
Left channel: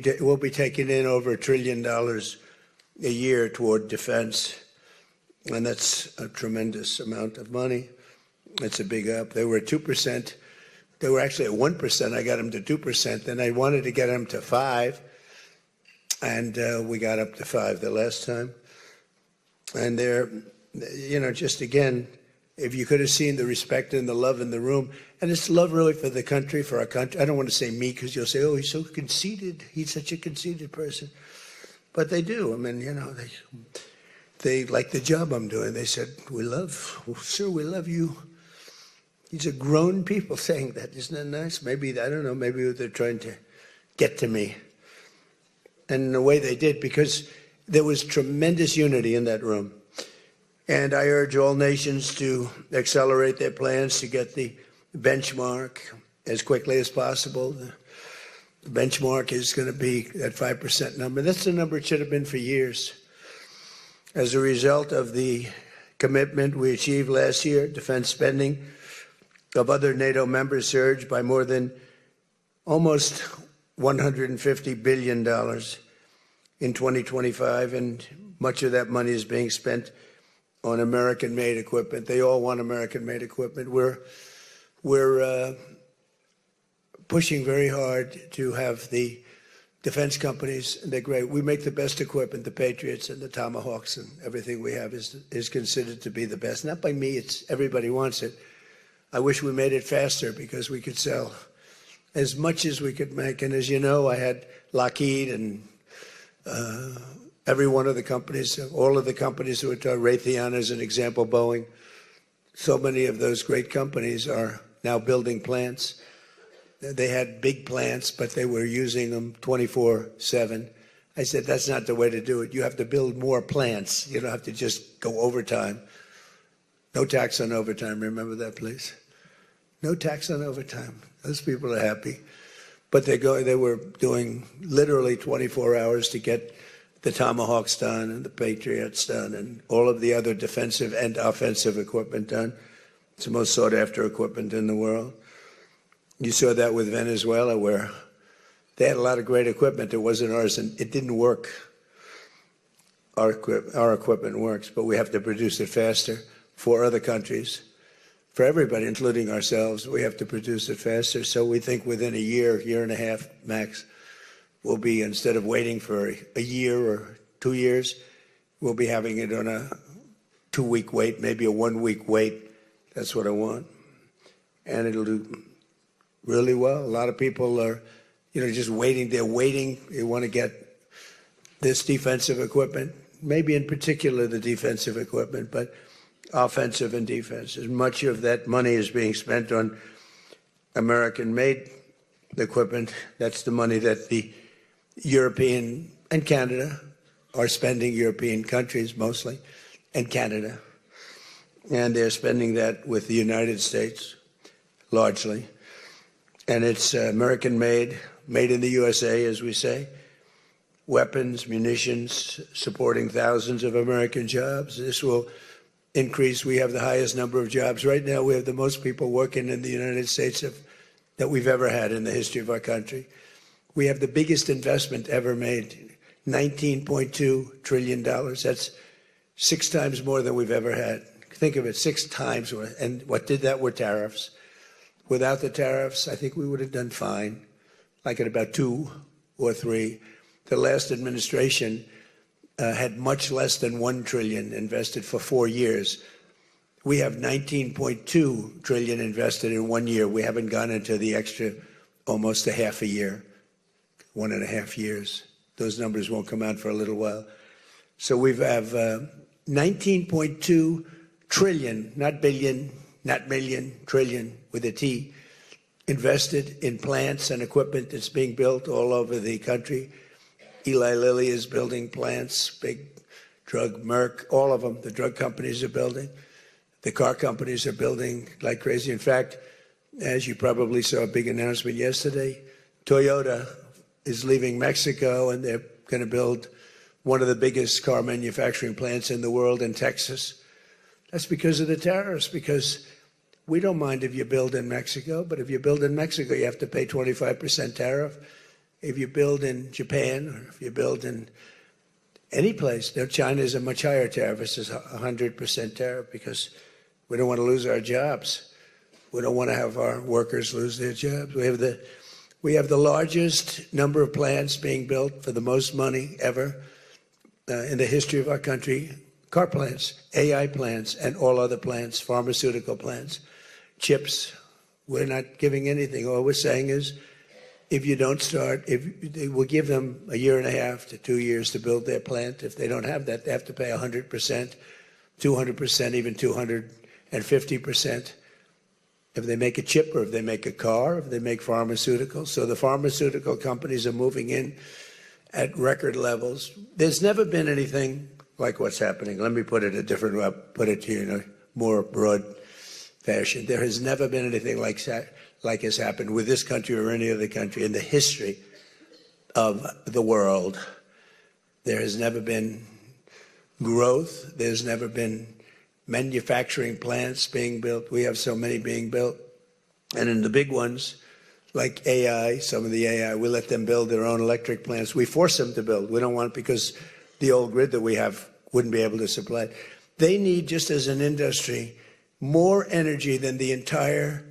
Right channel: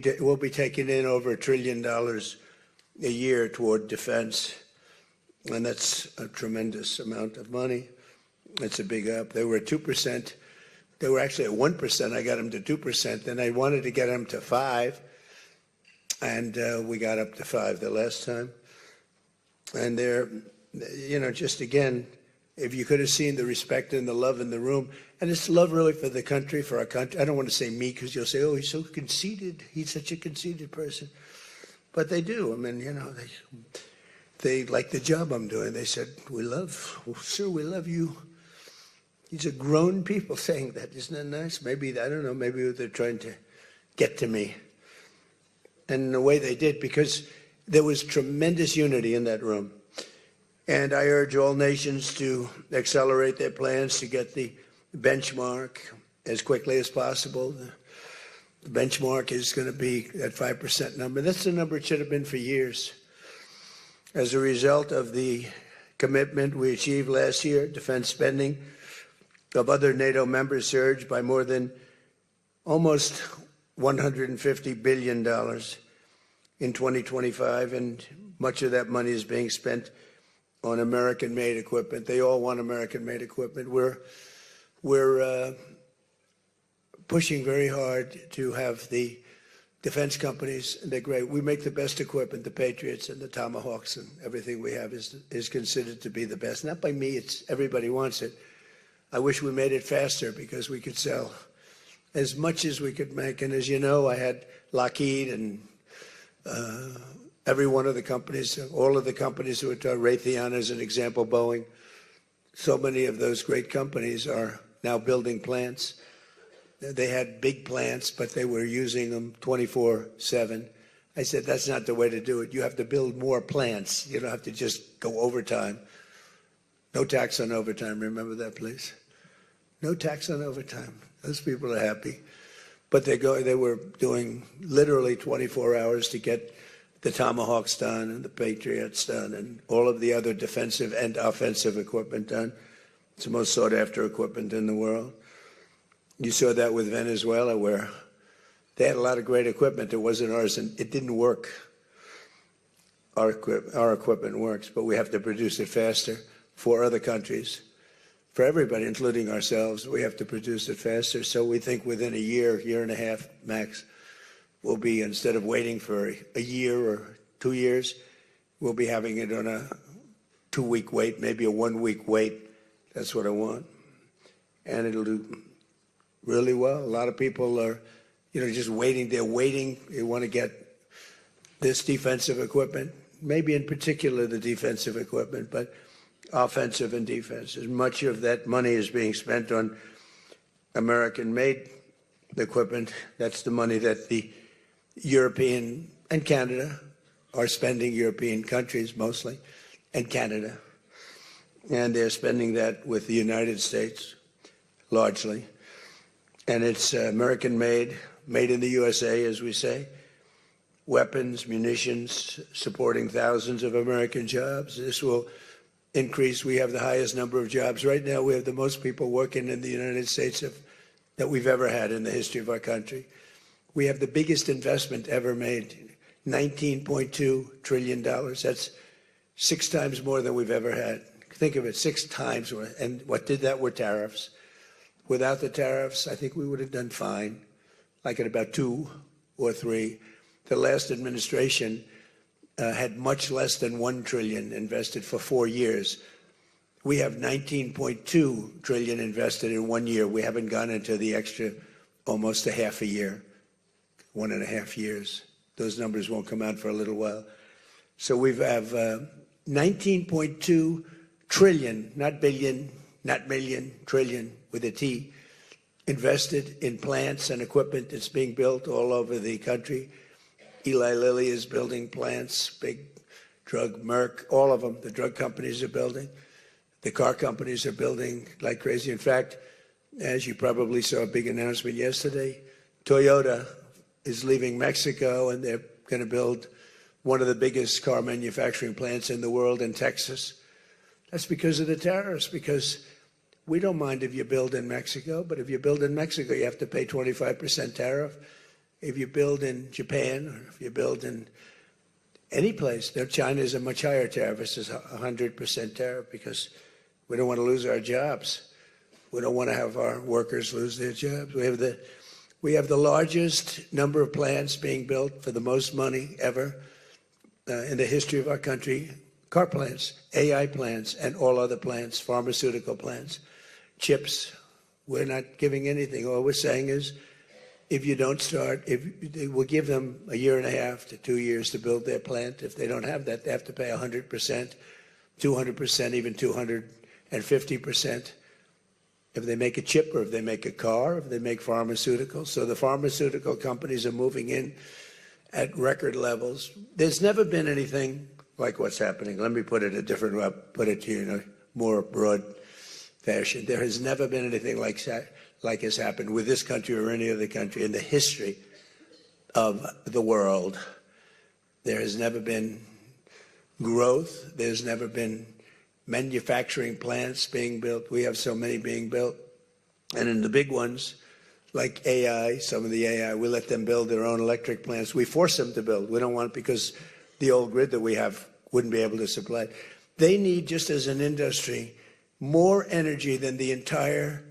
taking in over $1 trillion a year toward defense. And that's a tremendous amount of money. It's a big up. They were at 2%. They were actually at 1%. I got them to 2%. Then I wanted to get them to 5%. And we got up to 5% the last time. And they're, you know, just again, if you could have seen the respect and the love in the room, and it's love really for the country, for our country. I don't want to say me because you'll say, oh, he's so conceited. He's such a conceited person. But they do. I mean, you know, they like the job I'm doing. They said, we love you. These are grown people saying that. Isn't that nice? Maybe, I don't know, maybe they're trying to get to me. And in a way they did, because there was tremendous unity in that room. And I urge all nations to accelerate their plans to get the benchmark as quickly as possible. The benchmark is going to be that 5% number. That's the number it should have been for years. As a result of the commitment we achieved last year, defense spending of other NATO members surged by more than almost $150 billion in 2025, and much of that money is being spent on American-made equipment. They all want American-made equipment. We're pushing very hard to have the defense companies. They're great. We make the best equipment. The Patriots and the Tomahawks and everything we have is considered to be the best. Not by me. It's everybody wants it. I wish we made it faster because we could sell as much as we could make. And as you know, I had Lockheed and every one of the companies, all of the companies, which are Raytheon as an example, Boeing. So many of those great companies are now building plants. They had big plants, but they were using them 24/7. I said, that's not the way to do it. You have to build more plants. You don't have to just go overtime. No tax on overtime. Remember that, please. No tax on overtime. Those people are happy. But they were doing literally 24 hours to get the Tomahawks done and the Patriots done and all of the other defensive and offensive equipment done. It's the most sought after equipment in the world. You saw that with Venezuela, where they had a lot of great equipment. It wasn't ours, and it didn't work. Our equipment works, but we have to produce it faster for other countries. For everybody, including ourselves, we have to produce it faster. So we think within a year and a half max, we'll be, instead of waiting for a year or 2 years, we'll be having it on a 2-week wait, maybe a 1-week wait. That's what I want. And it'll do really well. A lot of people are, just waiting. They're waiting. They want to get this defensive equipment, maybe in particular the defensive equipment, but offensive and defense. As much of that money is being spent on American-made equipment. That's the money that the European and Canada are spending, European countries mostly, and Canada. And they're spending that with the United States, largely. And it's American-made, made in the USA, as we say. Weapons, munitions, supporting thousands of American jobs. This will increase. We have the highest number of jobs. Right now, we have the most people working in the United States that we've ever had in the history of our country. We have the biggest investment ever made, $19.2 trillion. That's 6 times more than we've ever had. Think of it, 6 times. And what did that were tariffs. Without the tariffs, I think we would have done fine, like at about 2 or 3. The last administration had much less than $1 trillion invested for 4 years. We have 19.2 trillion invested in 1 year. We haven't gone into the extra almost a half a year, 1.5 years. Those numbers won't come out for a little while. So we have 19.2 trillion, not billion, not million, trillion with a T, invested in plants and equipment that's being built all over the country. Eli Lilly is building plants, big drug, Merck, all of them, the drug companies are building. The car companies are building like crazy. In fact, as you probably saw a big announcement yesterday, Toyota is leaving Mexico and they're going to build one of the biggest car manufacturing plants in the world in Texas. That's because of the tariffs, because we don't mind if you build in Mexico, but if you build in Mexico, you have to pay 25% tariff. If you build in Japan or if you build in any place, China is a much higher tariff. This is 100% tariff because we don't want to lose our jobs. We don't want to have our workers lose their jobs. We have the largest number of plants being built for the most money ever in the history of our country. Car plants, AI plants, and all other plants, pharmaceutical plants, chips. We're not giving anything. All we're saying is, if you don't start, they will give them 1.5 to 2 years to build their plant. If they don't have that, they have to pay 100%, 200%, even 250%. If they make a chip or if they make a car, if they make pharmaceuticals. So the pharmaceutical companies are moving in at record levels. There's never been anything like what's happening. Let me put it a different way, put it to you in a more broad fashion. There has never been anything like has happened with this country or any other country in the history of the world. There has never been growth. There's never been manufacturing plants being built. We have so many being built. And in the big ones, like AI, some of the AI, we let them build their own electric plants. We force them to build. We don't want, because the old grid that we have wouldn't be able to supply. They need, just as an industry, more energy than the entire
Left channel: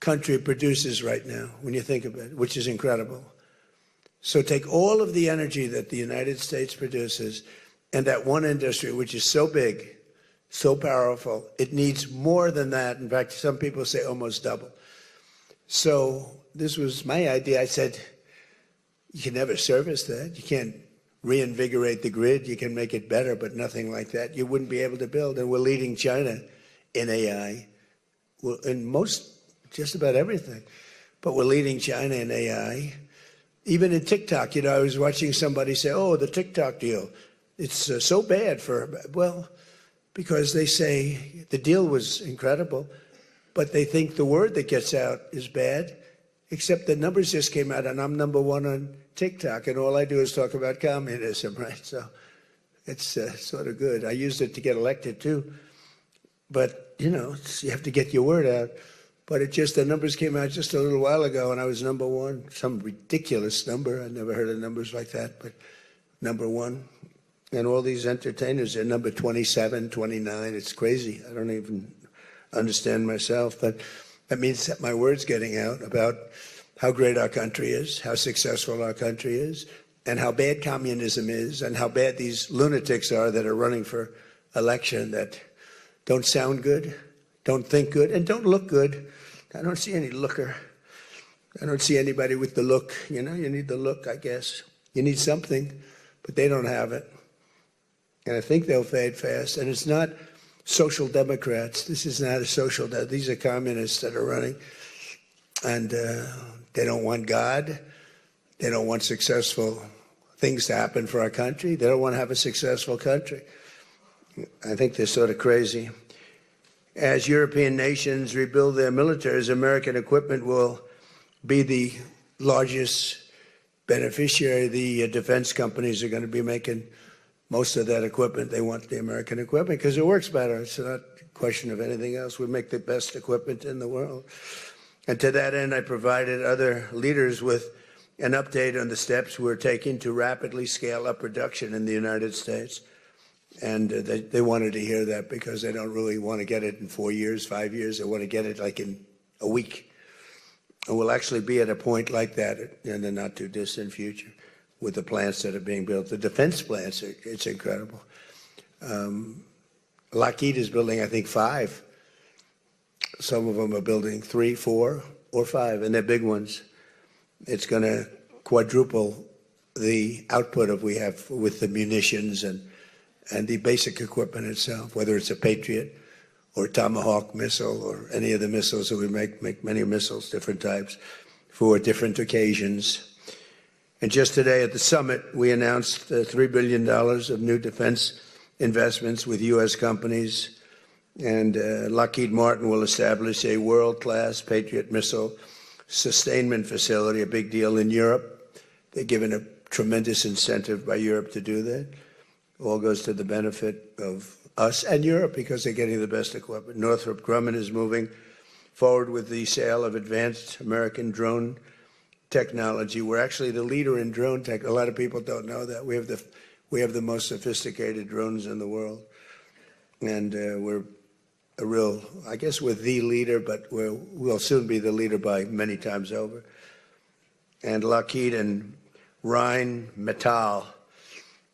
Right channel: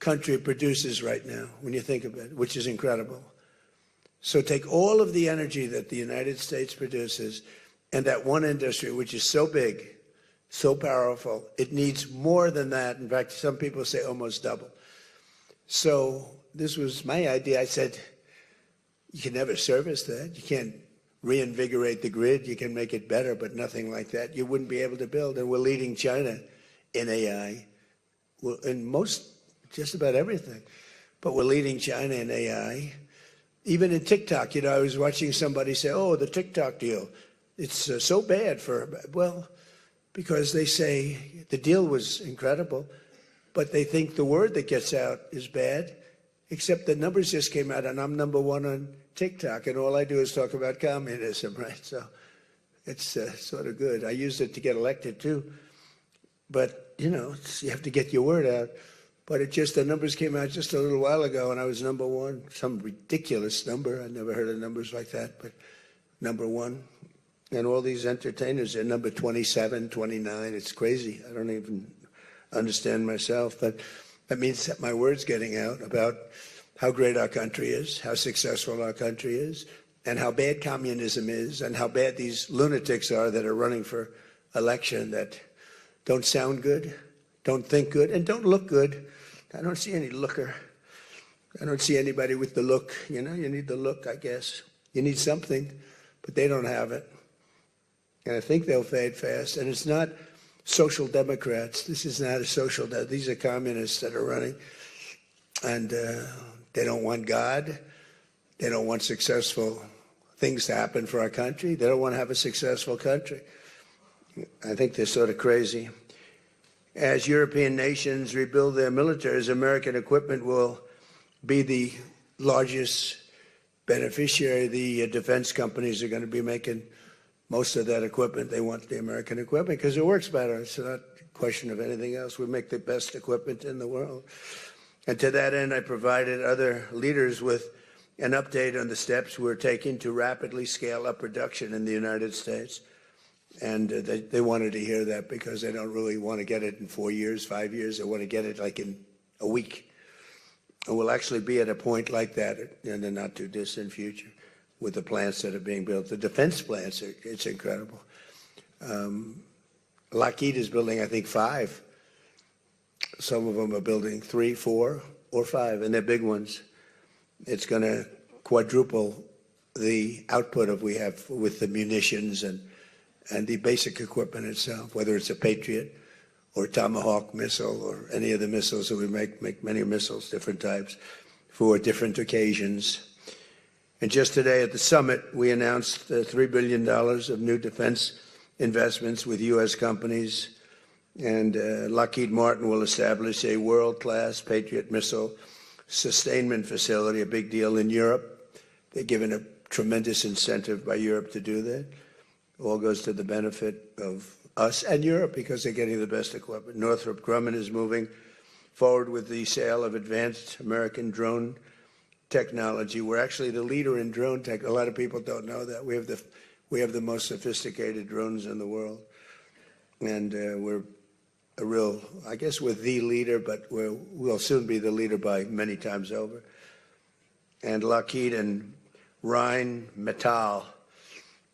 country produces right now, when you think about it, which is incredible. So take all of the energy that the United States produces and that one industry, which is so big, so powerful, it needs more than that. In fact, some people say almost double. So this was my idea. I said, you can never service that. You can't reinvigorate the grid. You can make it better, but nothing like that. You wouldn't be able to build. And we're leading China in AI, well, in just about everything. But we're leading China in AI. Even in TikTok, I was watching somebody say, oh, the TikTok deal, it's so bad for, well, because they say the deal was incredible, but they think the word that gets out is bad, except the numbers just came out, and I'm #1 on TikTok, and all I do is talk about communism, right? So it's sort of good. I used it to get elected, too. But, you have to get your word out. But the numbers came out just a little while ago, and I was #1, some ridiculous number. I never heard of numbers like that, but #1. And all these entertainers are number 27, 29. It's crazy. I don't even understand myself. But that means that my word's getting out about how great our country is, how successful our country is, and how bad communism is, and how bad these lunatics are that are running for election that don't sound good, don't think good, and don't look good. I don't see any looker. I don't see anybody with the look. You need the look, I guess. You need something, but they don't have it. And I think they'll fade fast. And it's not social democrats. This is not a social, these are communists that are running. And they don't want God. They don't want successful things to happen for our country. They don't want to have a successful country. I think they're sort of crazy. As European nations rebuild their militaries, American equipment will be the largest beneficiary. The defense companies are going to be making most of that equipment. They want the American equipment because it works better. It's not a question of anything else. We make the best equipment in the world. And to that end, I provided other leaders with an update on the steps we're taking to rapidly scale up production in the United States. And they wanted to hear that because they don't really want to get it in 4 years, 5 years. They want to get it like in a week. And we'll actually be at a point like that in the not too distant future with the plants that are being built. The defense plants, it's incredible. Lockheed is building, I think, 5 Some of them are building 3, 4, or 5, and they're big ones. It's going to quadruple the output of we have with the munitions and the basic equipment itself, whether it's a Patriot or Tomahawk missile or any of the missiles that we make many missiles, different types, for different occasions. And just today at the summit, we announced $3 billion of new defense investments with U.S. companies. And Lockheed Martin will establish a world-class Patriot missile sustainment facility, a big deal in Europe. They're given a tremendous incentive by Europe to do that. All goes to the benefit of us and Europe because they're getting the best equipment. Northrop Grumman is moving forward with the sale of advanced American drone technology. We're actually the leader in drone tech. A lot of people don't know that. We have the most sophisticated drones in the world. And we're a real, I guess we're the leader, but we'll soon be the leader by many times over. And Lockheed and Rheinmetall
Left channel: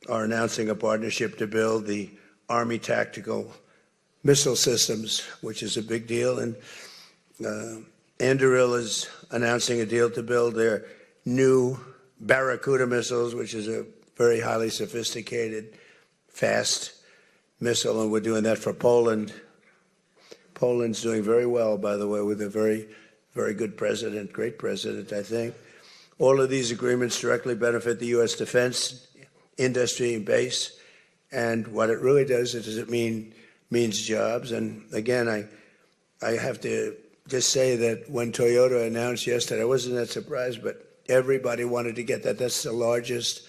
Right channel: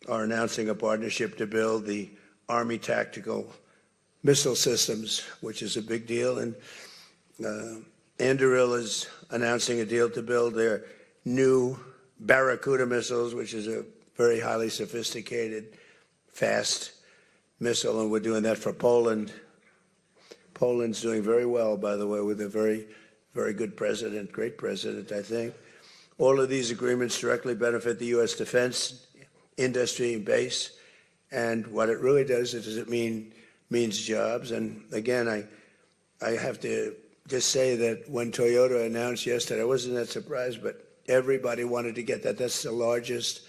are announcing a partnership to build the Army Tactical Missile Systems, which is a big deal. And Anduril is announcing a deal to build their new Barracuda missiles, which is a very highly sophisticated, fast missile, and we're doing that for Poland. Poland's doing very well, by the way, with a very, very good president, great president, I think. All of these agreements directly benefit the U.S. defense industry and base, and what it really does is it means jobs. And again, I have to just say that when Toyota announced yesterday, I wasn't that surprised, but everybody wanted to get that. That's the largest,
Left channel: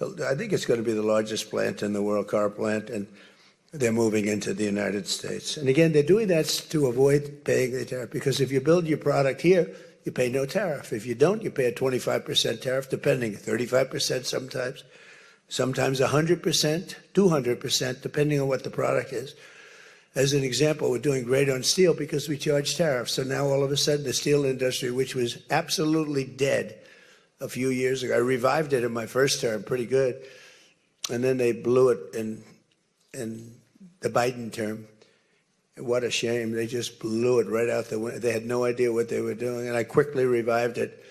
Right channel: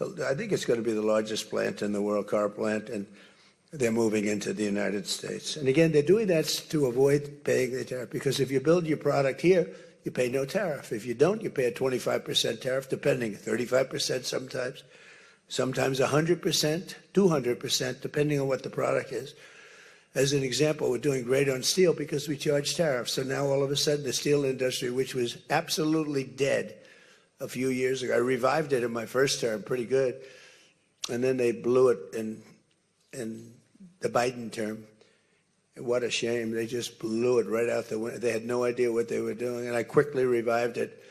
I think it's going to be the largest plant in the world, car plant, and they're moving into the United States. And again, they're doing that to avoid paying the tariff, because if you build your product here, you pay no tariff. If you don't, you pay a 25% tariff, depending, 35% sometimes 100%, 200%, depending on what the product is. As an example, we're doing great on steel because we charge tariffs. So now all of a sudden the steel industry, which was absolutely dead a few years ago, I revived it in my first term, pretty good. And then they blew it in the Biden term. What a shame. They just blew it right out the window. They had no idea what they were doing. And I quickly revived it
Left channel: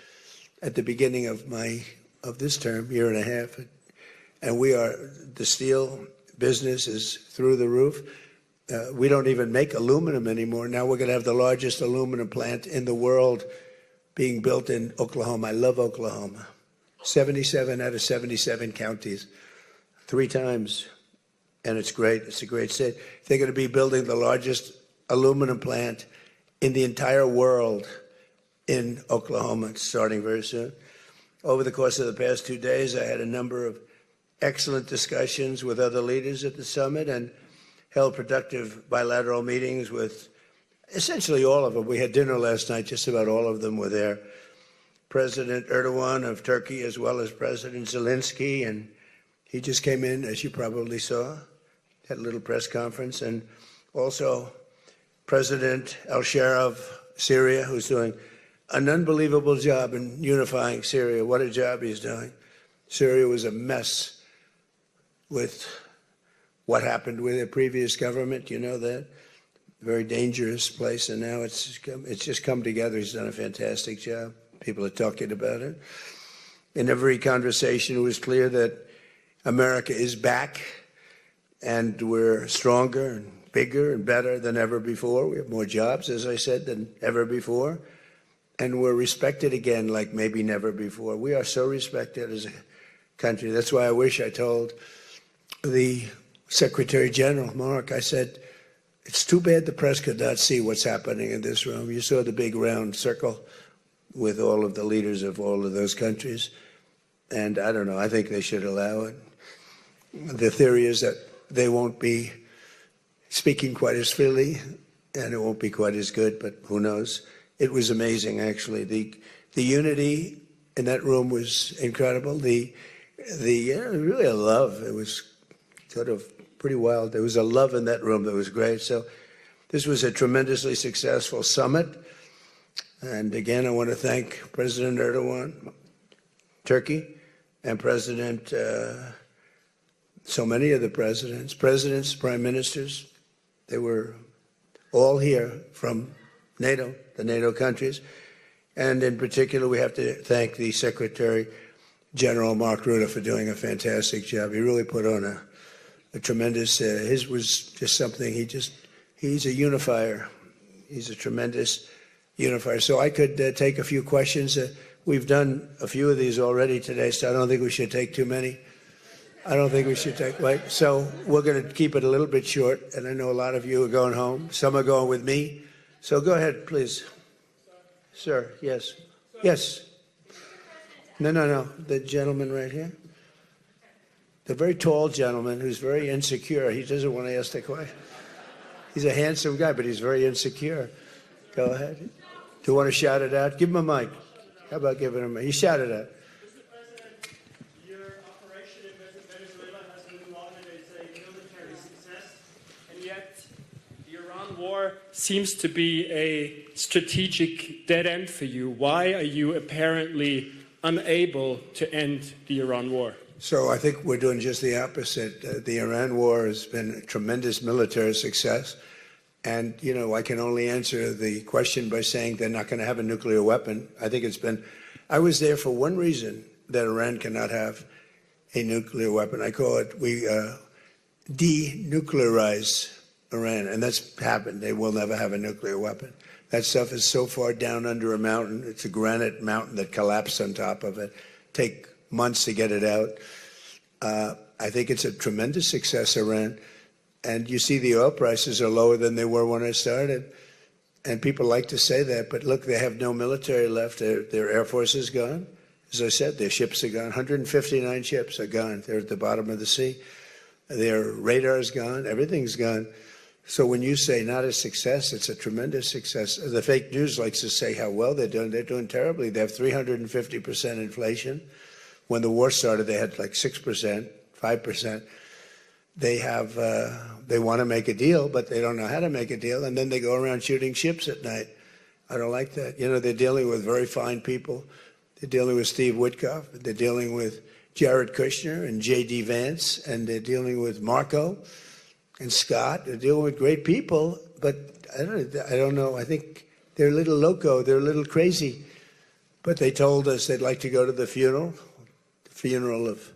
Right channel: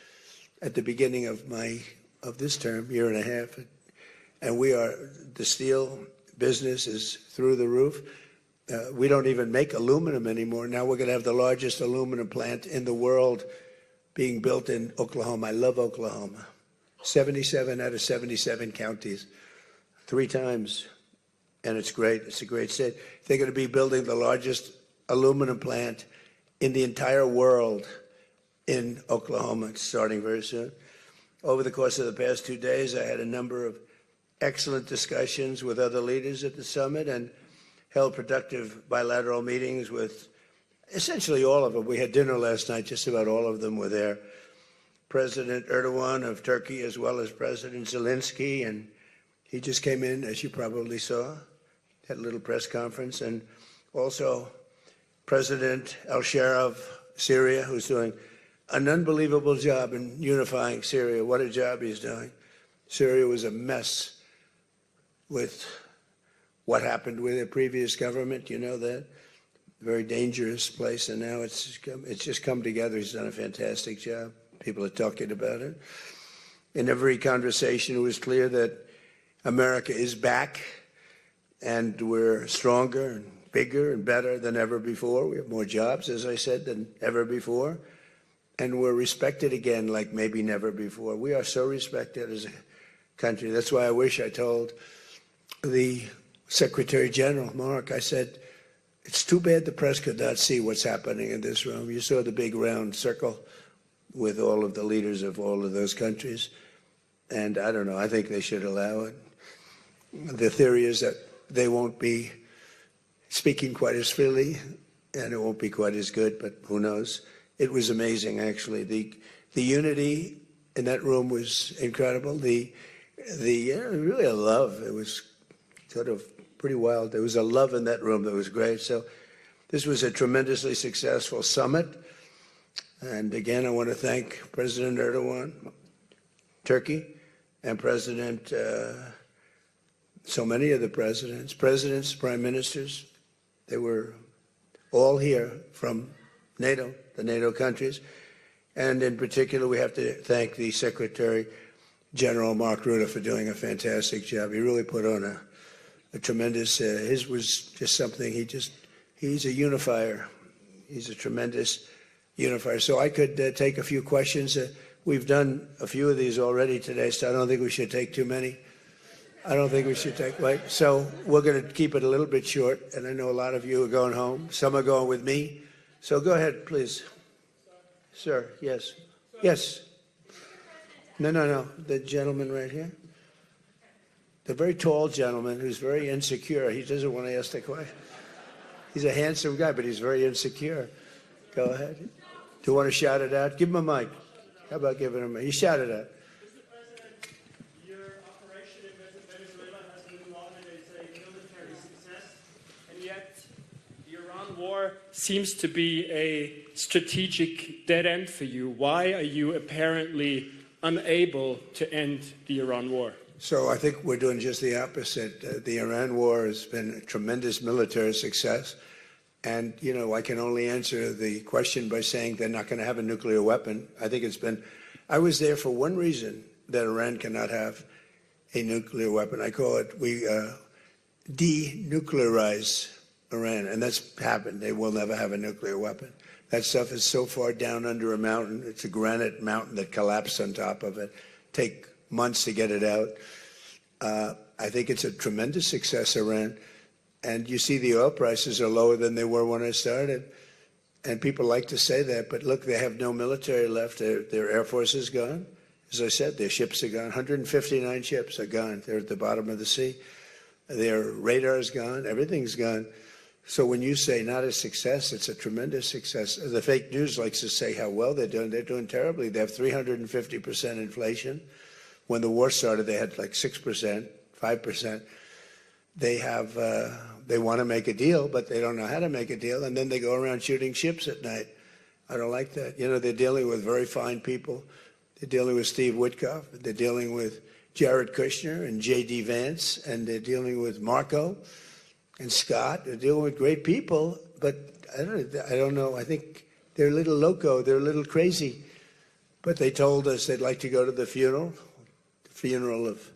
at the beginning of this term, year and a half. And the steel business is through the roof. We don't even make aluminum anymore. Now we're going to have the largest aluminum plant in the world being built in Oklahoma. I love Oklahoma. 77 out of 77 counties, 3 times. And it's great. It's a great state. They're going to be building the largest aluminum plant in the entire world in Oklahoma. It's starting very soon. Over the course of the past 2 days, I had a number of excellent discussions with other leaders at the summit and held productive bilateral meetings with essentially all of them. We had dinner last night. Just about all of them were there. President Erdogan of Turkey, as well as President Zelenskyy, and he just came in, as you probably saw, at a little press conference, and also President al-Shara of Syria, who's doing an unbelievable job in unifying Syria. What a job he's doing. Syria was a mess with what happened with their previous government. You know that. Very dangerous place, and now it's just come together. He's done a fantastic job. People are talking about it. In every conversation, it was clear that America is back, and we're stronger and bigger and better than ever before. We have more jobs, as I said, than ever before, and we're respected again like maybe never before. We are so respected as a country. That's why I wish I told the Secretary General, Mark, I said, it's too bad the press could not see what's happening in this room. You saw the big round circle with all of the leaders of all of those countries. And I don't know, I think they should allow it. The theory is that they won't be speaking quite as freely and it won't be quite as good, but who knows? It was amazing, actually. The unity in that room was incredible. Really a love. It was sort of pretty wild. There was a love in that room that was great. So this was a tremendously successful summit. And again, I want to thank President Erdogan, Turkey, and President, so many of the presidents, prime ministers. They were all here from NATO, the NATO countries. And in particular, we have to thank the Secretary General Mark Rutte for doing a fantastic job. He really put on a tremendous, his was just something, he's a unifier. He's a tremendous unifier. So I could take a few questions. We've done a few of these already today, so I don't think we should take too many. I don't think we should take, right? So we're going to keep it a little bit short, and I know a lot of you are going home. Some are going with me. So go ahead, please. Sir, yes. Yes. No. The gentleman right here. The very tall gentleman who's very insecure. He doesn't want to ask the question. He's a handsome guy, but he's very insecure. Go ahead. Do you want to shout it out? Give him a mic. How about giving him a mic? You shout it out. War seems to be a strategic dead end for you. Why are you apparently unable to end the Iran war? So I think we're doing just the opposite. The Iran war has been a tremendous military success. And, you know, I can only answer the question by saying they're not going to have a nuclear weapon. I think I was there for one reason, that Iran cannot have a nuclear weapon. I call it, we denuclearize Iran, and that's happened. They will never have a nuclear weapon. That stuff is so far down under a mountain. It's a granite mountain that collapsed on top of it. Take months to get it out. I think it's a tremendous success, Iran. And you see the oil prices are lower than they were when I started. And people like to say that, but look, they have no military left. Their air force is gone. As I said, their ships are gone. 159 ships are gone. They're at the bottom of the sea. Their radar is gone. Everything's gone. So when you say not a success, it's a tremendous success. The fake news likes to say how well they're doing. They're doing terribly. They have 350% inflation. When the war started, they had like 6%, 5%. They want to make a deal, but they don't know how to make a deal. And then they go around shooting ships at night. I don't like that. You know, they're dealing with very fine people. They're dealing with Steve Witkoff. They're dealing with Jared Kushner and J.D. Vance. And they're dealing with Marco and Scott. They're dealing with great people, but I don't know. I think they're a little loco. They're a little crazy. But they told us they'd like to go to the funeral of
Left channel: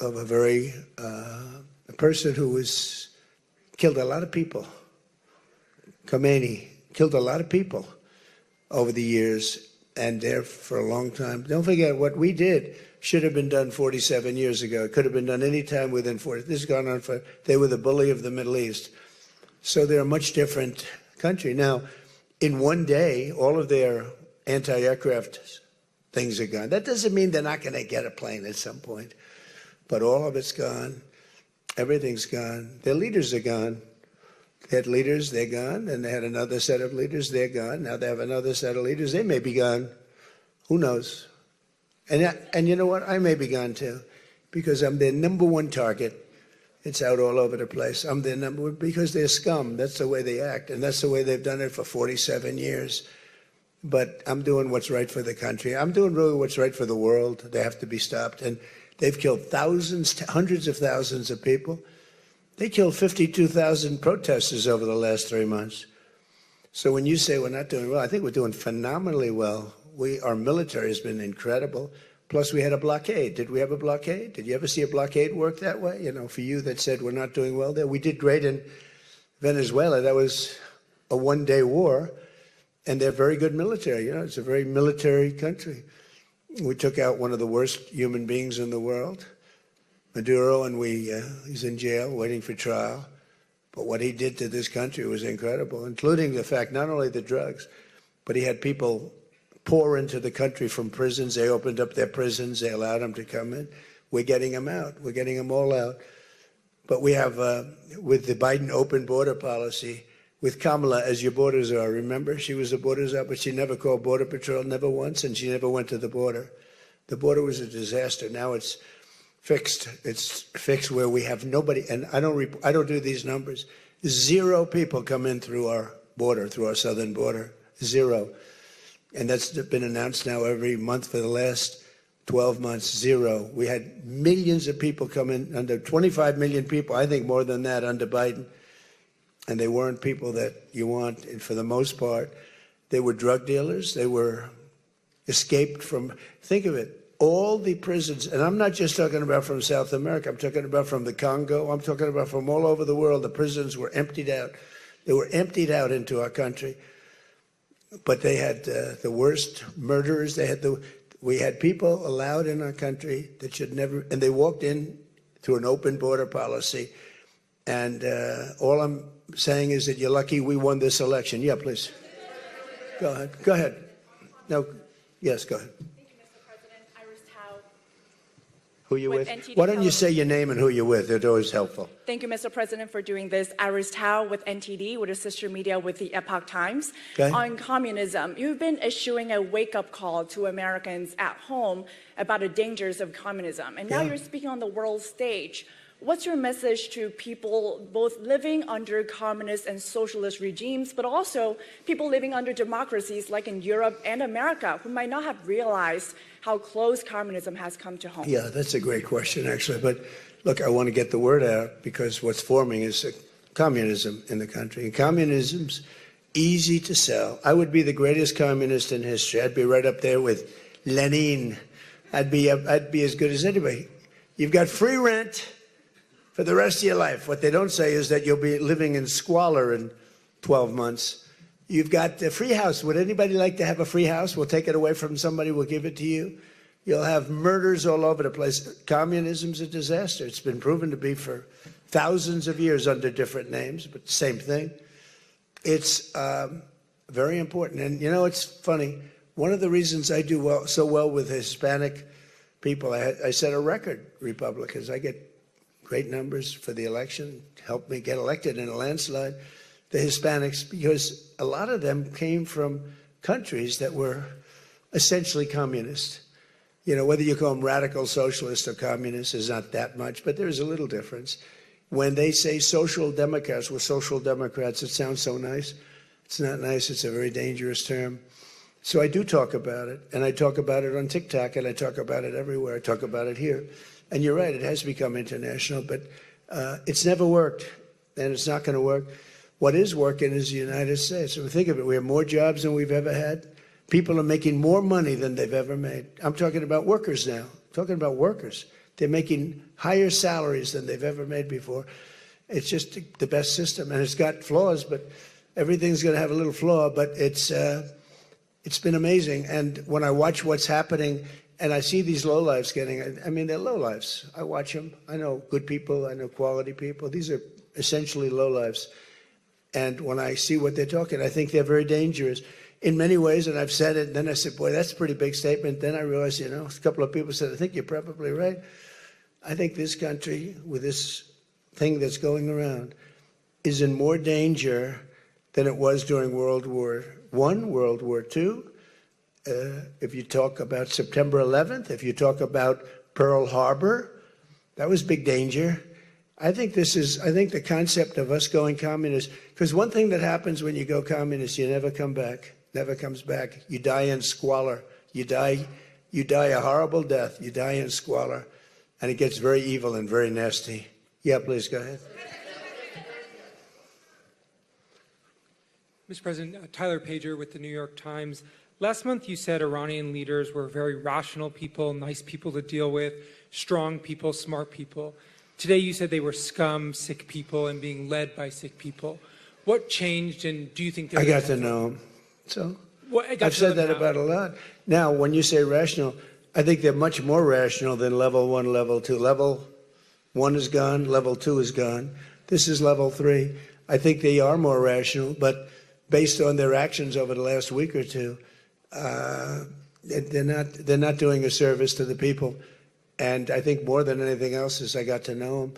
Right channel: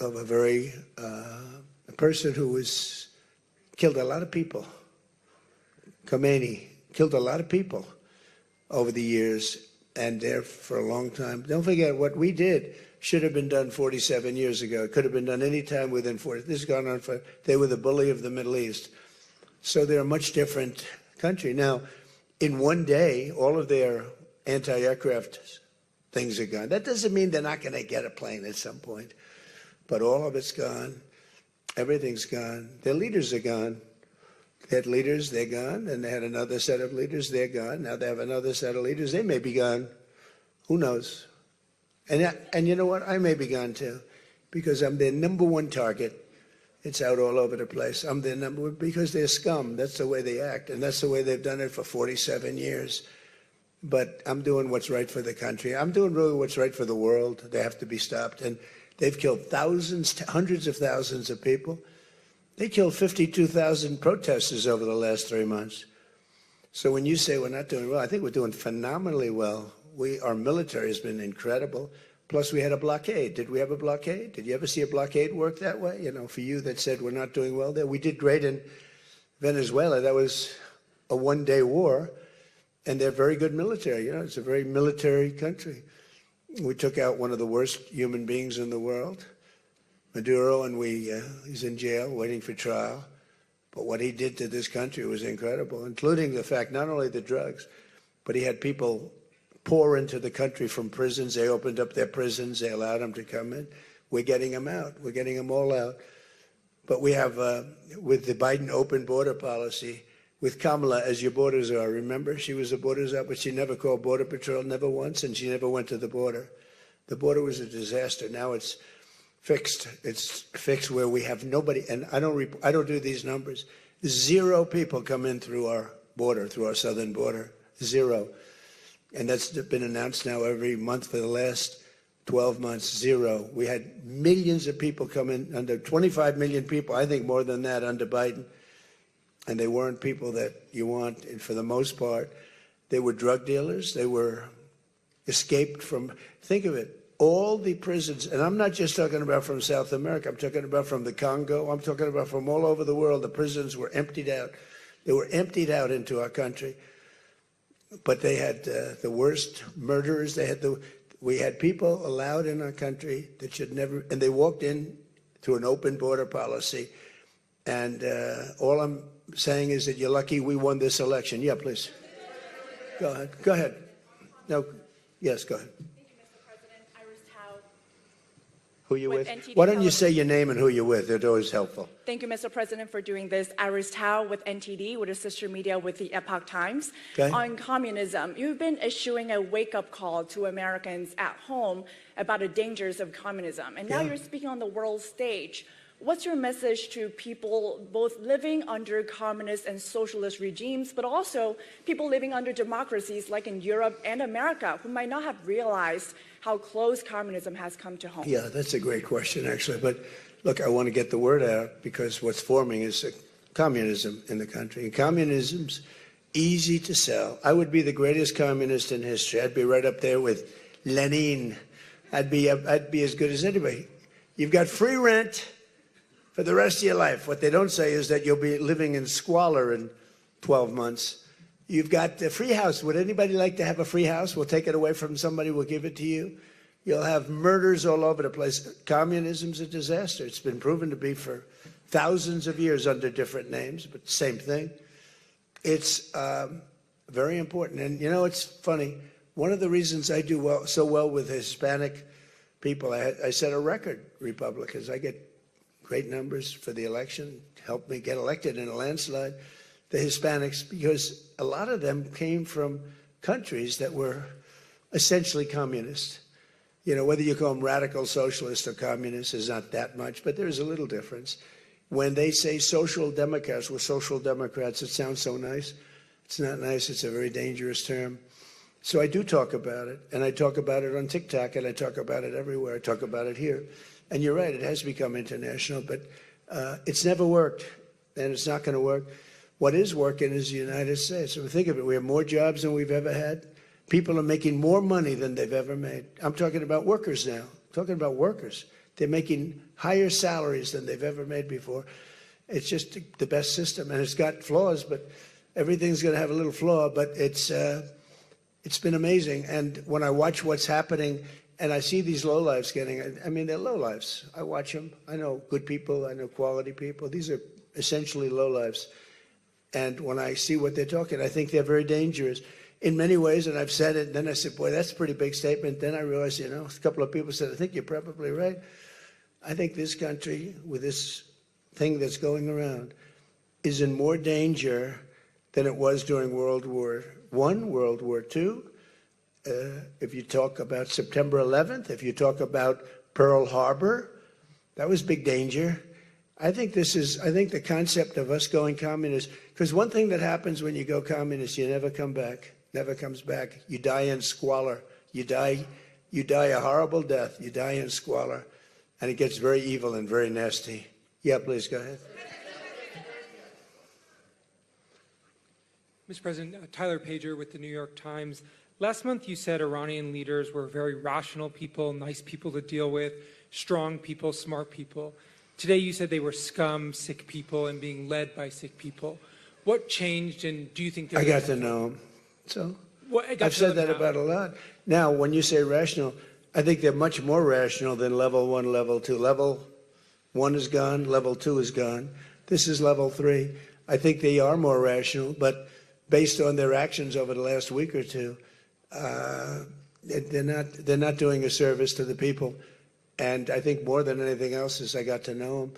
a very a person who was killed a lot of people. Khomeini killed a lot of people over the years, and there for a long time. Don't forget what we did. Should have been done 47 years ago. It could have been done any time within 40. This has gone on for, they were the bully of the Middle East. So they're a much different country. Now, in one day, all of their anti-aircraft things are gone. That doesn't mean they're not going to get a plane at some point. But all of it's gone. Everything's gone. Their leaders are gone. They had leaders, they're gone. And they had another set of leaders, they're gone. Now they have another set of leaders, they may be gone. Who knows? And you know what? I may be gone too, because I'm their number one target. It's out all over the place. I'm their number one because they're scum. That's the way they act, and that's the way they've done it for 47 years. But I'm doing what's right for the country. I'm doing really what's right for the world. They have to be stopped. And they've killed thousands, hundreds of thousands of people. They killed 52,000 protesters over the last 3 months. So when you say we're not doing well, I think we're doing phenomenally well. Our military has been incredible. Plus, we had a blockade. Did we have a blockade? Did you ever see a blockade work that way? You know, for you that said we're not doing well there, we did great in Venezuela. That was a one-day war, and they're very good military. You know, it's a very military country. We took out one of the worst human beings in the world, Maduro, and he's in jail waiting for trial. But what he did to this country was incredible, including the fact not only the drugs, but he had people pour into the country from prisons. They opened up their prisons. They allowed them to come in. We're getting them out. We're getting them all out. But we have, with the Biden open border policy, with Kamala as your borders are. Remember, she was a borders up, but she never called Border Patrol, never once, and she never went to the border. The border was a disaster. Now it's fixed. It's fixed where we have nobody, and I don't do these numbers. 0 people come in through our border, through our southern border. 0. And that's been announced now every month for the last 12 months, 0. We had millions of people come in, under 25 million people, I think more than that under Biden. and they weren't people that you want. And for the most part, they were drug dealers. They were escaped from, think of it, all the prisons, and I'm not just talking about from South America, I'm talking about from the Congo, I'm talking about from all over the world. The prisons were emptied out. They were emptied out into our country. But they had the worst murderers. We had people allowed in our country that should never, and they walked in to an open border policy. And all I'm saying is that you're lucky we won this election. Yeah, please. Go ahead. Go ahead. No. Yes, go ahead. Who you with? Why don't you say your name and who you're with? It's always helpful. Thank you, Mr. President, for doing this. Iris Tao with NTD, with a sister media with the Epoch Times. Okay. On communism, you've been issuing a wake-up call to Americans at home about the dangers of communism. And now you're speaking on the world stage. What's your message to people both living under communist and socialist regimes, but also people living under democracies like in Europe and America who might not have realized how close communism has come to home? Yeah, that's a great question, actually. But look, I want to get the word out because what's forming is communism in the country. And communism's easy to sell. I would be the greatest communist in history. I'd be right up there with Lenin. I'd be as good as anybody. You've got free rent for the rest of your life. What they don't say is that you'll be living in squalor in 12 months. You've got a free house. Would anybody like to have a free house? We'll take it away from somebody. We'll give it to you. You'll have murders all over the place. Communism's a disaster. It's been proven to be for thousands of years under different names, but the same thing. It's very important. And, you know, it's funny. One of the reasons I do so well with Hispanic people, I set a record, Republicans. I get great numbers for the election, helped me get elected in a landslide. The Hispanics, because a lot of them came from countries that were essentially communist. You know, whether you call them radical socialists or communists is not that much, but there's a little difference. When they say social democrats, we're social democrats, it sounds so nice. It's not nice. It's a very dangerous term. So I do talk about it, and I talk about it on TikTok, and I talk about it everywhere. I talk about it here. And you're right, it has become international, but it's never worked, and it's not going to work. What is working is the United States. So think of it, we have more jobs than we've ever had. People are making more money than they've ever made. I'm talking about workers now. I'm talking about workers. They're making higher salaries than they've ever made before. It's just the best system, and it's got flaws, but everything's going to have a little flaw, but it's been amazing. And when I watch what's happening, and I see these lowlifes getting, I mean, they're lowlifes. I watch them. I know good people. I know quality people. These are essentially lowlifes. And when I see what they're talking, I think they're very dangerous in many ways. And I've said it. And then I said, boy, that's a pretty big statement. Then I realized, you know, a couple of people said, I think you're probably right. I think this country, with this thing that's going around, is in more danger than it was during World War I, World War II. If you talk about September 11th, if you talk about Pearl Harbor, that was big danger. I think the concept of us going communist, because one thing that happens when you go communist, you never come back, never comes back. You die in squalor. You die a horrible death. You die in squalor, and it gets very evil and very nasty. Yeah, please go ahead. Mr. President, Tyler Pager with the New York Times. Last month you said Iranian leaders were very rational people, nice people to deal with, strong people, smart people. Today you said they were scum, sick people, and being led by sick people. What changed, and do you think... I got to know them. So I've said that about a lot. Now, when you say rational, I think they're much more rational than level 1, level 2. Level 1 is gone, level 2 is gone. This is level 3. I think they are more rational, but based on their actions over the last week or two, they're not doing a service to the people. And I think more than anything else is I got to know them.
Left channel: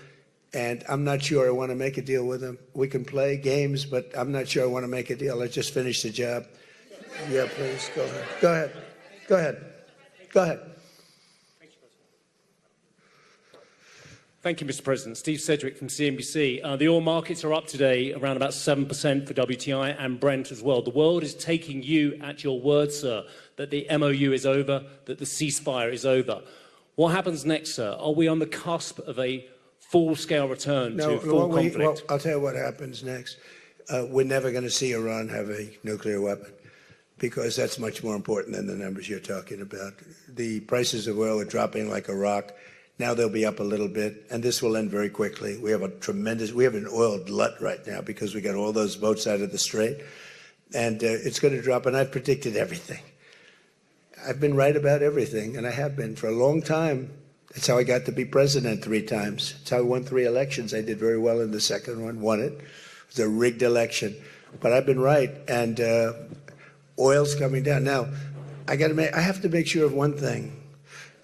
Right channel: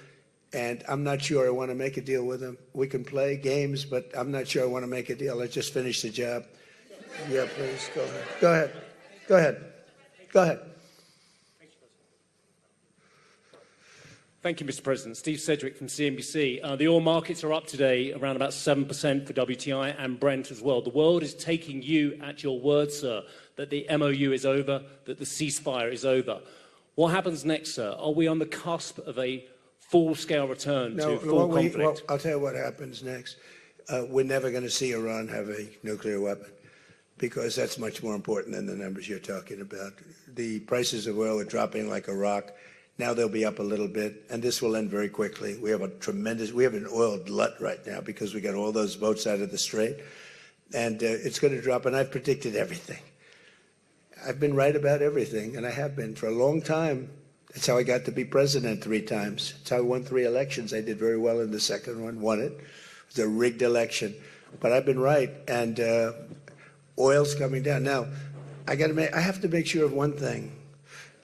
And I'm not sure I want to make a deal with them. We can play games, but I'm not sure I want to make a deal. Let's just finish the job. Yeah, please, go ahead. Go ahead. Go ahead. Go ahead. Thank you, Mr. President. Steve Sedgwick from CNBC. The oil markets are up today around about 7% for WTI and Brent as well. The world is taking you at your word, sir, that the MOU is over, that the ceasefire is over. What happens next, sir? Are we on the cusp of a full-scale return to full conflict? Well, I'll tell you what happens next. we're never going to see Iran have a nuclear weapon, because that's much more important than the numbers you're talking about. The prices of oil are dropping like a rock. Now they'll be up a little bit, and this will end very quickly. We have an oil glut right now because we got all those boats out of the strait, and it's going to drop, and I've predicted everything. I've been right about everything, and I have been for a long time. That's how I got to be president 3 times. That's how I won 3 elections. I did very well in the second one, won it. It was a rigged election, but I've been right, and oil's coming down. Now, I have to make sure of one thing,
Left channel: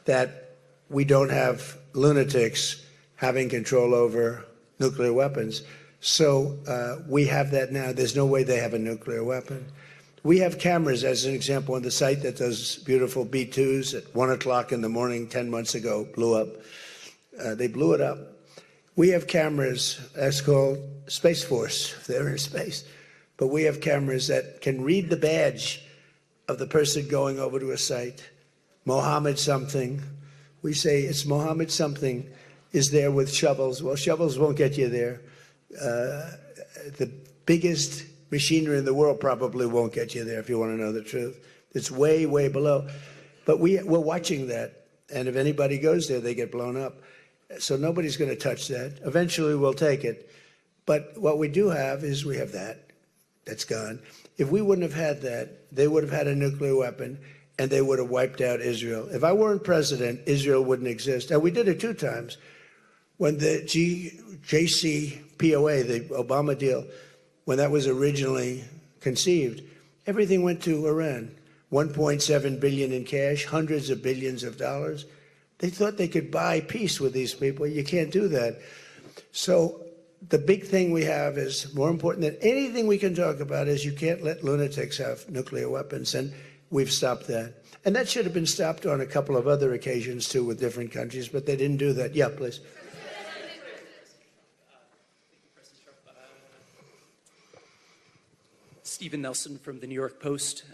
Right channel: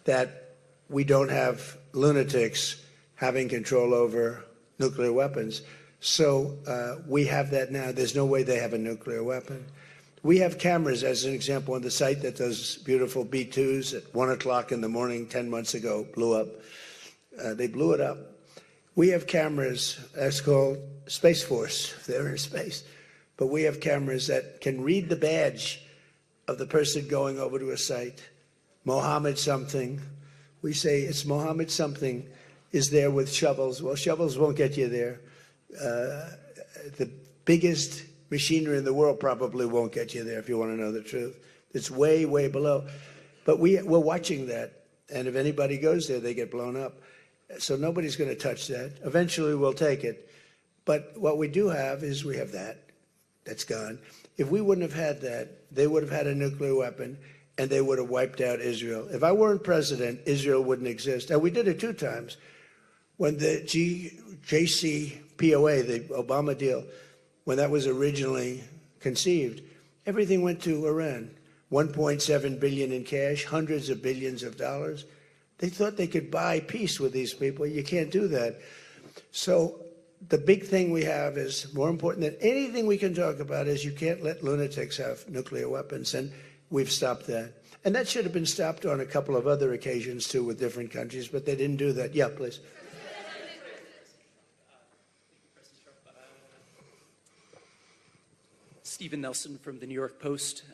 that we don't have lunatics having control over nuclear weapons. So we have that now. There's no way they have a nuclear weapon. We have cameras, as an example, on the site that those beautiful B-2s at 1 o'clock in the morning 10 months ago blew up. They blew it up. We have cameras, that's called Space Force. They're in space. But we have cameras that can read the badge of the person going over to a site. Mohammed something. We say it's Mohammed something is there with shovels. Well, shovels won't get you there. The biggest machinery in the world probably won't get you there, if you want to know the truth. It's way, way below. But we're watching that. And if anybody goes there, they get blown up. So nobody's going to touch that. Eventually we'll take it. But what we do have is we have that. That's gone. If we wouldn't have had that, they would have had a nuclear weapon, and they would have wiped out Israel. If I weren't president, Israel wouldn't exist. And we did it 2 times. When the JCPOA, the Obama deal, when that was originally conceived, everything went to Iran. 1.7 billion in cash, hundreds of billions of dollars. They thought they could buy peace with these people. You can't do that. So the big thing we have is, more important than anything we can talk about, is you can't let lunatics have nuclear weapons, and we've stopped that. And that should have been stopped on a couple of other occasions, too, with different countries, but they didn't do that. Yeah, please. Stephen Nelson from the New York Post.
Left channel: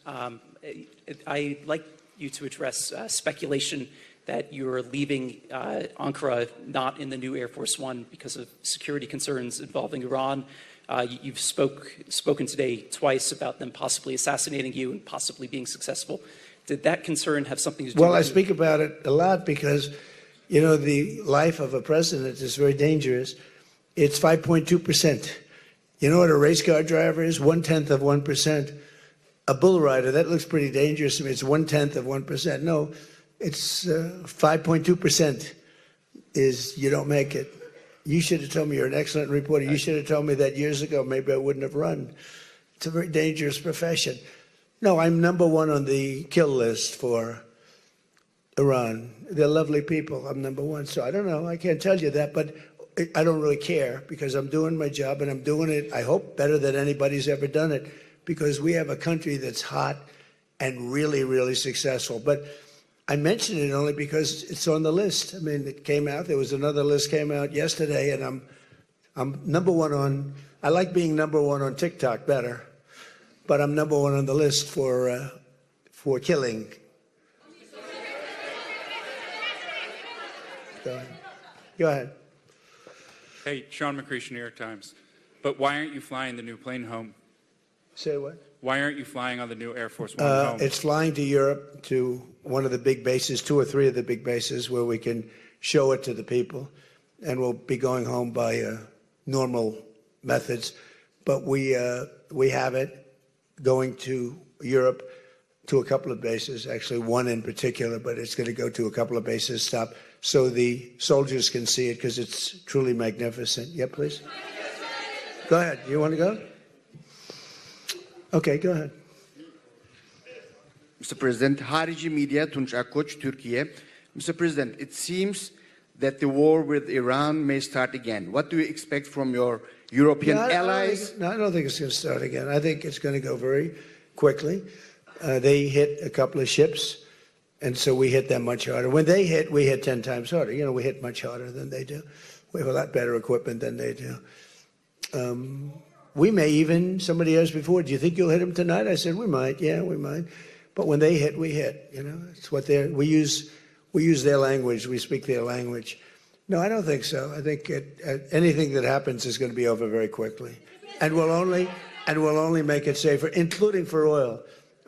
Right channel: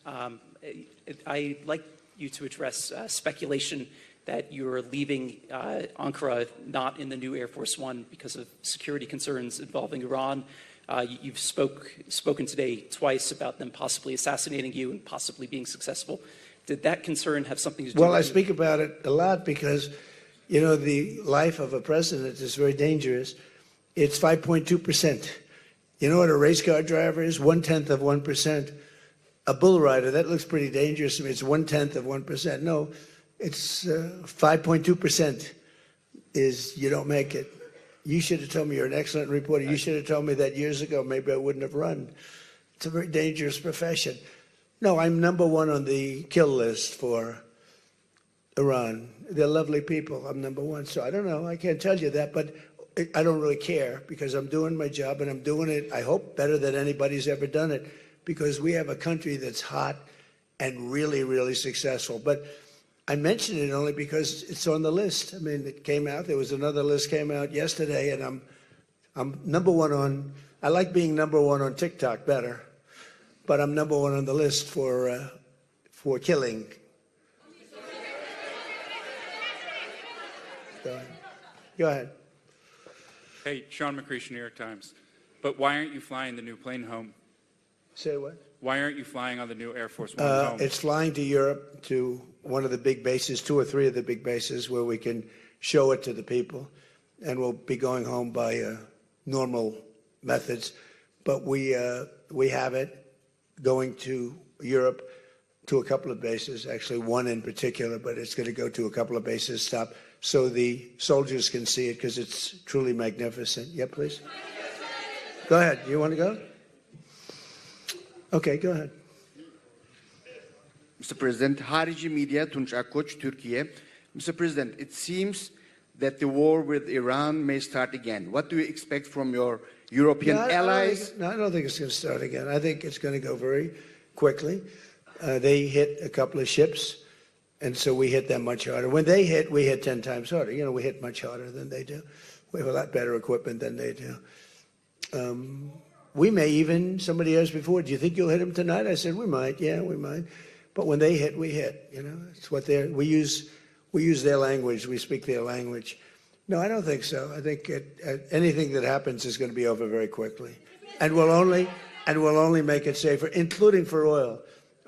I'd like you to address speculation that you're leaving Ankara not in the new Air Force One because of security concerns involving Iran. You've spoken today twice about them possibly assassinating you and possibly being successful. Did that concern have something to do with it? Well, I speak about it a lot because, you know, the life of a president is very dangerous. It's 5.2%. You know what a race car driver is? 1/10 of 1%. A bull rider, that looks pretty dangerous to me. It's 1/10 of 1%. No, it's 5.2% is you don't make it. You should have told me. You're an excellent reporter. You should have told me that years ago. Maybe I wouldn't have run. It's a very dangerous profession. No, I'm number 1 on the kill list for Iran. They're lovely people. I'm number 1. So I don't know. I can't tell you that, but I don't really care because I'm doing my job and I'm doing it, I hope, better than anybody's ever done it, because we have a country that's hot and really, really successful. But I mention it only because it's on the list. I mean, it came out. There was another list came out yesterday, and I'm number 1 on. I like being number 1 on TikTok better, but I'm number 1 on the list for killing. Go ahead. Hey, Sean McCreesh, New York Times. But why aren't you flying the new plane home? Say what? Why aren't you flying on the new Air Force One home? It's flying to Europe, to one of the big bases, 2 or 3 of the big bases, where we can show it to the people. And we'll be going home by normal methods. But we have it going to Europe, to a couple of bases, actually 1 in particular, but it's going to go to a couple of bases, stop, so the soldiers can see it, because it's truly magnificent. Yeah, please. Go ahead. You want to go? Okay, go ahead. Mr. President, Harici Media, Tunç Akkoç, Türkiye. Mr. President, it seems that the war with Iran may start again. What do you expect from your European allies? I don't think it's going to start again. I think it's going to go very quickly. They hit a couple of ships, and so we hit them much harder. When they hit, we hit 10 times harder. You know, we hit much harder than they do. We have a lot better equipment than they do. We may even, somebody asked before, do you think you'll hit them tonight? I said, we might. Yeah, we might. But when they hit, we hit. You know, it's what we use their language. We speak their language. No, I don't think so. I think anything that happens is going to be over very quickly. and will only make it safer, including for oil.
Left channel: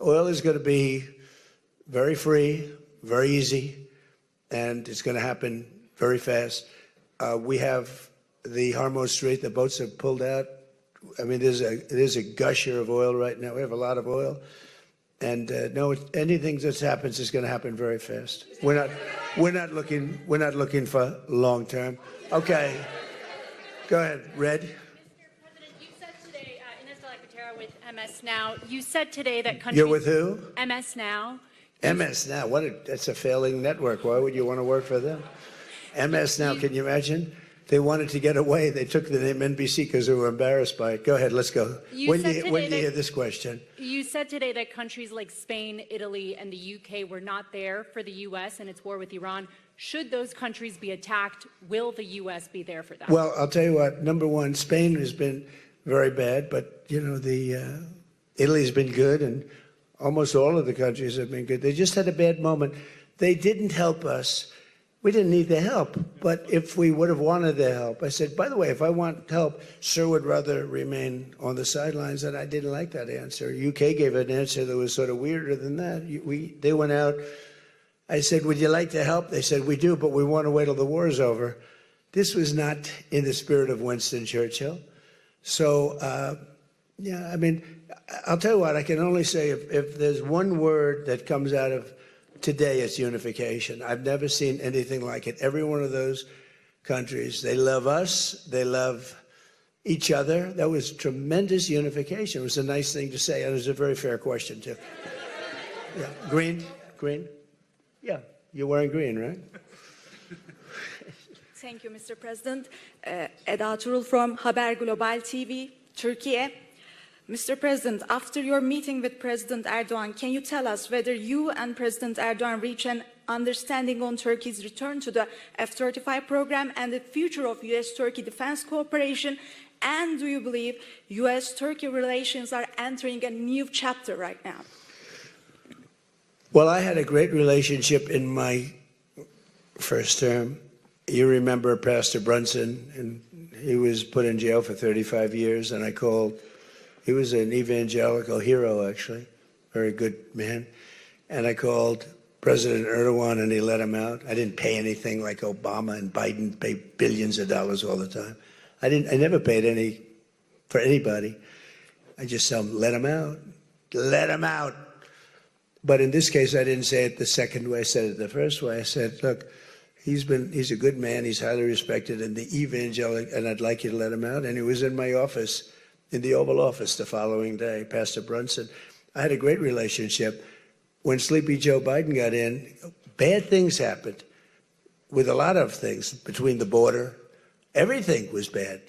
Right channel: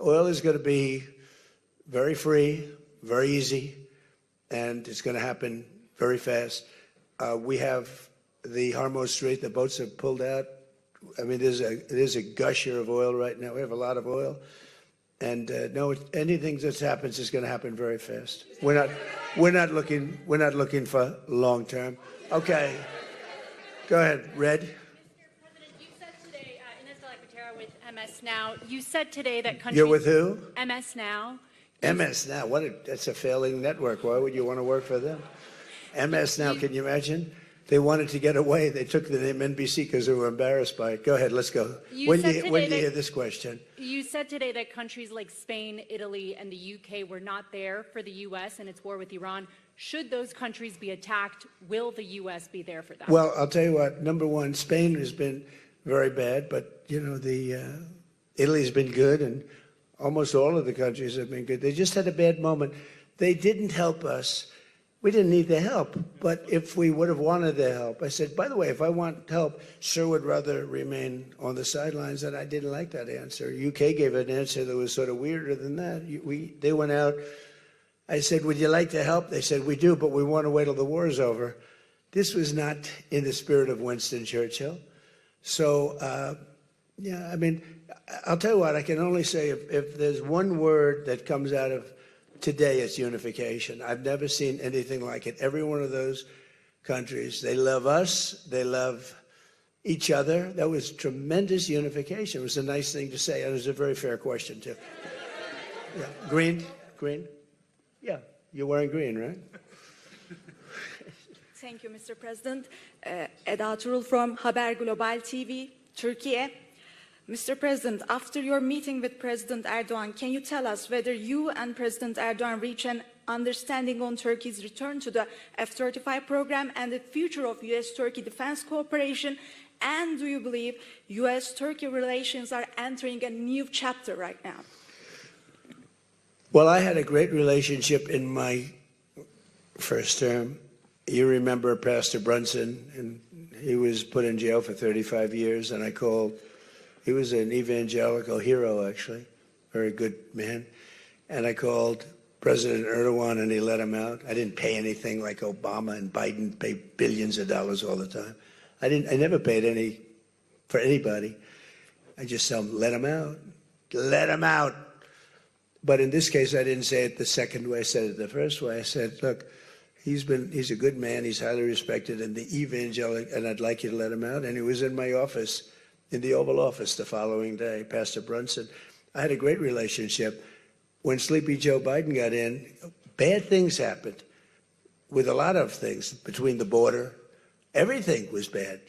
Oil is going to be very free, very easy, and it's going to happen very fast. We have the Hormuz Strait, the boats have pulled out. I mean, there's a gusher of oil right now. We have a lot of oil. And no, anything that happens is going to happen very fast. We're not looking for long term. Okay. Go ahead, Red. With MS Now, you said today that countries. You're with who? MS Now. MS Now. That's a failing network. Why would you want to work for them? MS Now. Can you imagine? They wanted to get away. They took the name NBC because they were embarrassed by it. Go ahead. Let's go. When do you hear this question? You said today that countries like Spain, Italy, and the UK were not there for the U.S. and its war with Iran. Should those countries be attacked, will the U.S. be there for that? Well, I'll tell you what. Number one, Spain has been very bad, but Italy's been good, and almost all of the countries have been good. They just had a bad moment. They didn't help us. We didn't need the help, but if we would have wanted the help, I said, by the way, if I want help, sir would rather remain on the sidelines, and I didn't like that answer. UK gave an answer that was sort of weirder than that. They went out. I said, would you like to help? They said, we do, but we want to wait till the war is over. This was not in the spirit of Winston Churchill. So, yeah, I mean, I'll tell you what, I can only say if there's one word that comes out of today, it's unification. I've never seen anything like it. Every one of those countries, they love us, they love each other. That was tremendous unification. It was a nice thing to say, and it was a very fair question, too. Yeah. Green? Yeah, you're wearing green, right? Thank you, Mr. President. Eda Turul from Haber Global TV, Turkey. Mr. President, after your meeting with President Erdogan, can you tell us whether you and President Erdogan reach an understanding on Turkey's return to the F-35 program and the future of U.S.-Turkey defense cooperation? And do you believe U.S.-Turkey relations are entering a new chapter right now? Well, I had a great relationship in my first term. You remember Pastor Brunson, and he was put in jail for 35 years, and I called. He was an evangelical hero, actually, very good man. And I called President Erdogan, and he let him out. I didn't pay anything like Obama and Biden pay billions of dollars all the time. I never paid any for anybody. I just let him out. Let him out. But in this case, I didn't say it the second way. I said it the first way. I said, look, he's a good man. He's highly respected in the evangelical, and I'd like you to let him out. And he was in my office, in the Oval Office the following day, Pastor Brunson. I had a great relationship. When Sleepy Joe Biden got in, bad things happened with a lot of things between the border. Everything was bad.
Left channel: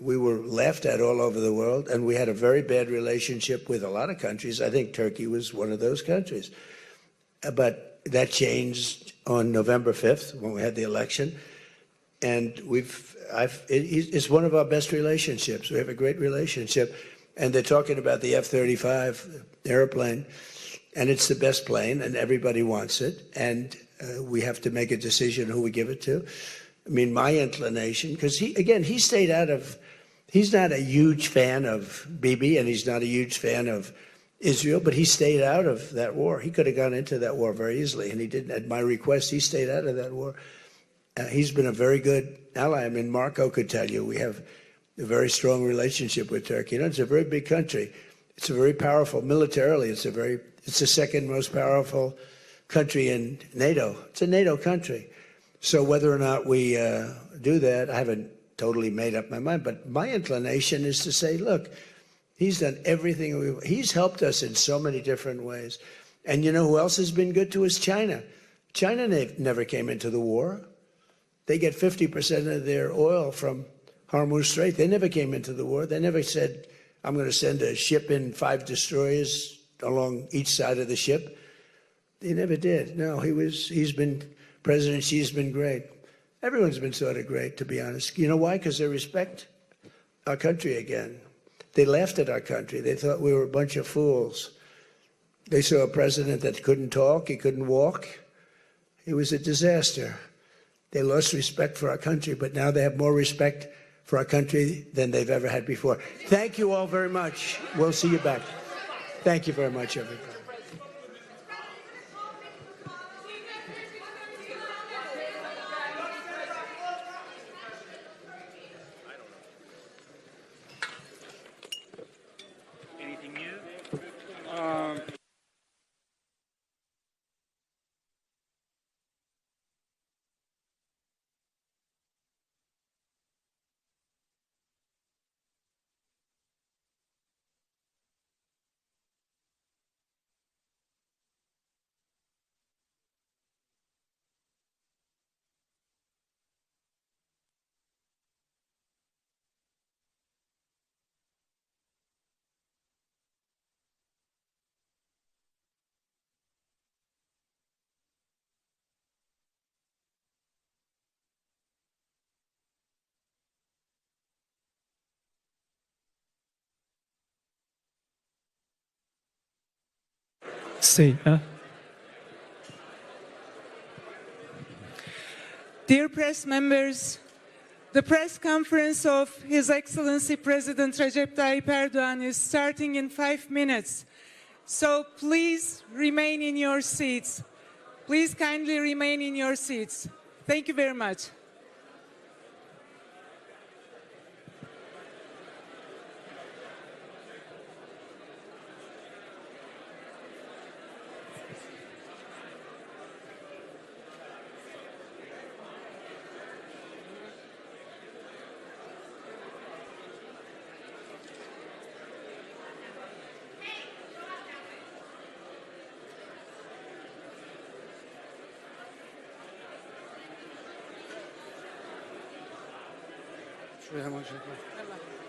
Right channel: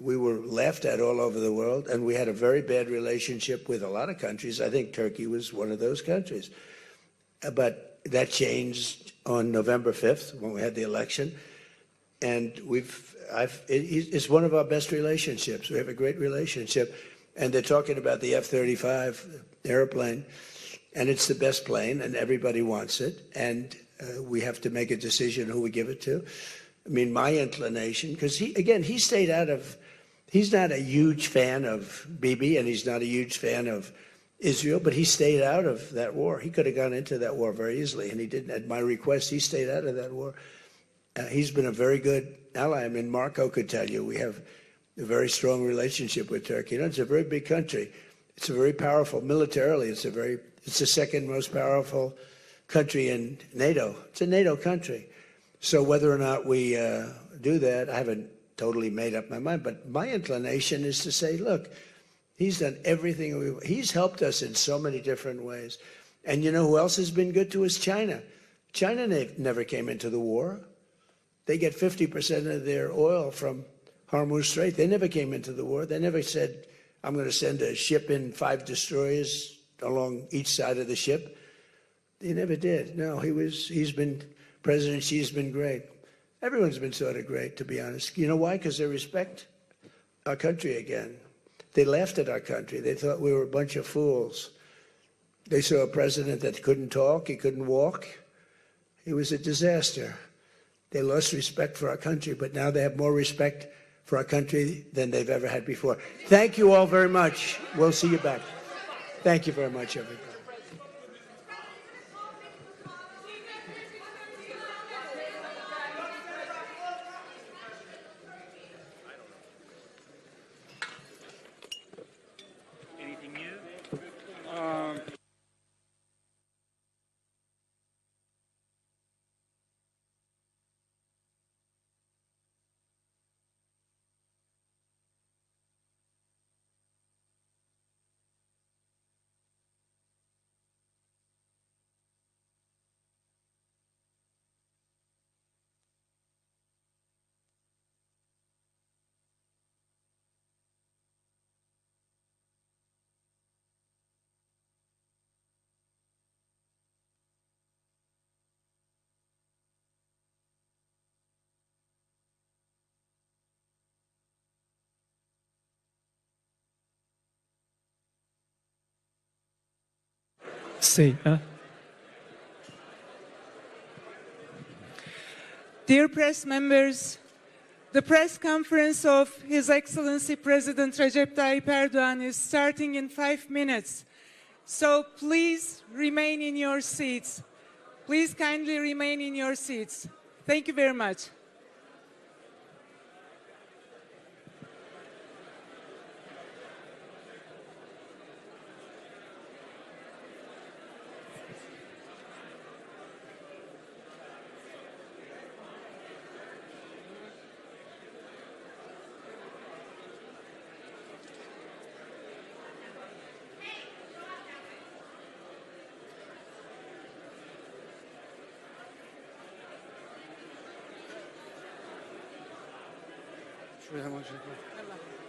We were laughed at all over the world, and we had a very bad relationship with a lot of countries. I think Turkey was one of those countries. But that changed on November 5th when we had the election. And it's one of our best relationships. We have a great relationship. And they're talking about the F-35 airplane, and it's the best plane, and everybody wants it. And we have to make a decision who we give it to. I mean, my inclination, because he stayed out of, he's not a huge fan of Bibi, and he's not a huge fan of Israel, but he stayed out of that war. He could have gone into that war very easily, and he didn't. At my request, he stayed out of that war. He's been a very good ally. I mean, Marco could tell you we have a very strong relationship with Turkey. You know, it's a very big country. It's a very powerful militarily. It's the second most powerful country in NATO. It's a NATO country. So whether or not we do that, I haven't totally made up my mind. But my inclination is to say, look, he's done everything. He's helped us in so many different ways. And you know who else has been good to us? China. China never came into the war. They get 50% of their oil from Hormuz Strait. They never came into the war. They never said, I'm going to send a ship in 5 destroyers along each side of the ship. They never did. No, President Xi's been great. Everyone's been sort of great, to be honest. You know why? Because they respect our country again. They laughed at our country. They thought we were a bunch of fools. They saw a president that couldn't talk, he couldn't walk. It was a disaster. They lost respect for our country, but now they have more respect for our country than they've ever had before. Thank you all very much. We'll see you back. Thank you very much, everybody. Dear press members, the press conference of His Excellency President Recep Tayyip Erdoğan is starting in 5 minutes. So please remain in your seats. Please kindly remain in your seats. Thank you very much. Şuraya hemen şey yapalım.